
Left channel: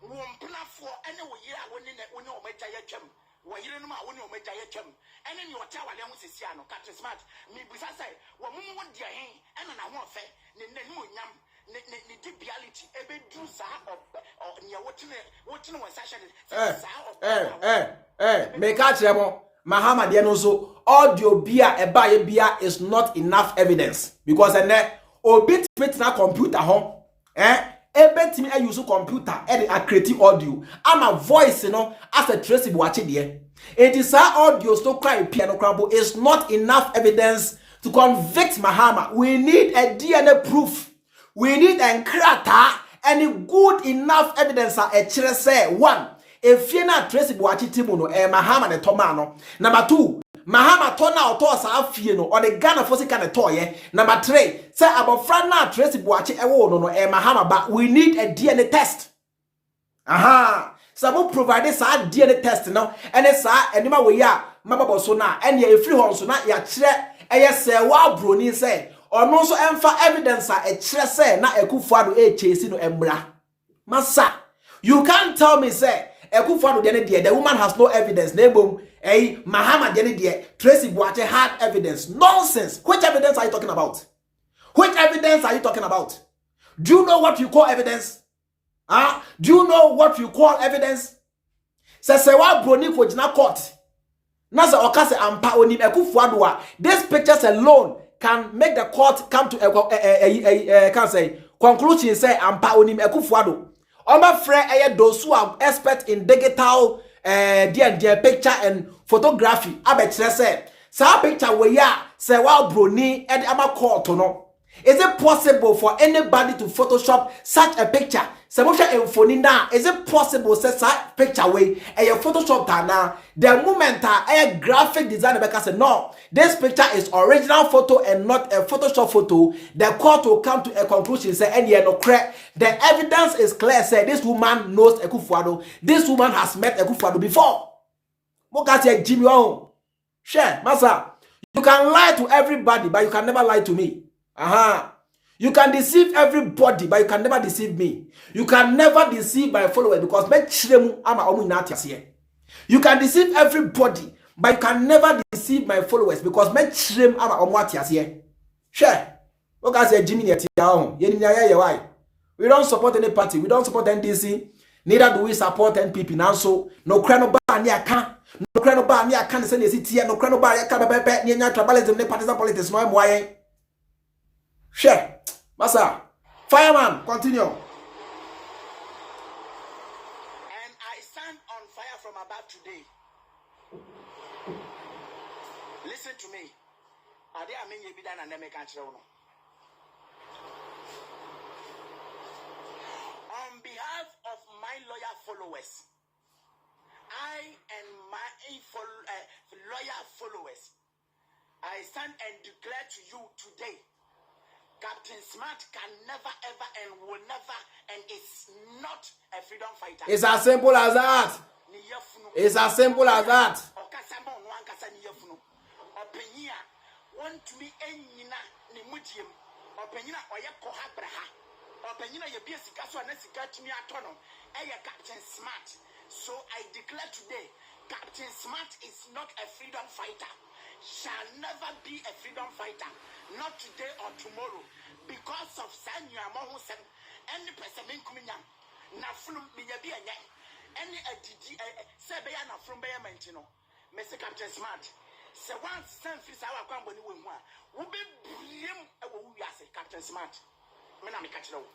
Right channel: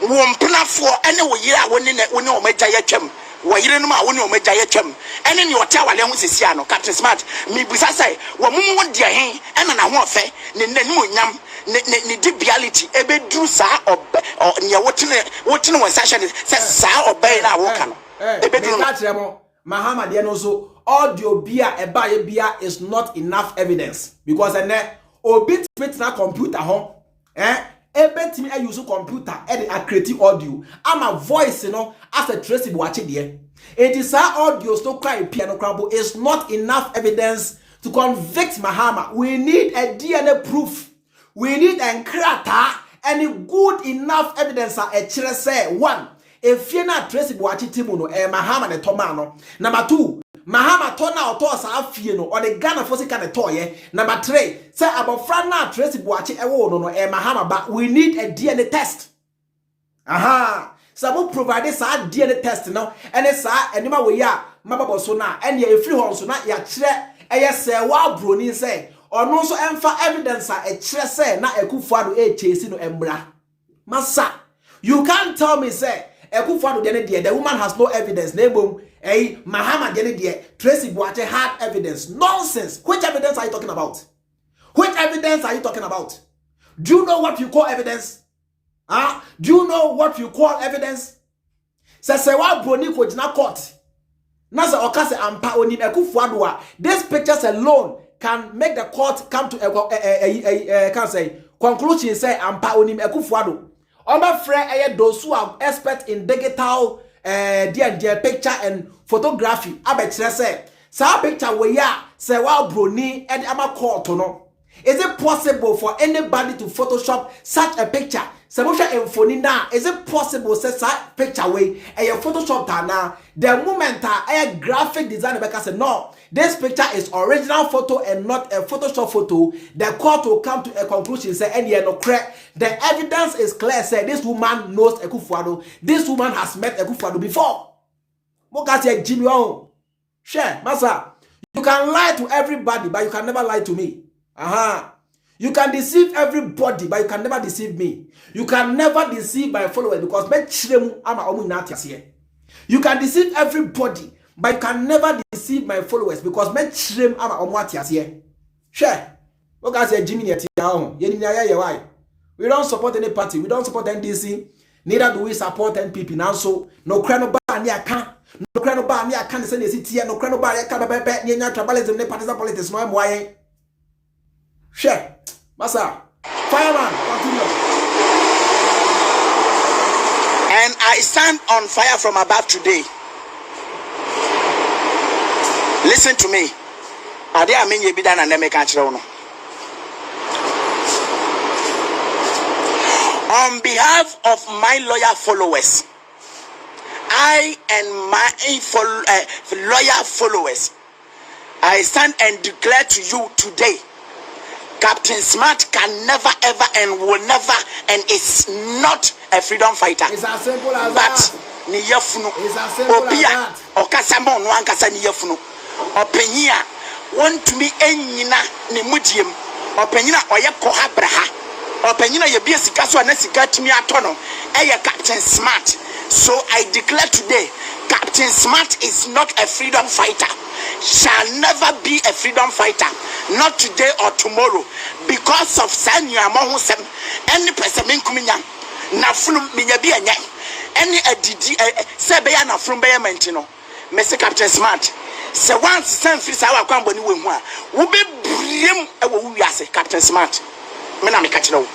wompnafo ene wo yire a woni o magya ye twam wo yire no ma woni o magya ye twam ene ni ota wale ho sesia no Captain Smart mi bisa sai wo mumu wo dia hen ena na ho fe ne nimonyam ne debiality ebedu sa ne wotene won session se sa obey na wo kan me ka kire mo Mahama de no so audio bia eba bia is not enough evidence because ene obi fit na computer ho ebetimi I use computer and a create audio ama voice no as a Tracy Boachi there it is our audio so cry piano crumble is not enough evidence to convict Mahama. We need a DNA proof. We need a krata and good enough evidence a chere say one if you na Tracy Boachi timu no Mahama ne tomano. Number 2 Mahama tona oto sa afie no or the Ghana for sika ne toye. Number 3 say abofra na Tracy Boachi ewo no Mahama but we need a DNA test. Aha so provide sa DNA test no and sa enima we ya mababo so na and ya free hon so na ya kire eye Serwaa Bronii say ono so emfa evidence a kire say na Akufo Addo chase no embra masa you can't tell me say Akufo Addo the woman has no evidence. Nebom, Mahama Tracy Boachi had evidence. Nonsense. Which evidence are you talking about? Which evidence are you talking about? Do you know what you call evidence? Do you know what you call evidence? Serwaa Bronii ko jina court. Nasa okase ampa onim Akufo Addo. These pictures alone can make the court come to can say conclusion say ampa onim Akufo Addo. Oma friend those who are expert in digital dear picture and photography abetire say sa picture we ya Serwaa Bronii and ama call to no. Is it possible for anybody to Photoshop such a picture? Is it possible to such a picture way and your Photoshop now? The moment a graphic designer because no, this picture is original photo and not a Photoshop photo. The court will come to a conclusion say and no correct. The evidence is clear. Say this woman knows Akufo. This woman has met Akufo before. Mokasi Jimmy on. Share, Masa. You can lie to everybody, but you can never lie to me. You can deceive everybody, but you can never deceive me. You can never deceive my followers because you can deceive everybody, but you can never deceive my followers because share. We don't support any party. We don't support NDC. Neither do we support NPP. Now so no crano bar near can. No crano bar near can send a city. No crano bar near tribalism. Ne partisan politics. No why. Share. Massa. Fireman, continue. And I stand on fire from above today. Listen to me. Ade amenye bi da na me ka kire wo no. On behalf of my lawyer followers, I and my lawyer followers, I stand and declare to you today, Captain Smart can never, ever, and will never, and is not a freedom fighter. It's as simple as that. It's as simple as that. Okasamo no ankasa ni yefunu. Opanyia want to be enyina ne mudiem. Opanyina oye koha braha. Opanyina ye bia sika so na sika timi atono. Eye Captain Smart. So I declare today, Captain Smart is not a freedom fighter. Shall never be a freedom fighter, not today or tomorrow, because of Sanya Mohusem, any person kuminya, Nafum Miyabianya, any adidi Sebayana from Bayamantino, Mr. Captain Smart. So once San Fisawa Company will be brim a Captain Smart. Menamikatino.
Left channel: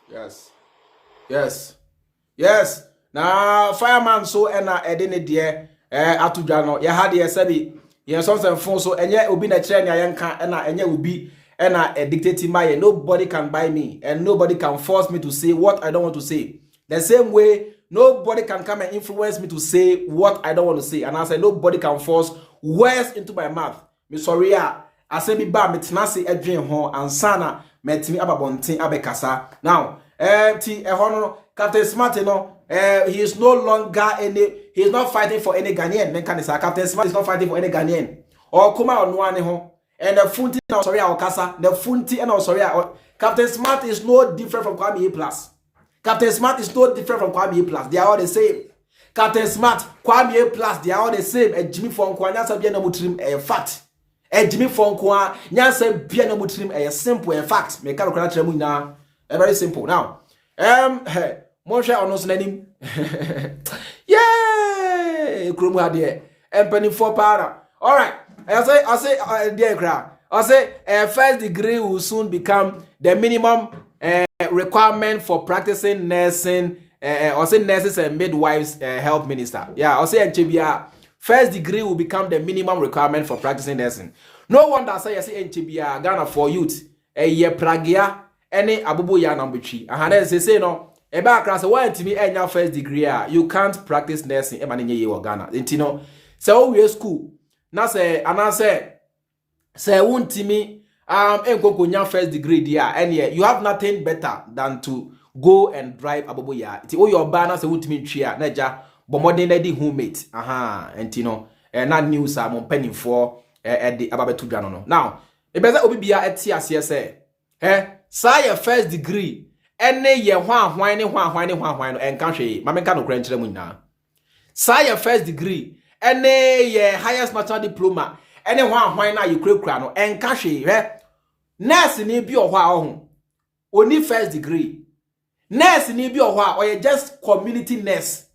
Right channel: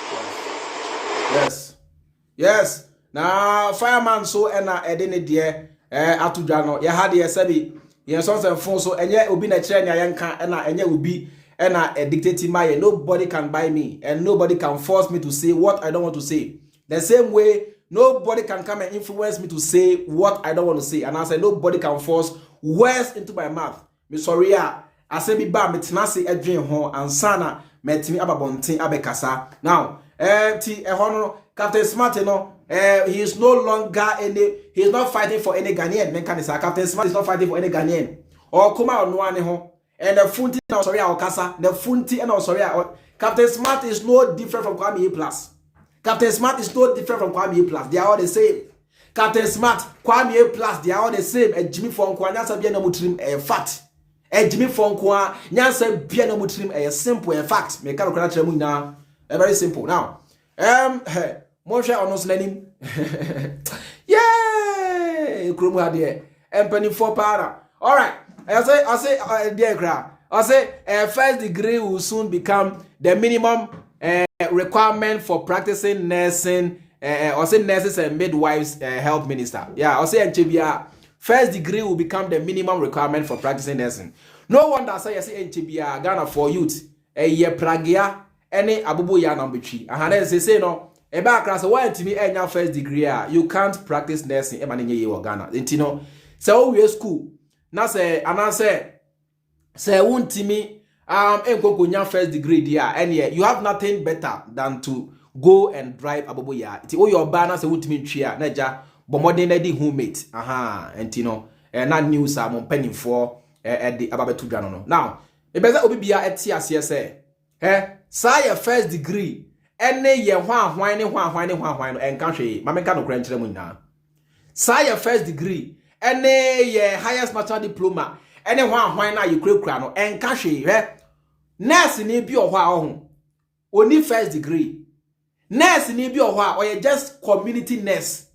Yes. Now, fireman so and edini dear Atujano, Yahadi Sabi. Yes, something phone so and yet will be a chain and yet will be a dictating my nobody can buy me and nobody can force me to say what I don't want to say. The same way nobody can come and influence me to say what I don't want to say. And I say nobody can force words into my mouth. Me sorry I say be bad me tenasi a dream home and sana met me ababontin abekasa. Now Captain Smart, he is no longer he is not fighting for any Ghanaian. Captain Smart is not fighting for any Ghanaian. Or come out one home. And the Funti and sorry our casa, the Funti and sorry. Captain Smart is no different from Kwame Plus. Captain Smart is no different from Kwame Plus. They are all the same. Captain Smart, Kwame Plus, they are all the same. And Jimmy Fonkwa, Nyansa Biana Mutrim, a fact. And Jimmy Fonkwa, Nyansa Biana Mutrim, a simple fact. Mekano very simple. Now, Moshe onos nanim. Yay! Krumu hadie. Empany for para. All right. I say, dear cra. I say, first degree will soon become the minimum requirement for practicing nursing. I say nurses and midwives health minister. Yeah, I say NCBA. First degree will become the minimum requirement for practicing nursing. No wonder I say NCBA Ghana for youth. Ye pragia any abubu ya number 3. And say no. Eba class why to me enya first degree you can't practice nursing e mane ye Ghana. Intino so we school na say ana say wuntimi enkokonya first degree there and you have nothing better than to go and drive abubu ya. Ti o your ba na say wuntimi ntwea na ja bomodin na di homemate. Intino na news am penifo di ababetu dwa no. Now e be say obi bia eti ase say say your first degree ene ye hwan no enka hwe mameka no kra nkyere mu nyina say your first degree ene ye highest national diploma ene hwan na ye kura no enka hwe nurse ni bi ohwa ho oni first degree nurse ni bi ohwa or ye just community nurse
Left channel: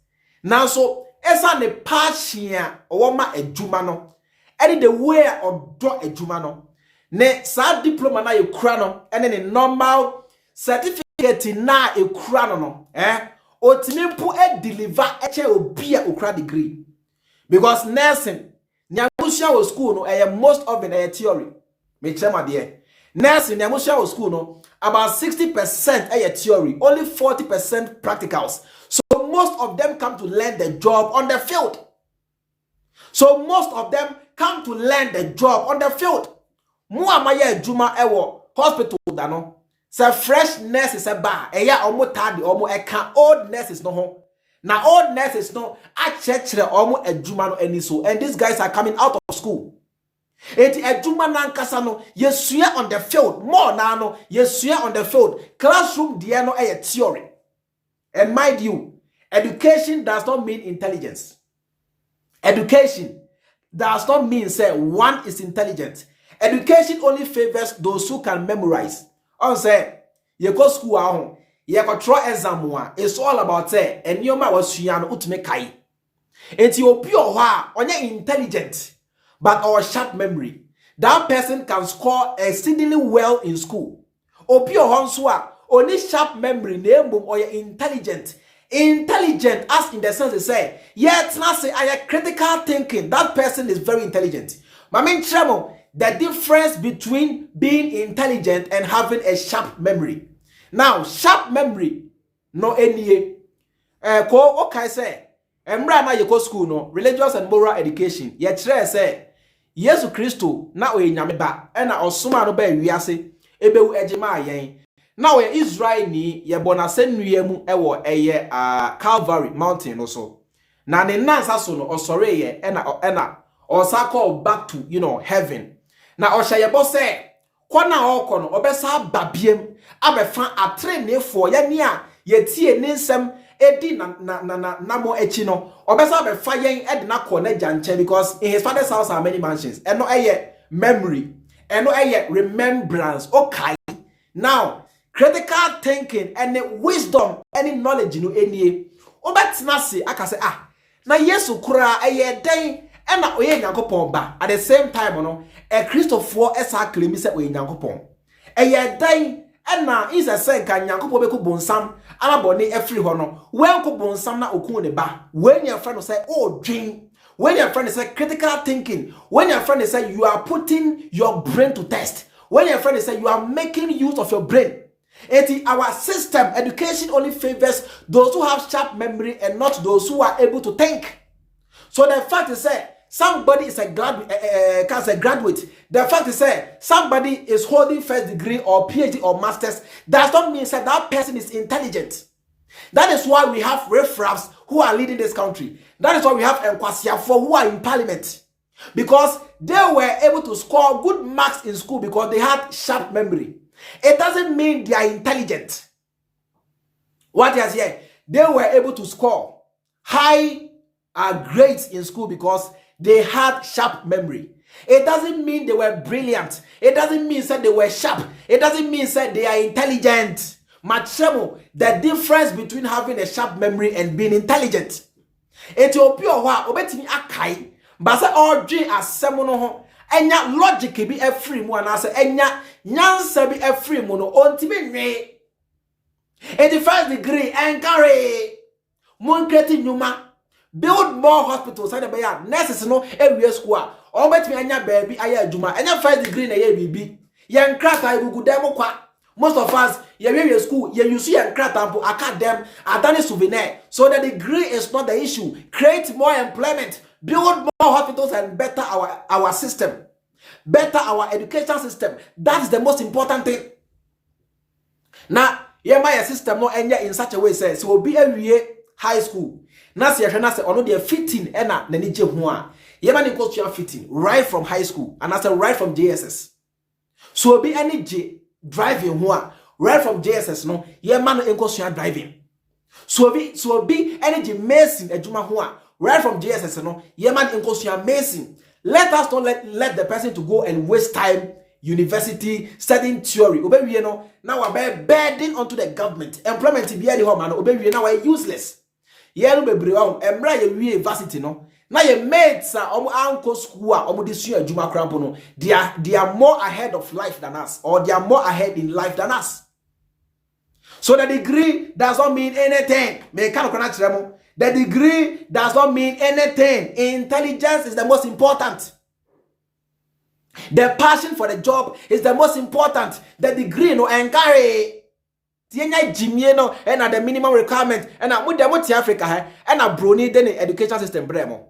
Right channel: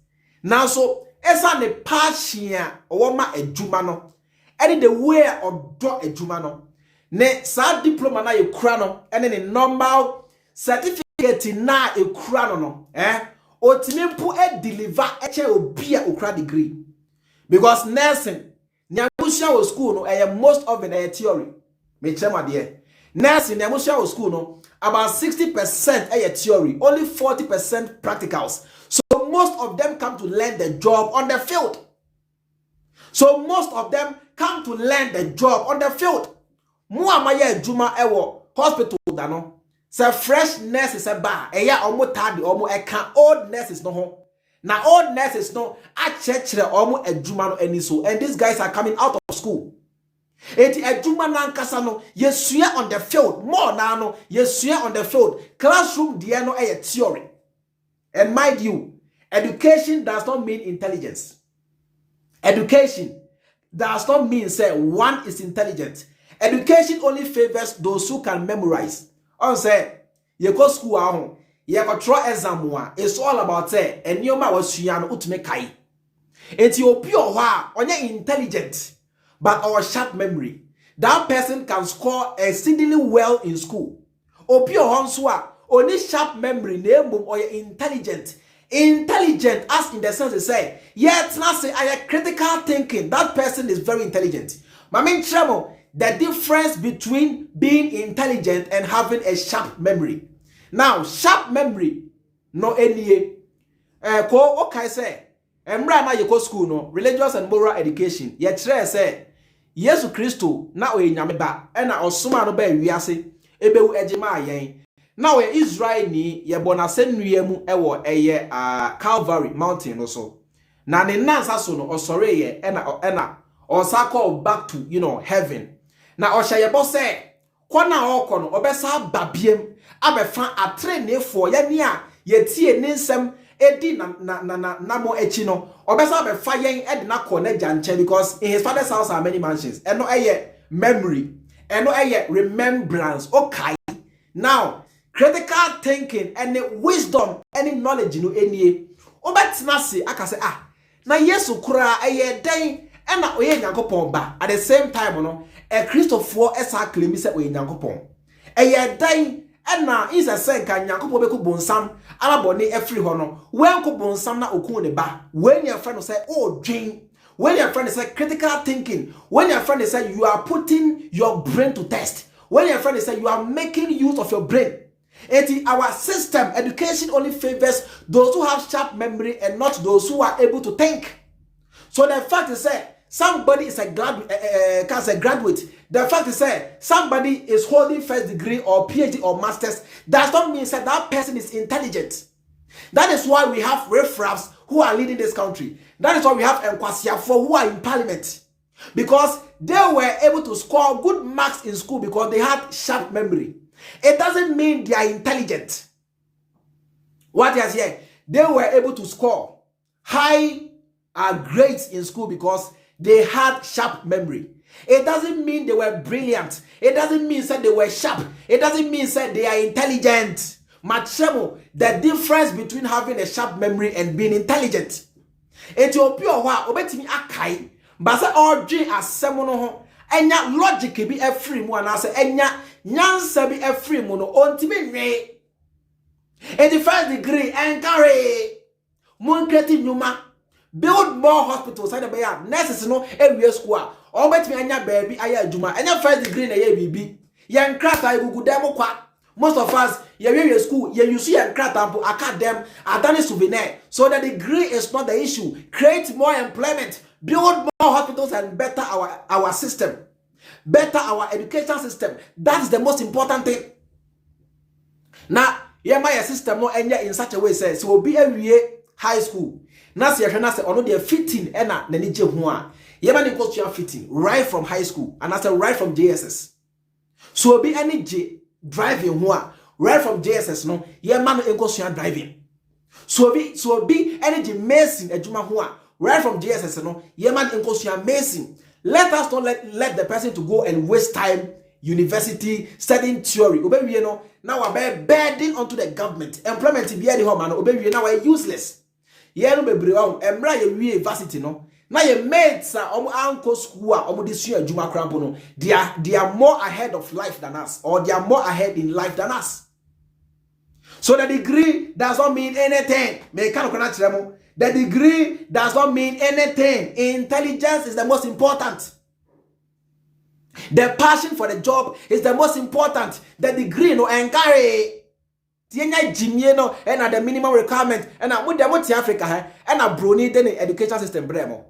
now so esa ne passion owo ma adwuma no ene the way odo adwuma no ne sa diploma na ye kura no ene ne normal certificate na ekura no otimi mpu deliver eche obi a okura degree Because nursing, Nyamusha was school no, most of it a theory. Me chema dear. Nursing, Nyamusha was school no, about 60% a theory, only 40% practicals. So most of them come to learn the job on the field. So most of them come to learn the job on the field. Muamaya Juma ewo hospital dano. Say fresh nurses a bar. Eya omo tadi omo eka old nurses no ho. Now old nurses no a chechere omo ejuma no eni so. And these guys are coming out of school. Eti ejuma nankasa no yesuya on the field. More na no yesuya on the field. Classroom dia no a theory. And mind you, education does not mean intelligence. Education does not mean say one is intelligent. Education only favors those who can memorize. On say you go school ahun, you go try exam one. It's all about say and you ma was suya no utme kai. Enti opi ohwa onye intelligent but our sharp memory. That person can score exceedingly well in school. Opi ohwa nso a only sharp memory na embom or intelligent. Intelligent as in the sense they say, yet not say I have critical thinking. That person is very intelligent. My main tremor, the difference between being intelligent and having a sharp memory. Now, sharp memory, no any ko okay say, emra na yeko school no, religious and moral education. Yet say, Yesu Christo na o nyame ba, e na osoma no ba wiase, ebe wu ejema ayen. Now Israel ni ye bonase nuye ewo eye Calvary mountain no so. Na ne nansa so no osore ye ena osako back to heaven. Na osha ye bo se kwana oko no obesa babiem abefa atrenefo ye ne a ye tie ne nsem edi na mo echi no obesa abefa yen edi na ko na janche because in his father's house are many mansions. Eno eye memory, eno eye remembrance. Okay. Now critical thinking and wisdom and knowledge no enie obetina se aka se na Yesu kura eye den e na oye Nyankopon ba at the same time no e Christopher esa claim se oye Nyankopon eye den e na isa se nka Nyankopon be ko bonsam anabone efri ho no wen ko bonsam na okun ne ba wen your friend say oh dwen when your friend say critical thinking when your friend say you are putting your brain to test when your friend say you are making use of your brain. Our system, education only favors those who have sharp memory and not those who are able to think. So the fact is that somebody is a graduate, the fact is that somebody is holding first degree or PhD or masters, does not mean that that person is intelligent. That is why we have riffraffs who are leading this country. That is why we have Nkwasiafo who are in parliament. Because they were able to score good marks in school because they had sharp memory. It doesn't mean they are intelligent. What is here? They were able to score high grades in school because they had sharp memory. It doesn't mean they were brilliant. It doesn't mean that they were sharp. It doesn't mean that they are intelligent. Machemo, the difference between having a sharp memory and being intelligent. Ethiopia wa obetini akai, but say all dream as semono ho. Enya logic be a free mu anase enya nyansa be a free mu no ontime nwe. In the first degree encourage monketi nyuma build more hospitals and be ya nurses no every school o betimi anya baabi aya adwuma enya first degree na ye bibi ye nkrata igugu dem kwa. Most of us ye school ye use ye nkrata ampo academ adane souvenir. So the degree is not the issue. Create more employment, build more hospitals and better our system, better our education system. That is the most important thing. Now, my system no enya in such a way says so be a high school. Na se na se ono de fitting ena na ni je ho a. Ye ma ni go to fitting right from high school and I say right from JSS. So be any driving ho a right from JSS no ye ma no enko so driving. So be any mason adwuma ho a right from JSS no ye man enko mason. Let us not let the person to go and waste time university studying theory. Obewie no now we burden onto the government. Employment be the home and obewie now we useless. Ye no bebre wa emra ye university no. Na ye mates omo anko school omo de sua adwuma krampo no. They are more ahead of life than us, or they are more ahead in life than us. So the degree does not mean anything. Me kan kona tiremo. The degree does not mean anything. Intelligence is the most important. The passion for the job is the most important. The degree no encourage. Tienya Jimmy no and at the minimum requirement and at Muti Africa and a Bronii then the education system bremo.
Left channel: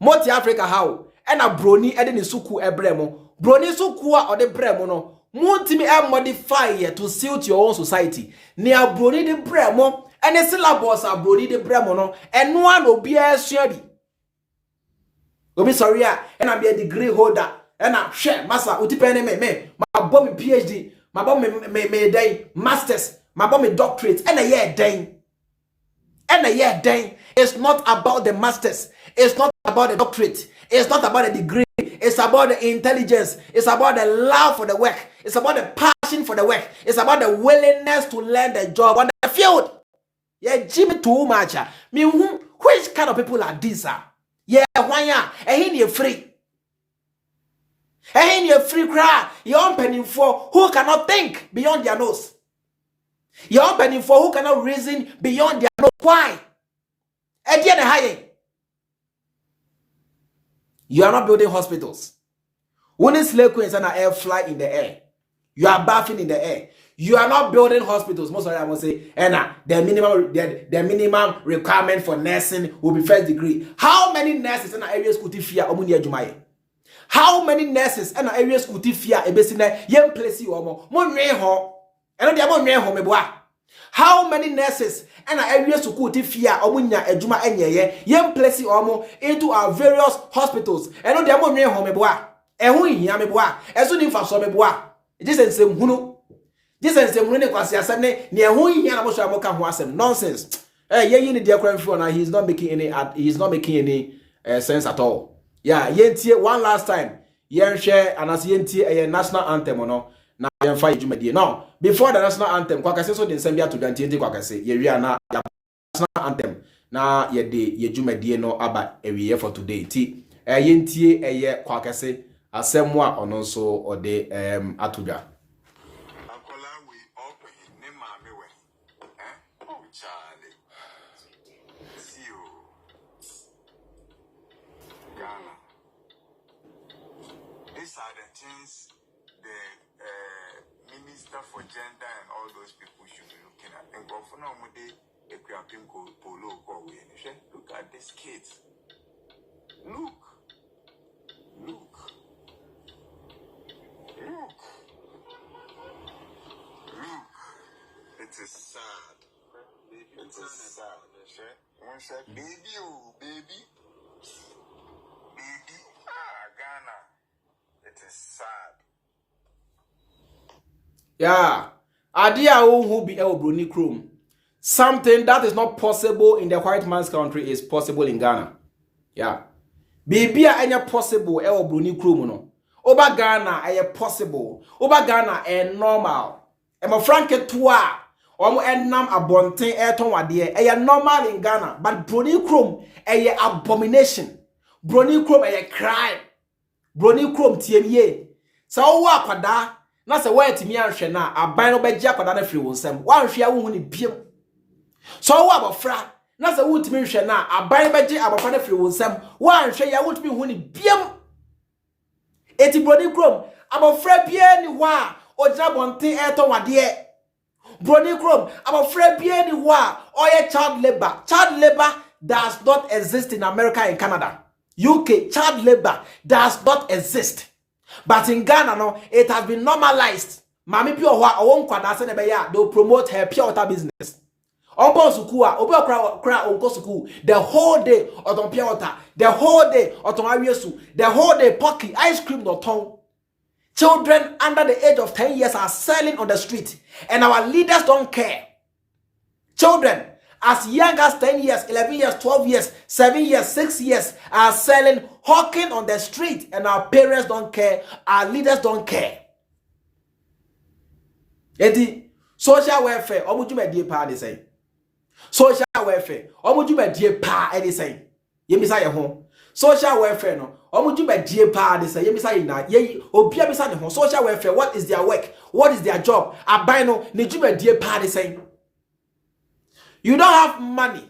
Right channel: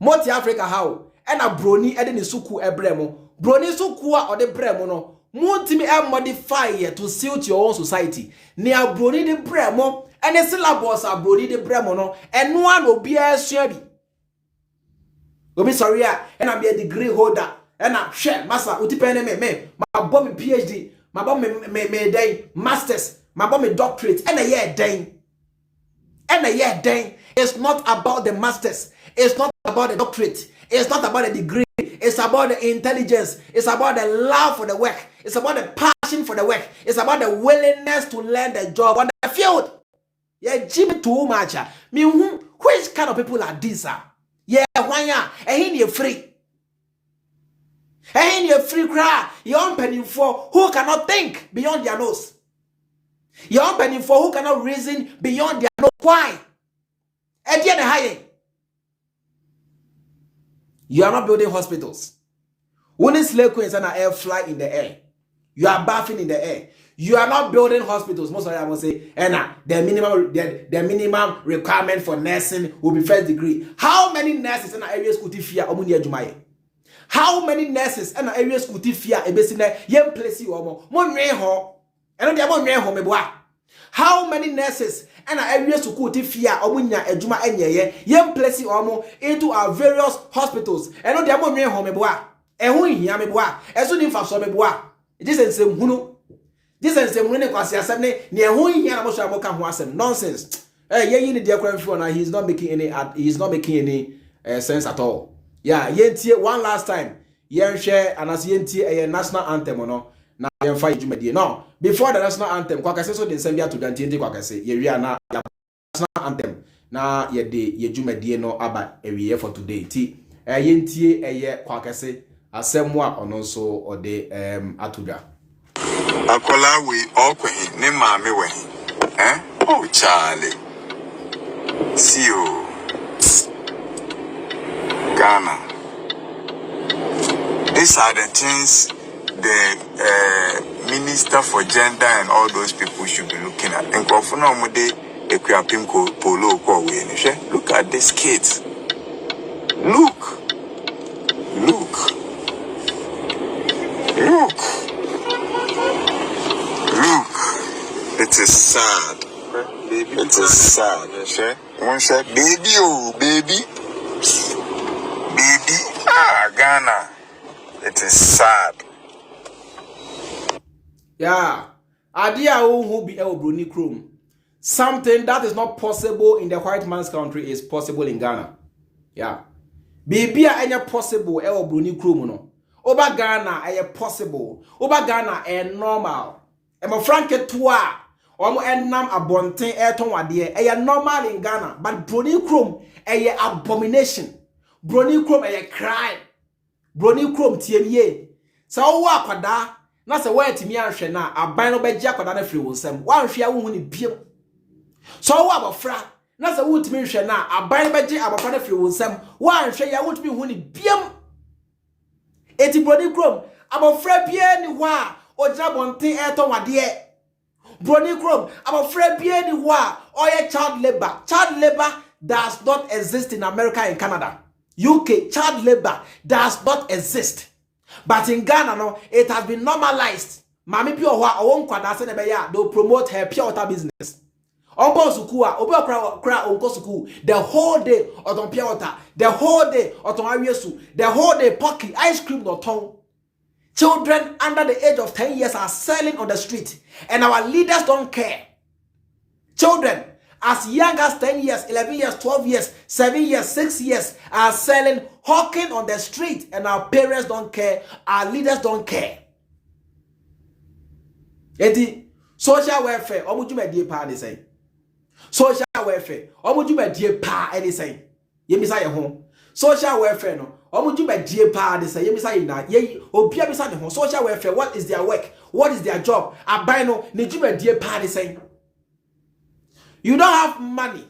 Moti Africa how and a Bronii and the suku ebremo. Bronii sukua or the bremo no. Muntimi modify to suit your own society. Near Bronii the bremo and the syllabus are Bronii the bremo no and one will be a shabby. Obi sorry and I be a degree holder and I share massa utipene me my bomb PhD. My bomb me day masters, my bomb doctorate, and a year day. And a year day. It's not about the masters, it's not about the doctorate, it's not about the degree, it's about the intelligence, it's about the love for the work, it's about the passion for the work, it's about the willingness to learn the job on the field. Yeah, Jimmy too much. Me, which kind of people are these? Yeah, why ya? And you're free. And you're free cry. You're penny for who cannot think beyond their nose. You're penny for who cannot reason beyond their nose. Why? At the end of high. You are not building hospitals. When slave queens and air fly in the air, you are bathing in the air. You are not building hospitals. Most of them will say, the minimum requirement for nursing will be first degree. How many nurses in areas could you fear Omunia Jumaye? How many nurses and areas could you fear a besina yem place you or more? And how many nurses and areas could you fear Omunia Ejuma and yem place you or more into our various hospitals? And on the amon home, and who in Yameboa, as soon as for Someboa. It isn't some who. This is some winning quasi assembly near who in Yamamoka who has some nonsense. You need the phone, he's not making any sense at all. Yeah, yentie one last time. Yen share and as yentie a national anthem or no. Now yen fight Jumadi. No, before the national anthem, Kwakase so den sembia to Dantiente Kwakase. Ye na national anthem. Na ye de ye Jumadi no aba every for today. Ti yentie a Kwakase asemwa onoso or de atuda. Akola we okwe ne mame we. Oh Charlie. See you. Ghana. These are the things the Minister for Gender and all those people should be looking at. And look at these kids. Look. It is sad. It is sad. One said, baby, oh, baby. Ghana. It is sad. Yeah. Idea who be El Bronii Chrome. Something that is not possible in the white man's country is possible in Ghana. Yeah. Baby any possible El Bronii Chrome no. Oba Ghana a possible. Oba Ghana a normal. Emo franke toa. Omo enam abonten eton wade a normal in Ghana, but Bronii Chrome a abomination. Bronii Chrome a crime. Bronii Chrome TMA. So wa kwada na se wa timi anhwe na aban no beji akwada na firi wonsam. Wa anhwe awu ni biem. So wa abofra na se wo timi nhwe na aban beji abofra na firi wonsam. Wa anhwe ya wo timi hu ni biem. Eti Bronii Chrome abofra bia ni wa ojina bonten eton wade. Bronii Chrome abofra bia ni wa oye child labor. Child labor does not exist in America and Canada. UK child labor does not exist, but in Ghana no, it has been normalized. Mami pure wa owon kwada se ne ya do promote her pure water business. Onko suku a obi okra onko suku the whole day oton pure water, the whole day oton awiesu, the whole day pocky ice cream no ton. Children under the age of 10 years are selling on the street, and our leaders don't care. Children as young as 10 years, 11 years, 12 years, 7 years, 6 years are selling, hawking on the street, and our parents don't care, our leaders don't care. Eti social welfare, omujume die pa ni say. Social welfare, omujume die pa any say. Yemisa ye ho. Social welfare no, omujume die pa ni say. Yemisa ye na ye obia bisa ne ho. Social welfare, what is their work? What is their job? Abai no, ni jume die pa ni say. You don't have money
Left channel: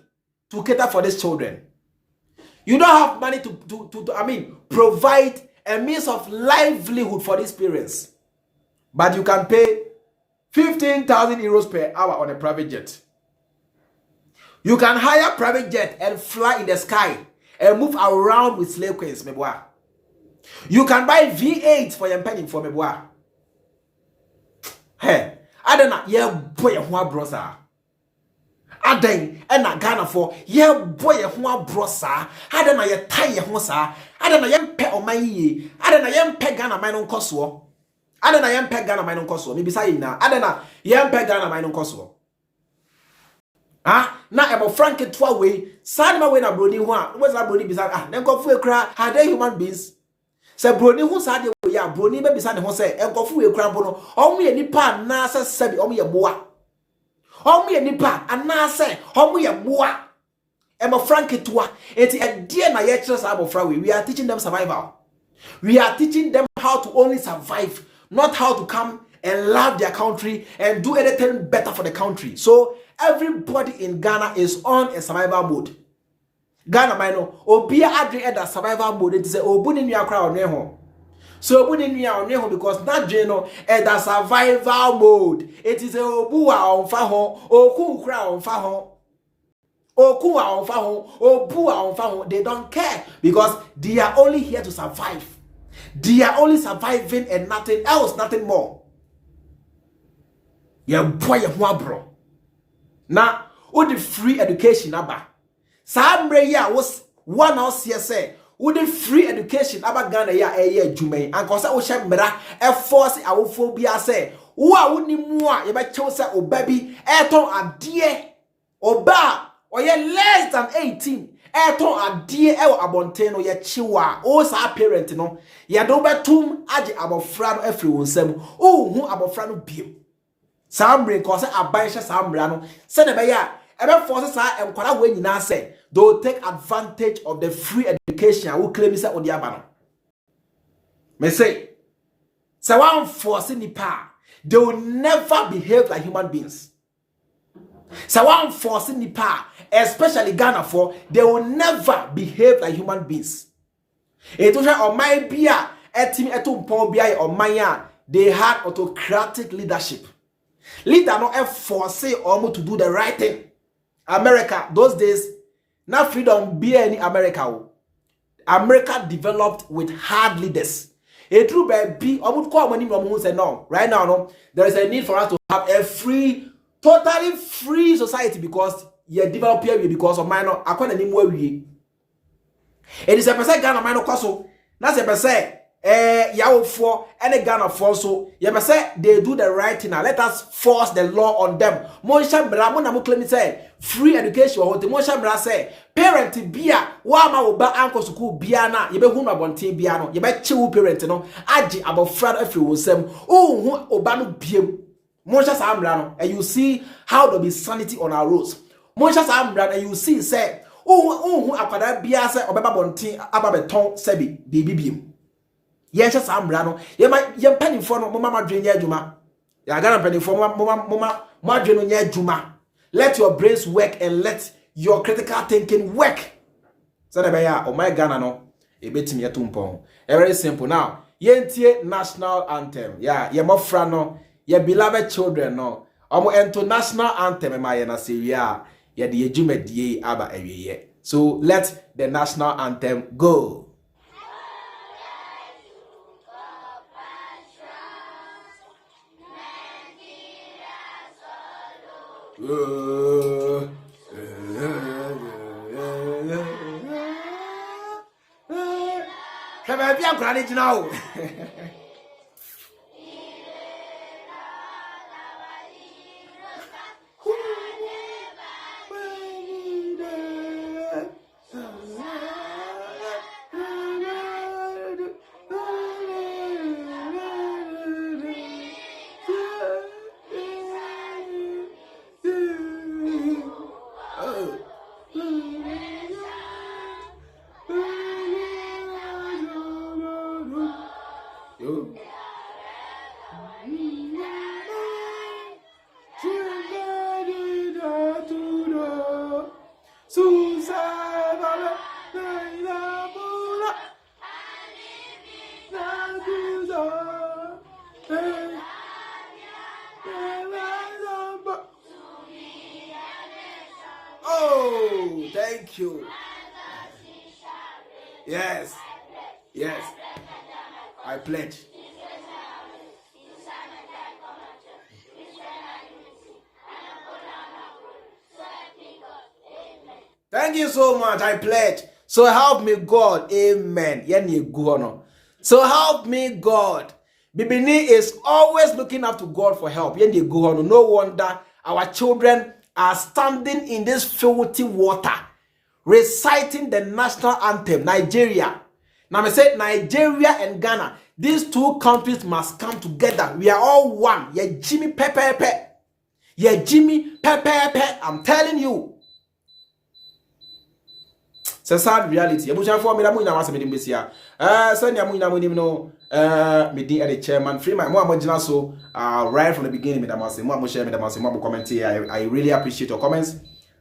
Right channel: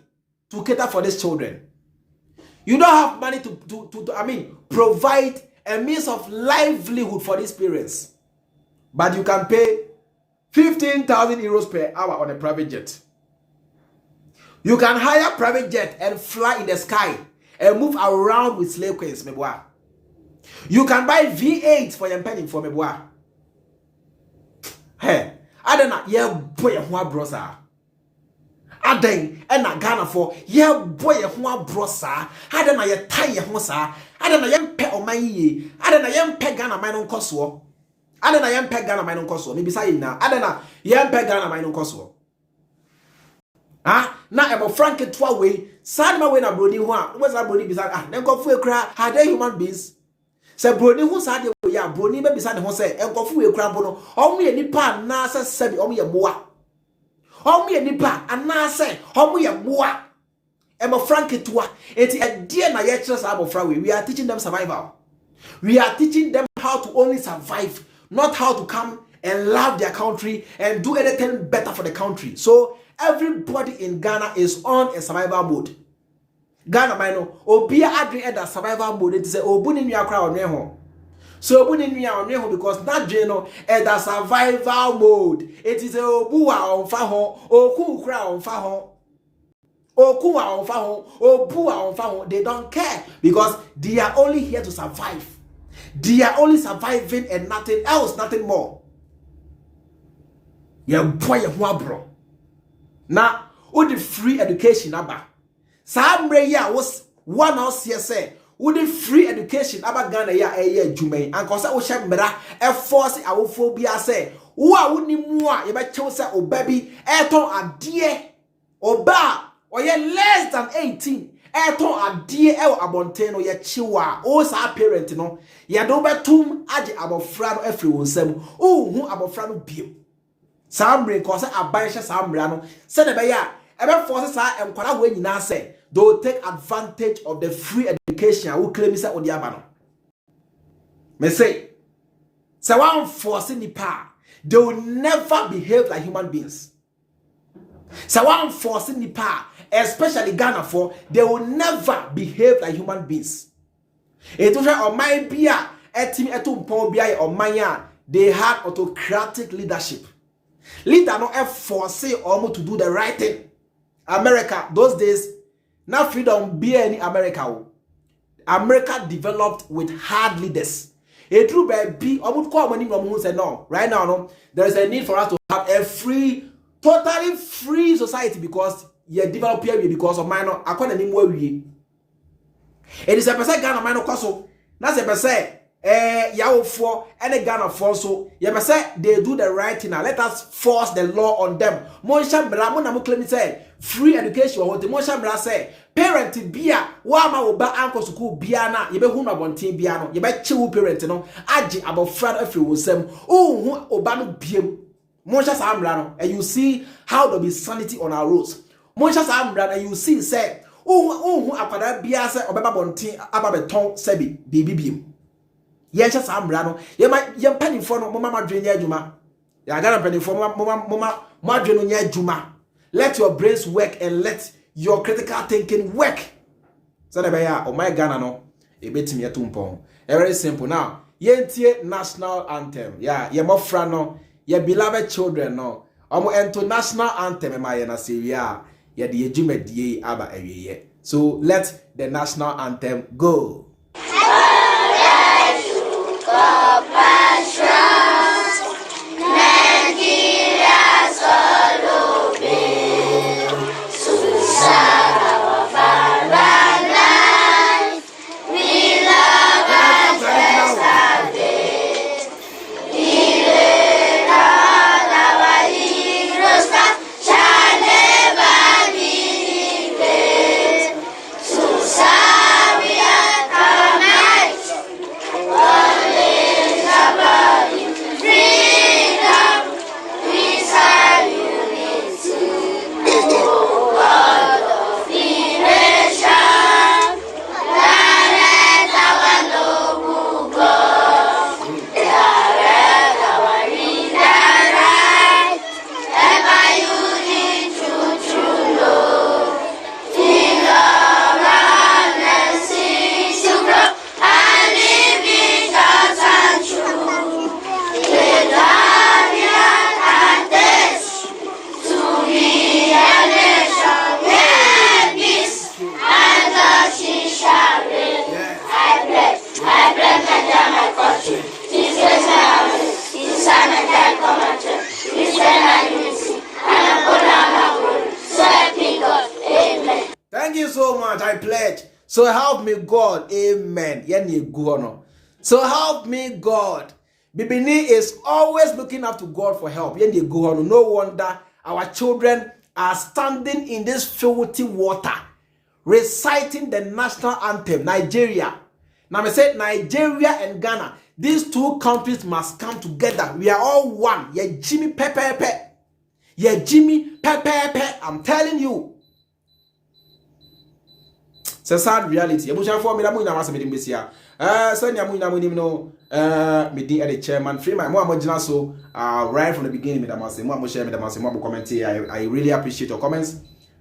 to cater for these children. You don't have money to provide a means of livelihood for these parents. But you can pay 15,000 euros per hour on a private jet. You can hire a private jet and fly in the sky and move around with slave queens, meboa. You can buy V8 for your penny for meboa. Hey, I don't know, yeah, boy, who brosa. Aden and na Ghana for yeah boy who brosa. I don't know your tie hosa. I don't know yam pe on my ye. I don't know yam pe Ghana mine on coswo. I don't know yam pe Ghana mine on coswo. Maybe say now. I don't know yam pe Ghana mine on coswo. Ah, na emo frank twa way. Sad ma way na broni ho a. What's that broni bisa? Ah, then go fu ekra. Are they human beings? Say broni ho sad way ya broni be bisa ne ho say enko fu ekra mbo no. Omo ye nipa na say sabi omo ye moa. Omo ye nipa anase omo ye moa. Emo frank twa. Enti e die na ye kire sa abofra we are teaching them survival. We are teaching them how to only survive, not how to come and love their country and do anything better for the country. So everybody in Ghana is on a survival mode. Ghana mino obia adre at that survival mode. It is a obuni nua kra onwe ho. So obuni nua onwe ho because that no at that survival mode. It is a obuwa onfa ho, oku kra onfa ho. Oku onfa ho, obuwa onfa ho. They don't care because they are only here to survive. They are only surviving and nothing else, nothing more. Yeah, boy, bro. Now, with the free education, aba. Sambre ya was one house here say. With the free education, aba Ghana ya jume. And cause I will share mera e force I will phobia say. Wa wuni mua ye ba chose o baby eton adie oba or ye less than 18. Eton adie e abonten no ye chiwa o sa parent no ye do betum age abofra no afri wonsam o hu abofra no biem. Sambre cause abansha sambre no se ne be ya ebe force sa enkwara we nyina say they take advantage of the free education who claim say odi aba no me say one force nipa they will never behave like human beings. One force nipa especially Ghana for they will never behave like human beings. It was on my bia etim etumpon bia on my they had autocratic leadership. Leader no force almost to do the right thing. America, those days, now freedom be any America. America developed with hard leaders. A true baby, I would call money from who said no. Right now, no, there is a need for us to have a free, totally free society because you develop here because of minor. I can't anymore. It is a percent Ghana minor cost. That's a percent. Yawo for any Ghana for so you say they do the right thing now. Let us force the law on them. Monsha bra mo na mo claim say free education or the monsha bra say parent bia wa ma wo ba anko school bia na ye be hu na bonten bia no ye be chewu parent no age abofra afri wo sam o hu oba no biem monsha sa amra no and you see how there be sanity on our roads. Monsha sa amra and you see say o hu akwada bia say obeba bonten aba beton sebi bibibiem. Yes, I'm Brano. You might your penny for no mama drain ya juma. Ya Ghana penny for mama margin ya juma. Let your brains work and let your critical thinking work. So ya oh my Ghana no. E beti me tumpon. Very simple now. Yentie national anthem. Yeah, ye mofra no. Ye beloved children no. Omo ento national anthem ma ye na seria. Ye de jume die aba ewiye. So let the national anthem go. pledge my country. This is my army. This is my time commander. This is my unity. And I'm going to so help me God. Amen. Thank you so much. I pledge. So help me God. Amen. So help me God. Bibini is always looking up to God for help. No wonder our children are standing in this filthy water, reciting the national anthem, Nigeria. Now I said Nigeria and Ghana. These two countries must come together. We are all one. Yeah, Jimmy Pepe. Yeah, Jimmy Pepe. I'm telling you. It's a sad reality. You must for me that muina was meeting this year. Send ya muina no meeting at the chairman. Free my more so right from the beginning. Comment here. I really appreciate your comments.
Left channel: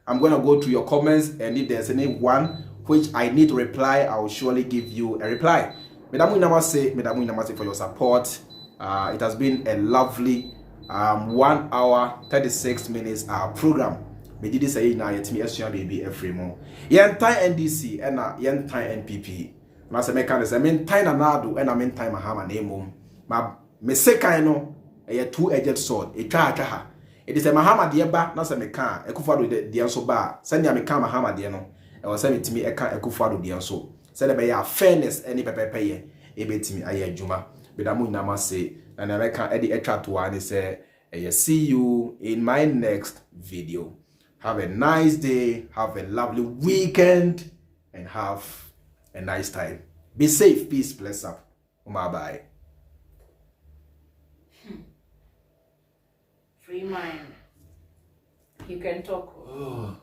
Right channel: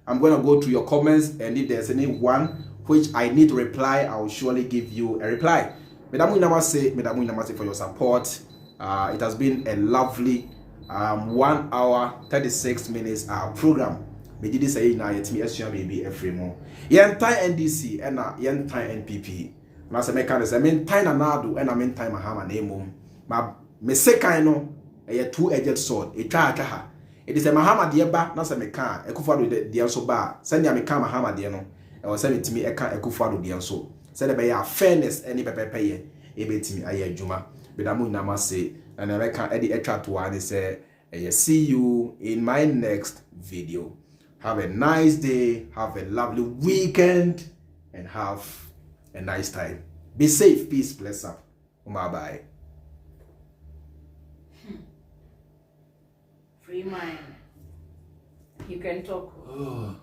I'm gonna go through your comments, and if there's any one which I need to reply, I will surely give you a reply. Medamu for your support. It has been a lovely 1 hour 36 minutes program. Me did say na yet me esua baby every mo. Yen time NDC and yen time NPP. Na se me kan say me time na Addo and me time Mahama na emom. Ma me sekan no a two-edged sword. E twa ha. It is a Mahama de ba na se me kan Akufo Dampare de enso ba. Send me kan Mahama de no. E wo se me timi e kan Akufo Dampare de enso. Se de be ya fairness any pepepeye e betimi aye adwuma. Bedamu nyama say na na me kan e de etwa to ani say see you in my next video. Have a nice day, have a lovely weekend, and have a nice time. Be safe, peace, bless up. Bye-bye. Free mind. You can talk.